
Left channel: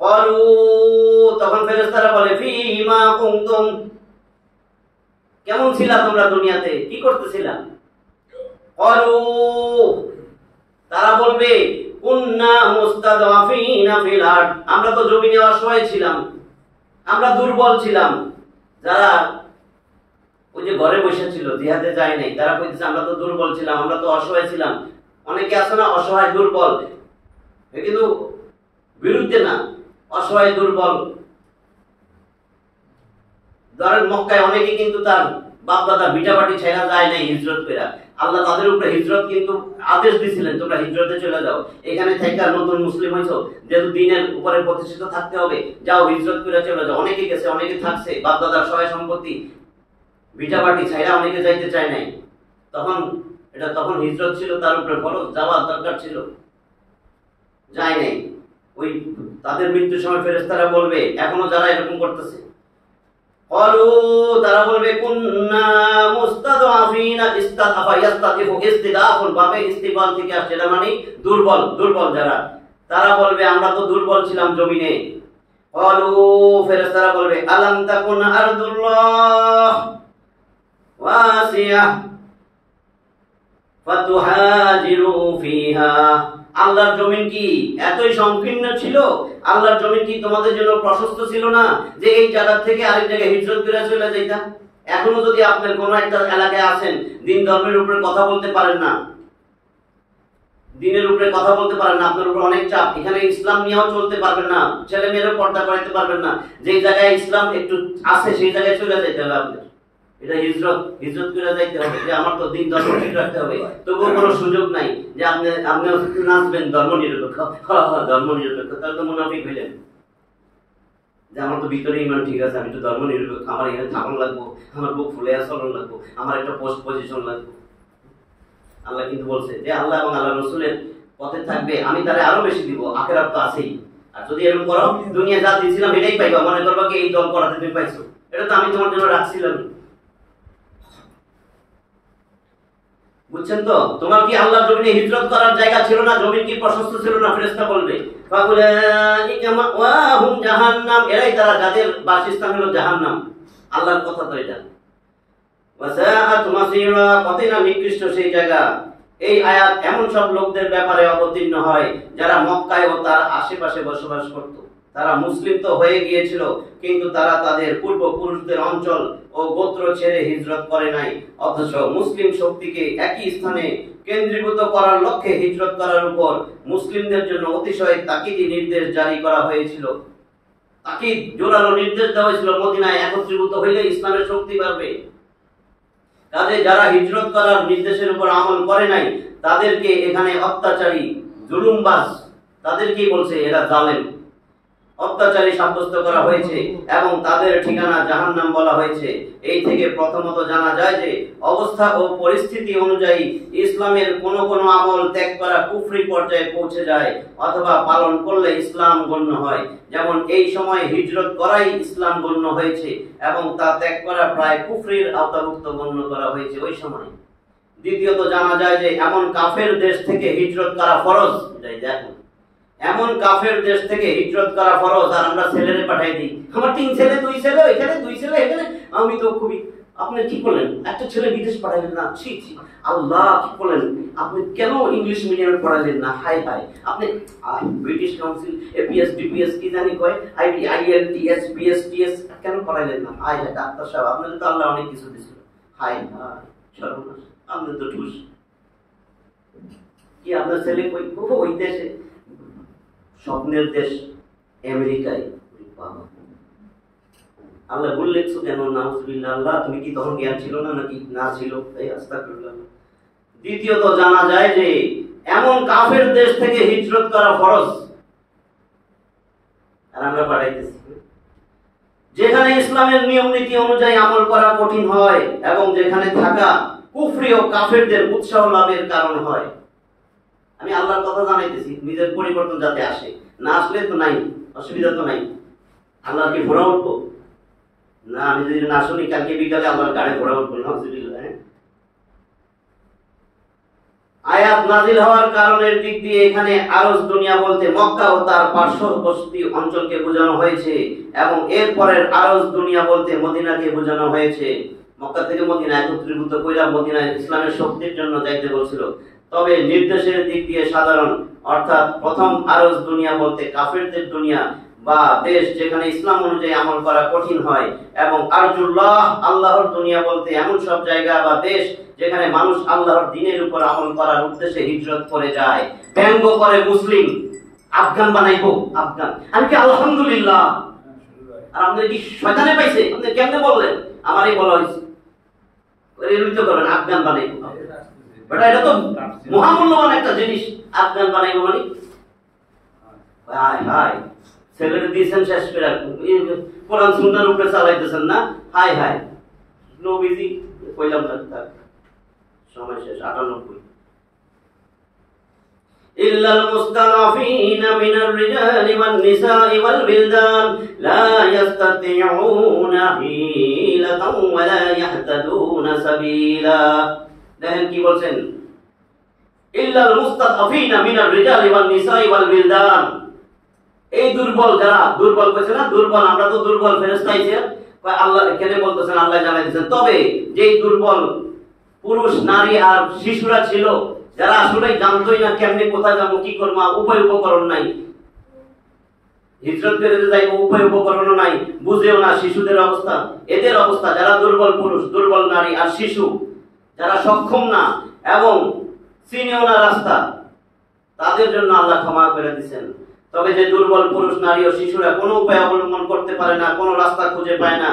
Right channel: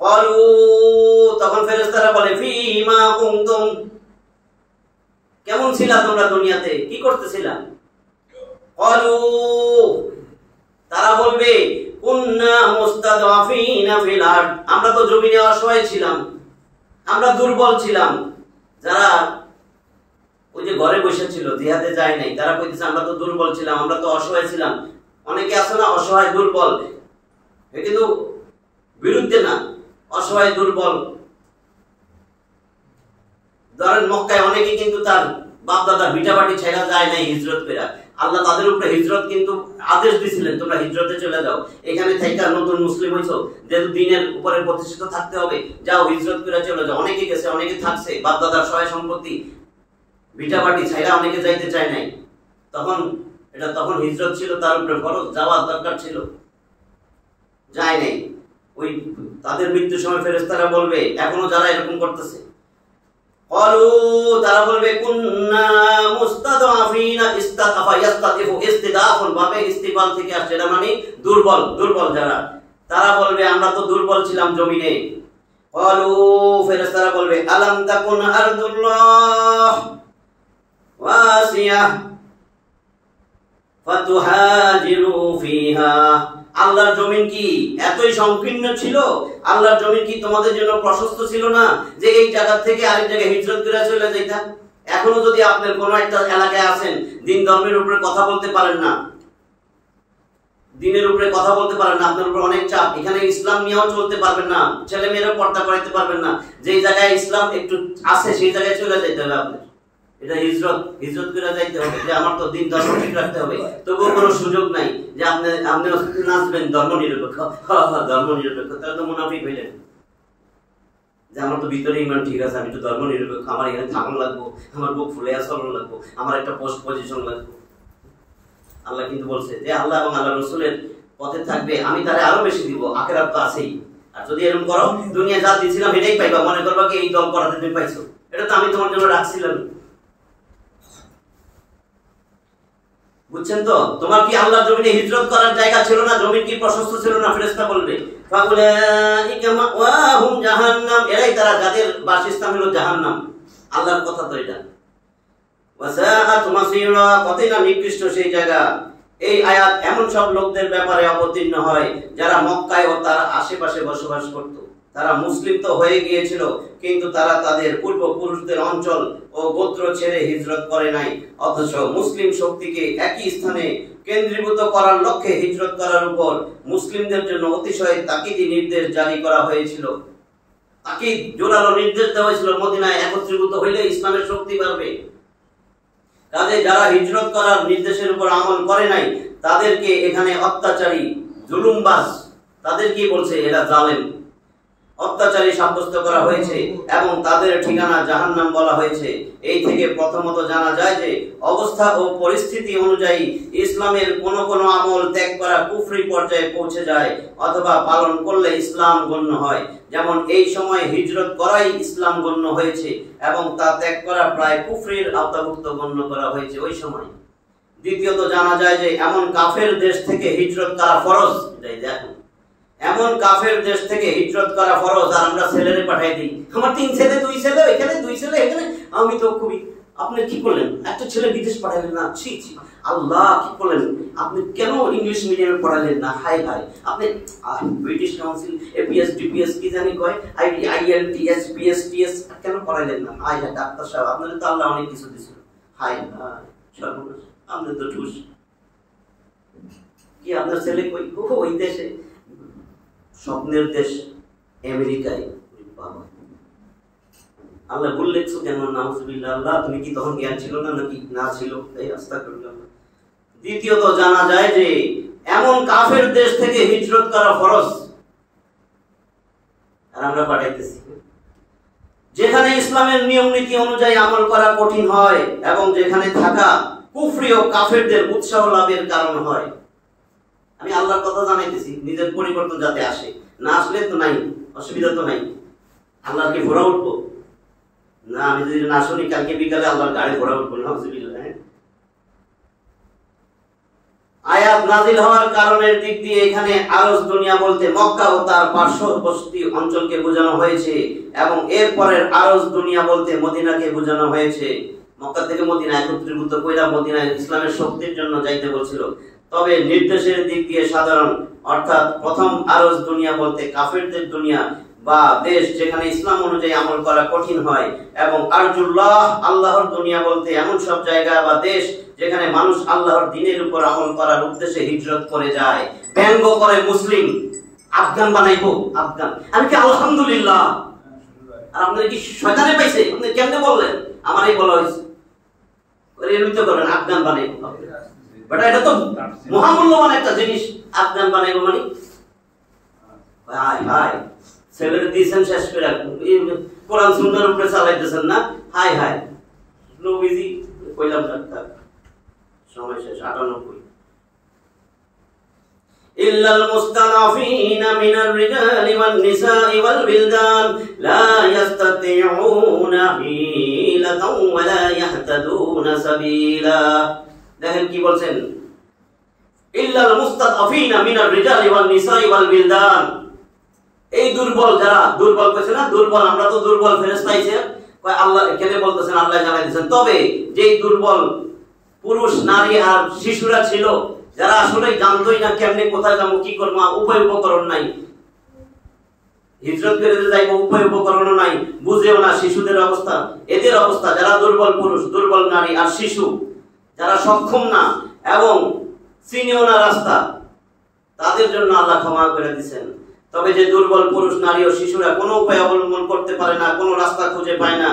ক্বালু, তখন ফেরেশতারা বলে ফীমা কুনতুম, কেমন ছিলা তোমরা দুনিয়াতে, কি করতেছিলা? ক্বালু, তারা বলবে কুন্না মুস্তাদআফিনা ফিল আরদ, আমরা তো জমিনে অসহায় ছিলাম, আমরা দুর্বল ছিলাম। যারা ওই যে ঘরে বসে ছিল, জিহাদে যায় নাই, তারা কইতেছে আমরা তো দুর্বল ছিলাম, আমরা তো অসহায় ছিলাম। অনেকে আছে না অসহায় দুর্বল, কিন্তু বিরুদ্ধে না, অসহায় দুর্বল। ধরেন মক্কায় অনেকে কিন্তু তার বাপ দাদার ভিটাবাটি ছেড়া যায় নাই হিজরত করে। আল্লাহ তাদের উপরে হিজরত কিন্তু আদেশ দিয়েছিলেন, তোমরা হিজরতে চলে যাও, এখানে থেকে নতুন মুসলিম হইছো, যেহেতু দিনের উপরে প্রতিষ্ঠিত থাকতে হবে, যাও হিজরত করে চলে যাও। অনেকে গেছে, অনেকে থাকছে, বাপ দাদার সহায় সম্পত্তি ভিটাবাটি ছাইরা অনেকে যাইতে চায় নাই। তখন হিজরত ছিল তার উপরে ফরজ, যাওয়ার দরকার ছিল, যায় নাই। ওই তাদের মৃত্যুর সময় ফেরেশতারা বলবে, এখনো যারা এরকম করতেছে, ক্বালু, তারা বলবে কুন্না মুস্তাদআফিনা, ইস্তাদআফা ইস্তাদিফু, ইস্তিদাফুন বাবে ইস্তিবাল থেকে আসছে, এটা মানে দুর্বল যারা, তারা বলবে আমরা তো দুর্বল ছিলাম জমিনে। ক্বালু, ফেরেশতারা বলবে আলাম তাকুন আরদুল্লাহ ওয়াসিয়া ফাতুহাজিরু ফিহা, আল্লাহর জমিন কি এতই সংকীর্ণ ছিল? আল্লাহর জমিন কি তোমাদের জন্য প্রশস্ত ছিল না যে এই জায়গা থেকে আরেক জায়গায় হিজরত করে চলে যাইতা? এখনো যদি আপনার কোনো একটা এলাকায় আছেন, দিন ধর্মের উপরে কথা বলতে পারেন না, দিনের উপরে কথা বলতে পারেন না, আপনার উপরে অনেক চাপ, এখানে ইসলাম নিয়েও চলতে পারবেন না, ছেলে মেয়েরা পর্দা করাইতে পারবেন না, যেই জায়গায় ইসলাম একটু আছে সেই জায়গায় চলে যেতে হবে আপনার। এটা হিজরত করে যাইতে হবে, যে আমার তো দিন ধর্ম ঠিক রাখতে হবে। তবুও কোনো সুযোগ নাই যে আপনি নাচবেন ধর্ম নিরপেক্ষ, ধর্ম নিরপেক্ষ, তাহলে তো মুনাফিক হইলেন। যে আমার তো ভিতরে ইমান ঠিক আছে, আমি তো ধর্ম নিরপেক্ষ, আমার এখানে থাকুন লাগবো, আমার বুক ফুলে চলন লাগবো, আমার একটা পোস্ট পজিশন লাগবো। আল্লাহ কিন্তু বলছে যে আল্লাহ এবং আল্লাহ রসুলের পথে থাকবে, আমি তারে আরো বেশি দিব, আখিরাত তো আছেই। আর যদি এরকম করো, দুনিয়া যা দিয়েছিলাম এটাই পাইবা, মনে করবা কি এই দল করাতে তুমি পাইছো, এটা তো আমি তোমার জন্য রাখছিলাম। বুঝছেন তো? তোমার কি আল্লাহর জমিনে হিজরত করার জায়গা ছিল না? জমিন কি প্রশস্ত ছিল না? ফেরেশতা বলবে ফাউলাইকা মাওয়াহুম জাহান্নাম, এরাই তারা যাদের বাসস্থান হলো জাহান্নাম। আল্লাহর কথা তো এটা। ওয়াসাআত মাসীরা, কতই না নিকৃষ্ট সেই জায়গা। এই আয়াত এমন সব লোকদের ব্যাপারে অবতীর্ণ হয় যারা মক্কায় ও তার আশেপাশে বসবাস করত। তারা মুসলিম তো হয়ে গিয়েছিল, কিন্তু তারা তাদের পূর্বপুরুষদের অঞ্চল ও গোত্র ছেড়ে হিজরত করে নাই। অথচ মুসলিম শক্তিকে একই স্থানে কেন্দ্রীভূত করার লক্ষ্যে হিজরত করার উপর মুসলিমদের জন্য অতিশয় তাকিদি নির্দেশ জারি করা হয়েছিল। তাকিদ, জোরালো নির্দেশ দেওয়া হয়েছিল, মদিনায় একত্রীভূত হইলে ইসলামের শক্তি বাড়বে। কাজে যারা হিজরত করার নির্দেশের উপর আমল করে নাই তাদেরকে এখানে অত্যাচারী, জুলুমবাজ, তাদেরকে বলছে এরা জালেম, অত্যাচারী সাব্যস্ত করা হয়েছে এবং তাদের ঠিকানা জাহান্নাম বলা হয়েছে। এই থেকে প্রথমত জানা যায় যে অবস্থা ও পরিস্থিতি অনুযায়ী ইসলামের কোন কোন আমল ত্যাগ করা কুফরি পর্যায়ে পৌঁছে যায়, অথবা পালন করলে ইসলাম গণ্য হয়। যেমন এই সময় হিজরত করাই ইসলাম গণ্য হয়েছে এবং তা ত্যাগ করা প্রায় কুফরির আওতাভুক্ত গণ্য করা হয়েছে ওই সময়। দ্বিতীয়ত জানা যায় যে এমন কাফের দেশ থেকে হিজরত করা ফরজ। দেখুন, এমন কাফের দেশ থেকে হিজরত করা ফরজ, আর আমরা ছেলেরে পাঠাই দিই, আমার 3 ছেলে 2 ছেলে, এখানে 2 ছেলে এখানে, আমি তো খুবই, আপনি কি করলেন? একটা ছেলে বিদেশ পাঠাইলেন না, ছি ছি, আল্লাহ কি করলেন? আপনি কেন ইংলিশ মিডিয়ামে পড়াইলেন না? হাই হাই, আপনি ব্রিটিশ কাউন্সিল এপিএস ডিপিএস কি জানি কয়, আইএলটিএস পিএসটিএস কেন পড়াইলেন না? হাই হাই ডাক্তার সাহেব, আপনাদের তো আল্লাহ অনেক কিছু দিয়েছিল। হাই হাই সর্বনাশ, আপনাদের তো ঠুস কি, আপনার ছেলে কই? ওই দেশে, স্বপ্নের দেশ আমেরিকায়। আল্লাহ বললেন কেন? নাউজুবিল্লাহ, আল্লাহ তুমি কি তখন জ্ঞান ছিল না নাকি? না ছিল, তাই আস্তাগফিরুল্লাহ। দ্বিতীয়ত জানা যায় যে এমন কাফের দেশ থেকে হিজরত করা ফরজ, আর আমরা পাঠাইতেছি যেখানে ইসলামের নিয়ম নীতি অনুযায়ী আমল করা কঠিন হয় এবং যেখানে থাকা কুফরি ও কাফেরদের উৎসাহ লাভের কারণ হয়। আমি আল্লাহর কথা জানাইতেছি, নিজের পরিবর্তন যাতে আসে, না আসলে তো নাই, অসুবিধা তো নাই। আল্লাহর কি ঘোরা উঠবো না? আমি যদি না শুনি, কালকে বিকালে আল্লাহর গাড়ি ঘোরা উঠবো না। আয়াত নাজিল হওয়ার কারণের দিক দিয়ে এখানে আরজ দুনিয়া বলতে মক্কা ও তার পার্শ্ববর্তী অঞ্চলকে বোঝানো হয়েছে এবং এর পরের আরজ দুনিয়া বলতে মদিনাকে বোঝানো হয়েছে। মক্কা থেকে মদিনা একত্রীভূত কইরা মদিনায় ইসলামের শক্তির জন্য যাইতে বলছিল। তবে নির্দেশের দিক দিয়ে সাধারণ, অর্থাৎ প্রথম আরজ দুনিয়া বলতে কাফেরদের দুনিয়া বা দেশ যেখানে ইসলাম অনুযায়ী আমল করা কঠিন হয়, এবং আরজুল্লাহ আল্লাহর দুনিয়া বলতে এমন সব জায়গা বা দেশ যেখানে মানুষ আল্লাহর দ্বীনের উপর আমল করার উদ্দেশ্যে হিজরত করে যায়। ব্যঙ্গ করে মুসলিম, আফগান বানাইবো, আফগান। আমি কি আলহামদুলিল্লাহ, আর আপনাদের কি শয়তানে পাইছে? আপনি কেমনে বললেন? আমারই বলা হয়েছে এরমিত করেন, আফগান বানাইবো। বেটা এটা তো মহামূল্যবান একটা জিনিস, আফগান বানাইবো মানে হাই হাই, ছেলের দিয়েছেন শেষ করে কোরআন সুন্নাহর উপরে চালাইতেছেন না? হাই হাই, নবীজি কইলাম না, সময় শেষ। 98 ইল্লাল মুস্তাদাফিনা মিনার রিজালি ওয়ান নিসাই ওয়াল বিলদান লা ইস্তাতিউনা হিলাতাও ওয়া লা ইয়াহতাদুনা সাবিলা। দেখেন কি বলছেন, ইল্লাল মুস্তাদাফিনা মিনার রিজালি ওয়ান নিসাই ওয়াল বিলদান। এই দুর্বল যারা, দুর্বল কইছে না, দুর্বল আমরা তো দুর্বল, ফেরেশতা আইছে আল্লাহ কেন বলতেছেন? আল্লাহ জানাই দিয়েছেন। তবে যেই দুর্বল পুরুষ, নারী আর শিশুরা ছিল, যারা আসলে জানতোই না কেমনে কোথায় যাবো, কি করবো, উপায় উপকরণ নাই, হিজরত করে যাইব, উপায় উপকরণও নাই, বুঝেও না শিশুদের অবস্থা, এদের অবস্থা যারা দুর্বল পুরুষ, দুর্বল নারী আর শিশু যারা সক্ষম না এবং চিনেও না রাস্তা, তাদের জন্য আল্লাহ ক্ষমা করে দিচ্ছেন। তবে যে দুর্বল পুরুষ, নারী ও শিশুরা কোনো উপায় অবলম্বন করতে পারে না, কোনো রাস্তা খুঁজে পায় না,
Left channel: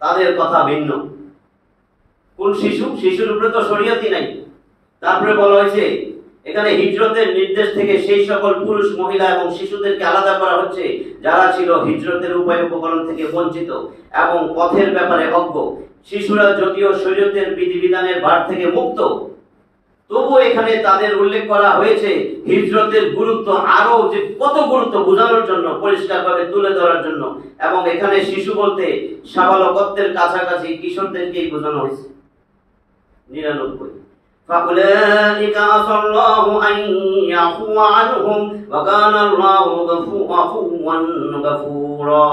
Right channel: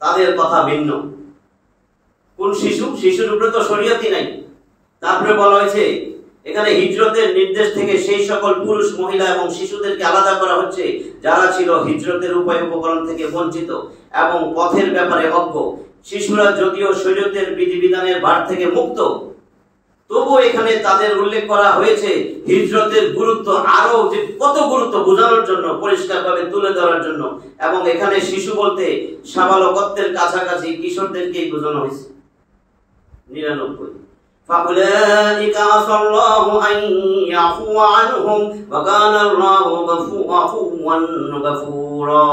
তাদের কথা ভিন্ন। কোন শিশু? শিশুর উপরে তো শরীয়তই নাই। তারপরে বলা হয়েছে এখানে হিজরতের নির্দেশ থেকে সেই সকল পুরুষ, মহিলা এবং শিশুদেরকে আলাদা করা হচ্ছে যারা ছিল হিজরতের উপায় উপকরণ থেকে বঞ্চিত এবং পথের ব্যাপারে অজ্ঞ। শিশুরা যদিও শরীয়তের বিধিবিধানের ভার থেকে মুক্ত, তবু এখানে তাদের উল্লেখ করা হয়েছে হিজরতের গুরুত্ব, আরো যে কত গুরুত্ব বোঝানোর জন্য, পরিষ্কারভাবে তুলে ধরার জন্য। এবং এখানে শিশু বলতে সাবালকত্বের কাছাকাছি কিশোরদেরকেই বোঝানো হয়েছে। 99 فَأُولَئِكَ عَسَى اللَّهُ أَن يَعْفُوَ عَنْهُمْ وَكَانَ اللَّهُ عَفُوًّا غَفُورًا।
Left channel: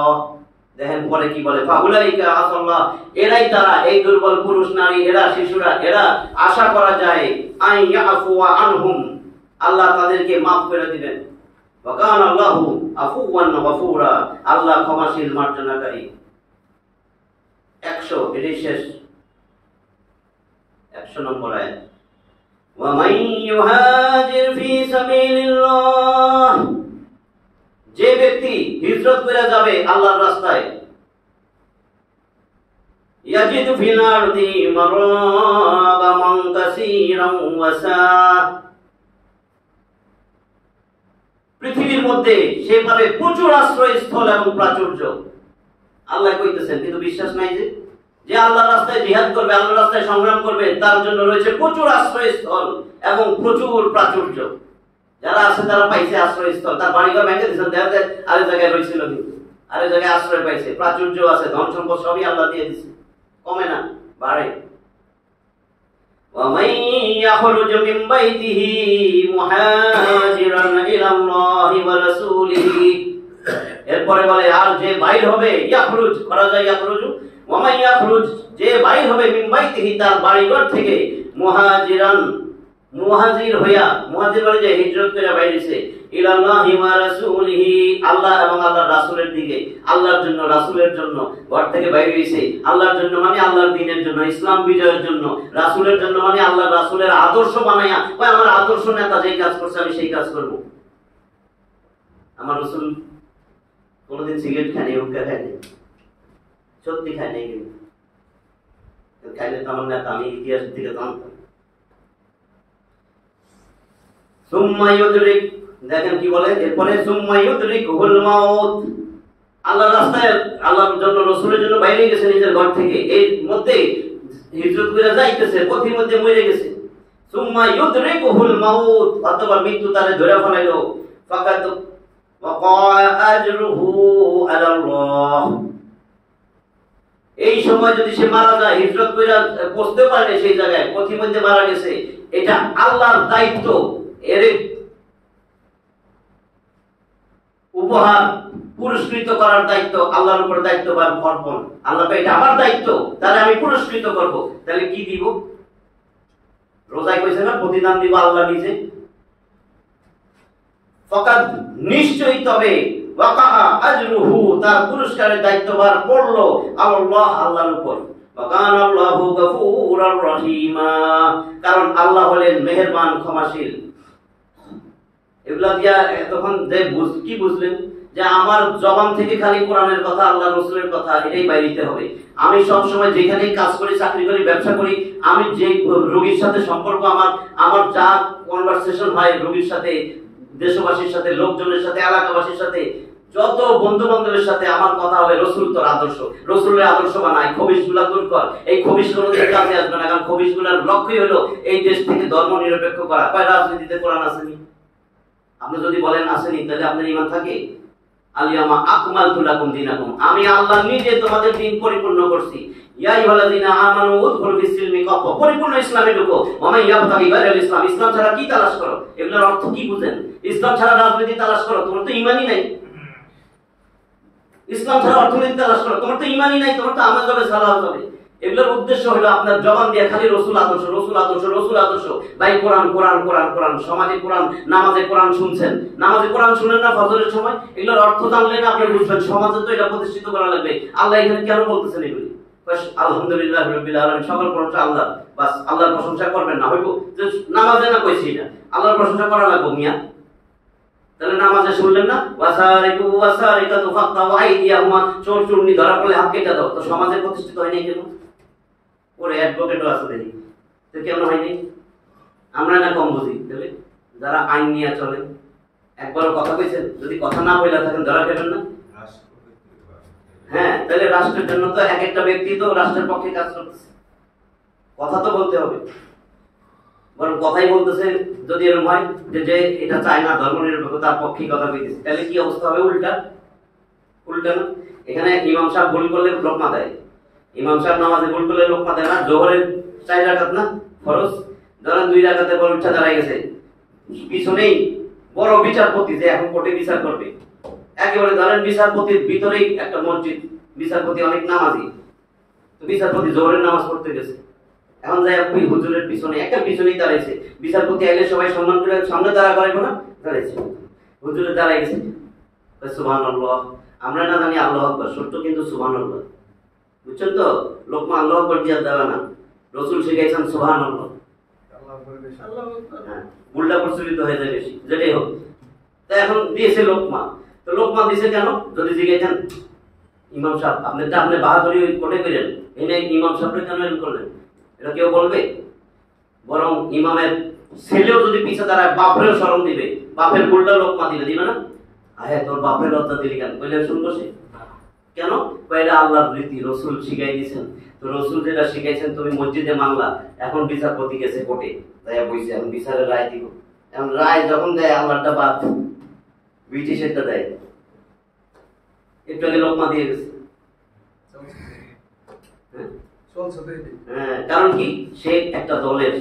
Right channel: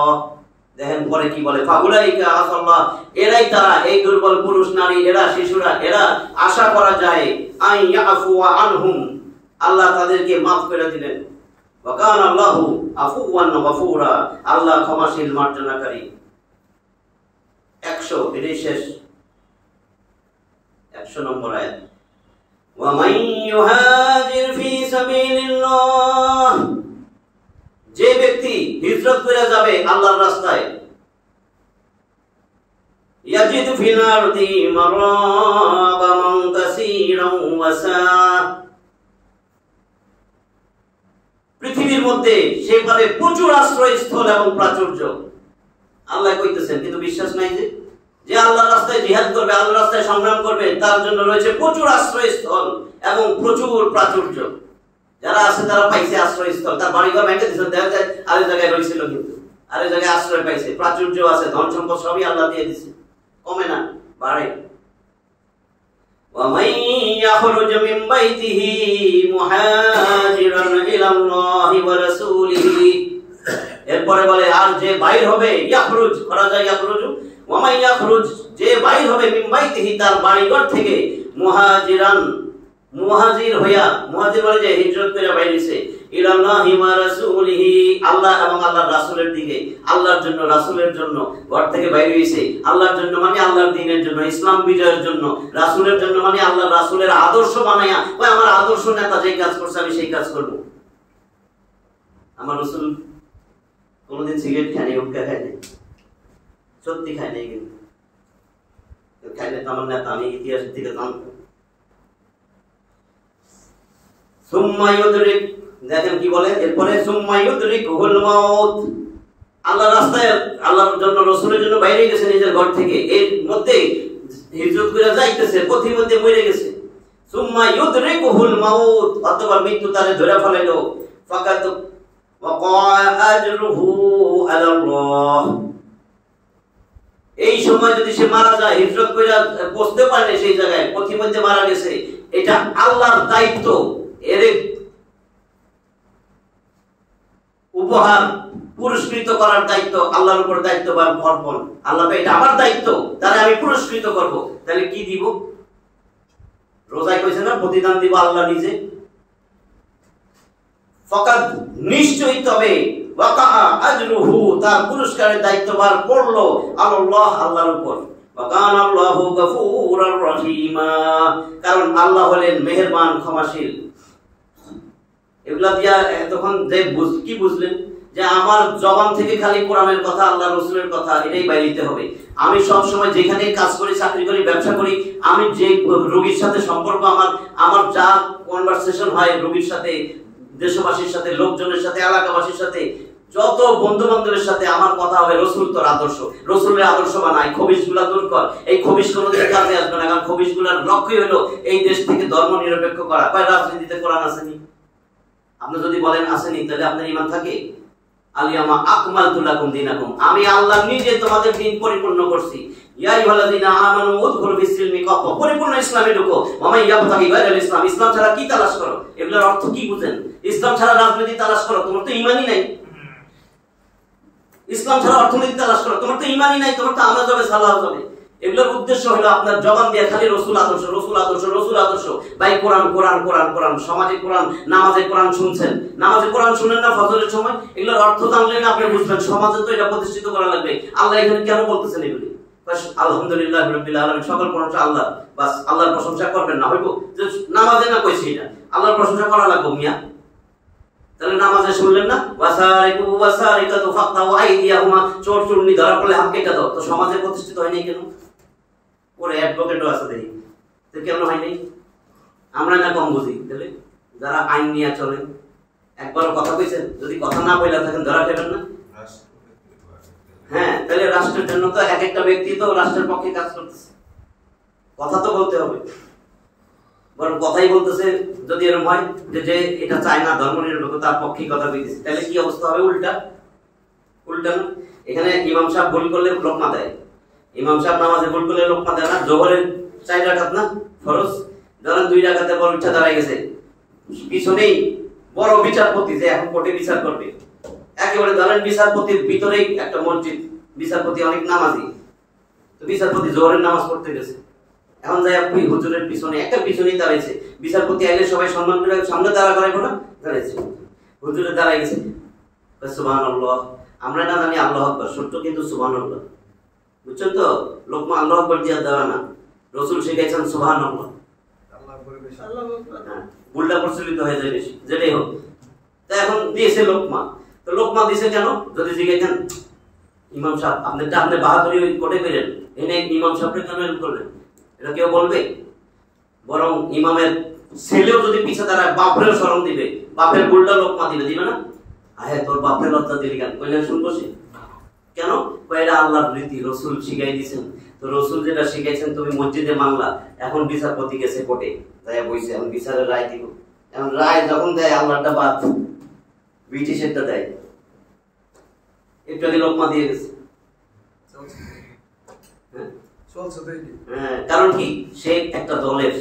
দেখেন পরে কি বলে, ফাউলাইকা আসাল্লাহ, এরাই তারা, এই দুর্বল পুরুষ, নারী, এরা শিশুরা, এরা আশা করা যায় আন ইয়াফুয়া আনহুম, আল্লাহ তাদেরকে মাফ করে দিবেন। ওয়া কানা আল্লাহু আফুওয়ান গফুরা, আল্লাহ ক্ষমাশীল, মার্জনাকারী। 100, এটাই শেষ 100 নম্বর আয়াত। ওয়া মান ইউহাজির ফি সাবিলিল্লাহ, যে ব্যক্তি হিজরত করে যাবে আল্লাহর রাস্তায়, ইয়াজিদু ফিল আরদি মারাগামান কাসীরান ওয়া সাআ, পৃথিবীর মধ্যে সে পাবে প্রচুর আশ্রয়স্থল এবং প্রাচুর্য। আল্লাহ কইতেছেন, কিন্তু বিশ্বাস নাই যে আল্লাহর রাস্তায় জিহাদ করবে, আল্লাহর রাস্তায় সংগ্রাম করবে, তার জন্য রয়েছে প্রচুর আশ্রয়স্থল এবং প্রচুর প্রাচুর্য। যারা আছে তারা পাইছে আশ্রয়স্থল, তার বাড়িঘর ভেঙে দিয়েছেন, দেখা যায় আরেক জায়গায় রয়েছিল, কিন্তু আরেক জায়গায় আশ্রয় পাইছে, প্রাচুর্য আছে, ধন সম্পদ সবই আল্লাহ দিয়ে দিচ্ছে, কমে না, বাড়ে। وَمَن يَخْرُجْ مِن بَيْتِهِ مُهَاجِرًا إِلَى اللَّهِ وَرَسُولِهِ, এরপরে বলে আর যে বাইর হবে, ইয়াখরুজ করা যায়, ইয়াখরুজু, ওয়া ইয়াখরুজ, যে বাইর হবে, মিন বাইতিহি, তার বাড়িঘর থেকে, মুহাজিরান, মুহাজির হইয়া, মুহাজির মানে যে হিজরত করে বাইরেছে, ইলাল্লাহি ওয়া রাসূলিহি, আল্লাহ এবং আল্লাহর রাসূলের দিকে, আল্লাহর জন্য, রাসূলের জন্য ঘর থেকে বাইরে হইছে। আল্লাহর জন্য মানে আল্লাহর দ্বীনের জন্য, ইসলাম বিজয়ের জন্য। রাসূলের জন্য মানে আল্লাহর রাসূলের আদর্শ বানায়া, ওই আমার আদর্শ নেতা যেই কাজ করছে আমি সেই কাজ করব। আমার রাসূল কোনদিন সিগারেট খায়নি, হুক্কা খায়নি, সত্যি খায়নি, কিন্তু খাইলে তো আমার নেতা, আমি ইতিহাসের দিকে জানতাম। সুম্মা ইউদরিক, দেখেন কি বলে এরপরে, সুম্মা ইউদরিকুল মাউত, আল্লাহর রাস্তায়, আল্লাহর জন্য, রাসূলের জন্য বাইরে গেছে নিজের ঘর থেকে, এর মধ্যে হিজরত করে যাইতেছে, পথির মধ্যে মরে গেছে। সুম্মা ইউদরিকুল মাউত, অথবা মৃত্যু তারে ধরে ফেলাইলো, ফাকাত ওয়াকা আজরুহু আলাল্লাহ, এই সময় যদি সে মারা যায়, হিজরত করে পৌঁছতে পারে সেই জায়গায়, পথির মধ্যে মারা গেছে, এটা আল্লাহর দায়িত্ব, এর উপহার পুরস্কৃত করার দায়িত্ব আল্লাহর উপর দায়িত্ববান অর্পণ। আল্লাহ এটা আমার দায়িত্ব, তাহলে আমি পুরস্কৃত করব। তাহলে কি দিব? রোজায় কইছে না প্রতিদান দিব আল্লাহ নিজে। ফাকাদ, নিশ্চয়ই, তবে ওয়াকা আজরুহু, তার পুরস্কারের দায়িত্বভার পড়লো আল্লাহ, আল্লাহর উপর। ওয়াকান আল্লাহু গফুরার রহিমা, কারণ আল্লাহ হলেন মেহেরবান, ক্ষমাশীল। এগুলা দিয়া তখন যে কি বুঝলেন যে আমার জবান থেকে খালি কোরআনের কথা, আল্লাহ রাসূলের কথা, এটাই বাইরিতে হবে। আমি সব সময় যেখানে কাজ করি, চাকরি করি, ব্যবসা করি, আমি যে রোগীর সাথে সম্পর্ক, আমার যা কনভারসেশন হয় রোগীর সাথে, দেশবাসীর সাথে, লোকজনের সাথে, এলাকাবাসীর সাথে, যত বন্ধু বান্ধবের সাথে আমার কথা হবে রাসূল তোর আদর্শ, রাসূলের আদর্শ বানাই, খবিশগুলা দূর কর। এই খবিশ কোনোদিন কাজে আসবে না, কারণ খবিশগুলার লক্ষ্যই হলো এই দেশ থেকে ধর্ম নিরপেক্ষ করা। কয় রাজনীতিতে কোরআন আসেনি? আপনি যদি বলেন আসেনি, তাহলে আপনার ঈমান থাকে? আলিয়ামা আকমালতু লাকুম দীনাকুম, আমি আল্লাহ নিজে তোমাদের দ্বীন পরিপূর্ণ করছি। ইয়া আইয়ুহাল্লাযীনা আমানু উদখুলু ফিস-সিলমি কাফা, পরিপূর্ণ ইসলামে ঢুকো। ওয়া মান ইয়াবতাগি গায়রাল ইসলাম, ইসলাম ছাড়া কি তালাশ করো? এগুলোর অর্থ কি বুঝেন? ইসলাম ছাড়া রাজনীতি তালাশ করো, তোমার তো ঈমানই নাই। ইসলাম ছাড়া অর্থনীতি তালাশ করো, তোমার তো ঈমানই নাই, তোমার তো আমাজ হবে, সালাহ হবে। এগুলোর উদ্দেশ্য হলো আপনার জবান দিয়ে খালি রসুল আদর্শ রসুল আদর্শ রসুল আদর্শ, ভাই কোরআন কোরআন কোরআন কোরআন, সমাজে কোরআন, নামাজে কোরআন শুনছেন, নামাজে কোরআন শুনেন না ফজরের সময়, এগুলোর অর্থ জানলে না আপনি বুঝবেন সমাজে তো এটা প্রতিষ্ঠিত করা লাগবে। আল্লাহ এখানে কেন বলতেছেন এগুলি? আলহামদুলিল্লাহ রাব্বিল আলামিন, সকল প্রশংসা আল্লাহ, বাস আল্লাহর প্রশংসা করবেন না হইব যে নামাজে না কইছি এটা আল্লাহর প্রশংসা করা লাগবে মিয়া। তাহলে নামাজে শুনলেন না ওয়াসারিকু ওয়াসারিকাতু ফাকতাউ আইদিয়াহুমা, চোর চুরনি ধরা পড়লে হাত কেটে দাও, তো সমাজে প্রতিষ্ঠিত হয় নাই কেন? ওরে অ্যাডভোকেটও আছে দেখি, তো কেন হয়নি? আমরা না কম বুঝি। তাহলে যারা আইন নিয়ে চলে, একবারও কথা কইছেন, যদি কথা না বইলা থাকেন ধরা খেবেন না। হ্যাঁ, তাহলে রাষ্ট্রের জন্য তো এক একটা ব্যক্তি তো রাষ্ট্রের পক্ষে কাজ করতেছে, কথা তো বলতে হবে, বরং কথাই বলতেছে। যদি এরকম হয় যে এটা চায় না ধর্মনিরপেক্ষ, তার পক্ষে কথা বলতেছে, তাহলে কি অবস্থা হবে? উল্টা উল্টা না? এখানে ইমাম সাহেব ভুল করলে লোকমা দেয়, ইমাম সাহেব নামাজে ভুল করলে লোকমা দেয় না। জোহরের 4 রাকাত না ফরজ, ধরেন 2 রাকাতে বড় উঠা দাঁড়ায় গেছে, পিছনেই বড় বিচারপতি যে এখন কোর্টে বিচার করবে, একেবারে ধরেন বিচারপতির ভিতরেই একটা মসজিদ, বিচারপতি অনেক নামাজি, তো বিচারপতি জোহরের নামাজ পড়তে গেছে, এখন যাই আপনি হুজুরের পিছনে একটা পিছনেই দাঁড়াইছে, বিচারপতি আইলে সবাই সম্মান করে সামনে দাঁড়া করাইবো না, দাঁড়াইছে, হুজুরে দাঁড়াই গেছে, সুবহানাল্লাহ। আমরা না জানি আল্লাহু আকবার, সত্য কিন্তু সুবহানাল্লাহ, বুঝছেন তো? লোকমা আল্লাহু আকবার দিয়া দেওয়া না, রাসূল শিখাইছেন সুবহানাল্লাহ, উল্টা প্রচলিত হয়ে যায় বেশি, যেটাই হোক। তা এখন দিয়েছে লোকমা, তো লোকমা দিয়েছে কেন? যদি জিজ্ঞাসেন ইমাম সাহেব আপনি বাহাদুরি কোটে করেন, এনে ইমাম সাহেবকে কেন এরকম করলেন, এটা কেউ বলবে? বরং ইমামের ছেলেও যদি পিছে দাঁড়ায় বাপরেও শরম দিবে, বাপের উল্টা লোকমা দিবে না? হ্যাঁ, তোর বাপের লজ্জা দিলি কেন? কইলে শুনবো সে কেন? এটা আল্লাহর রীতি, রসুল শিখাই দিয়েছেন, তো রসুল যেটা শিখাইছেন তুমি মসজিদে মানলা, এখন বিচারপতি গেছে কোর্টে যাইয়া বইছে, এখন বিচারের রায় দিব, এখন রায় যখন দেয় আল্লাহটা বাদ, ব্রিটিশেরটা দেয়, একটু আগে লোকমা দিয়ে গেছে। হ্যাঁ, কারণ কি? সে একটা দলের,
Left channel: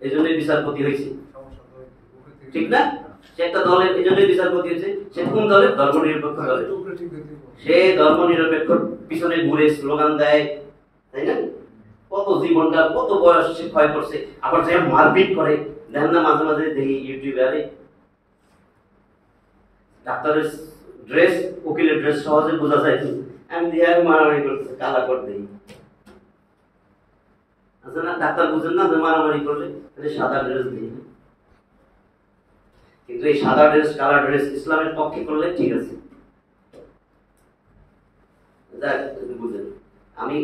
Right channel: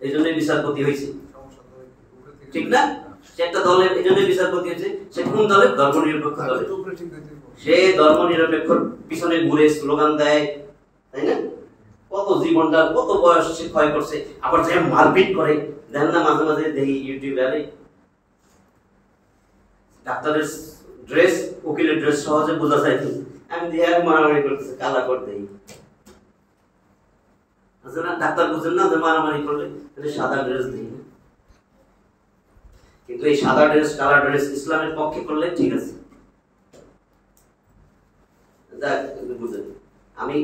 এই জন্যই বিচারপতি হয়েছে, ঠিক না? সে একটা দলের, এই জন্যই বিচারপতি হয়েছে। সে কোন দলের? ধর্মনিরপেক্ষ দলের। সে ধর্মনিরপেক্ষ পিছনে ঘুরে স্লোগান দেয়, তাই না? কত জীবনটা, কত বয়স সে ক্ষয় করছে, আবার যে মারপিট করে, দেখেন না মাঝে মাঝে দেখি ইউটিউবে, আরে ডাক্তারের ড্রেস, উকিলের ড্রেস সহজে বোঝা যায়, আমি দিয়ে মারামারি করতেছে, কালা করে দেই, আছে না? ডাক্তার বুঝেন না যে মারামারি করলে সাদা ড্রেস দিই, কিন্তু এই সাদা ড্রেস কালা ড্রেস ইসলামের পক্ষে করলে ঠিক আছে। বুঝেন, আমি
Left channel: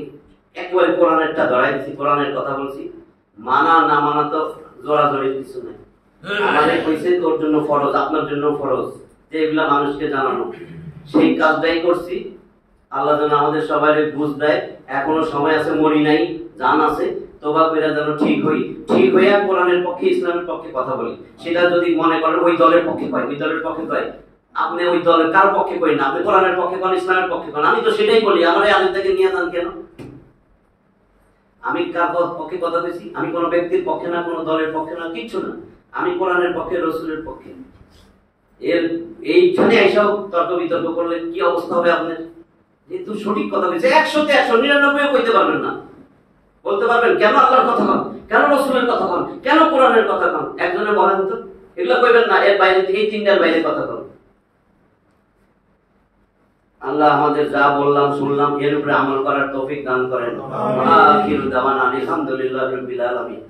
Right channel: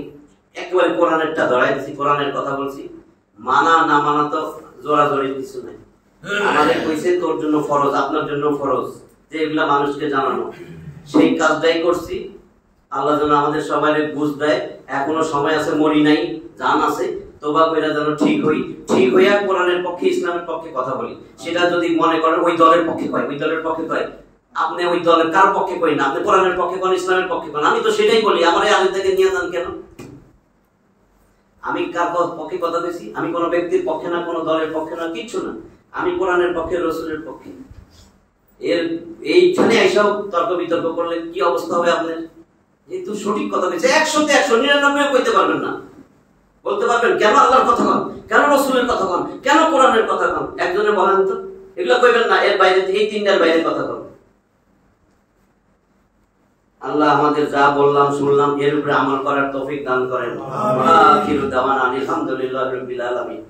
একেবারে কোরআনেরটা ধরাই দিচ্ছি, কোরআনের কথা বলছি, মানা না মানা তো জোড়াজোড়ির কিছু নাই। আমাদের কইছে তোর জন্য ফরজ, আপনার জন্য ফরজ, যে এগুলা মানুষকে জানানো, সেই কাজটাই করছি। আল্লাহ যেন আমাদের সবাই বুঝ দেয়, এখনো সময় আছে, মরি নাই, জান আছে, তোবা কইরা যেন ঠিক হইয়া কোরআনের পক্ষে, ইসলামের পক্ষে কথা বলি। সেটা যদি মনে করেন ওই দলের পক্ষে কয়, ওই দলের পক্ষে কয়, আপনি ওই দলের কার পক্ষে কই না, আপনি কোরআনের পক্ষে কোন, ইসলামের পক্ষে কোন, আমি তো সেটাই বলি। আমার এই আলেম থেকে নিয়ে যান কেন? আমি কার পক্ষে কথা বলছি? আমি কোনো ব্যক্তির পক্ষে না, কোনো দলের পক্ষে না, কিচ্ছু না, আমি কোরআনের পক্ষে, রাসূলের পক্ষে। এর এইখানে এইসব তর্ক বিতর্ক করলে কি অবস্থা হবে আপনার? যেহেতু সঠিক কথা বলছে, 100-তে 100, 99 কইতে পারবেন না, বলতে পারবেন কেন আল্লাহর কথা কন, কেন রাসূলের কথা কন, কেন কোরআনের কথা কন? একজনে বলেন তো, এগুলো কইবেন না, এর বাইরে, এই তিনটার বাইরে কথা কন। আল্লাহ আমাদের যা বললাম শুনলাম এর উপরে আমল করার তৌফিক দান করেন। আখিরু দাওয়ানা আলহামদুলিল্লাহি রাব্বিল আলামিন।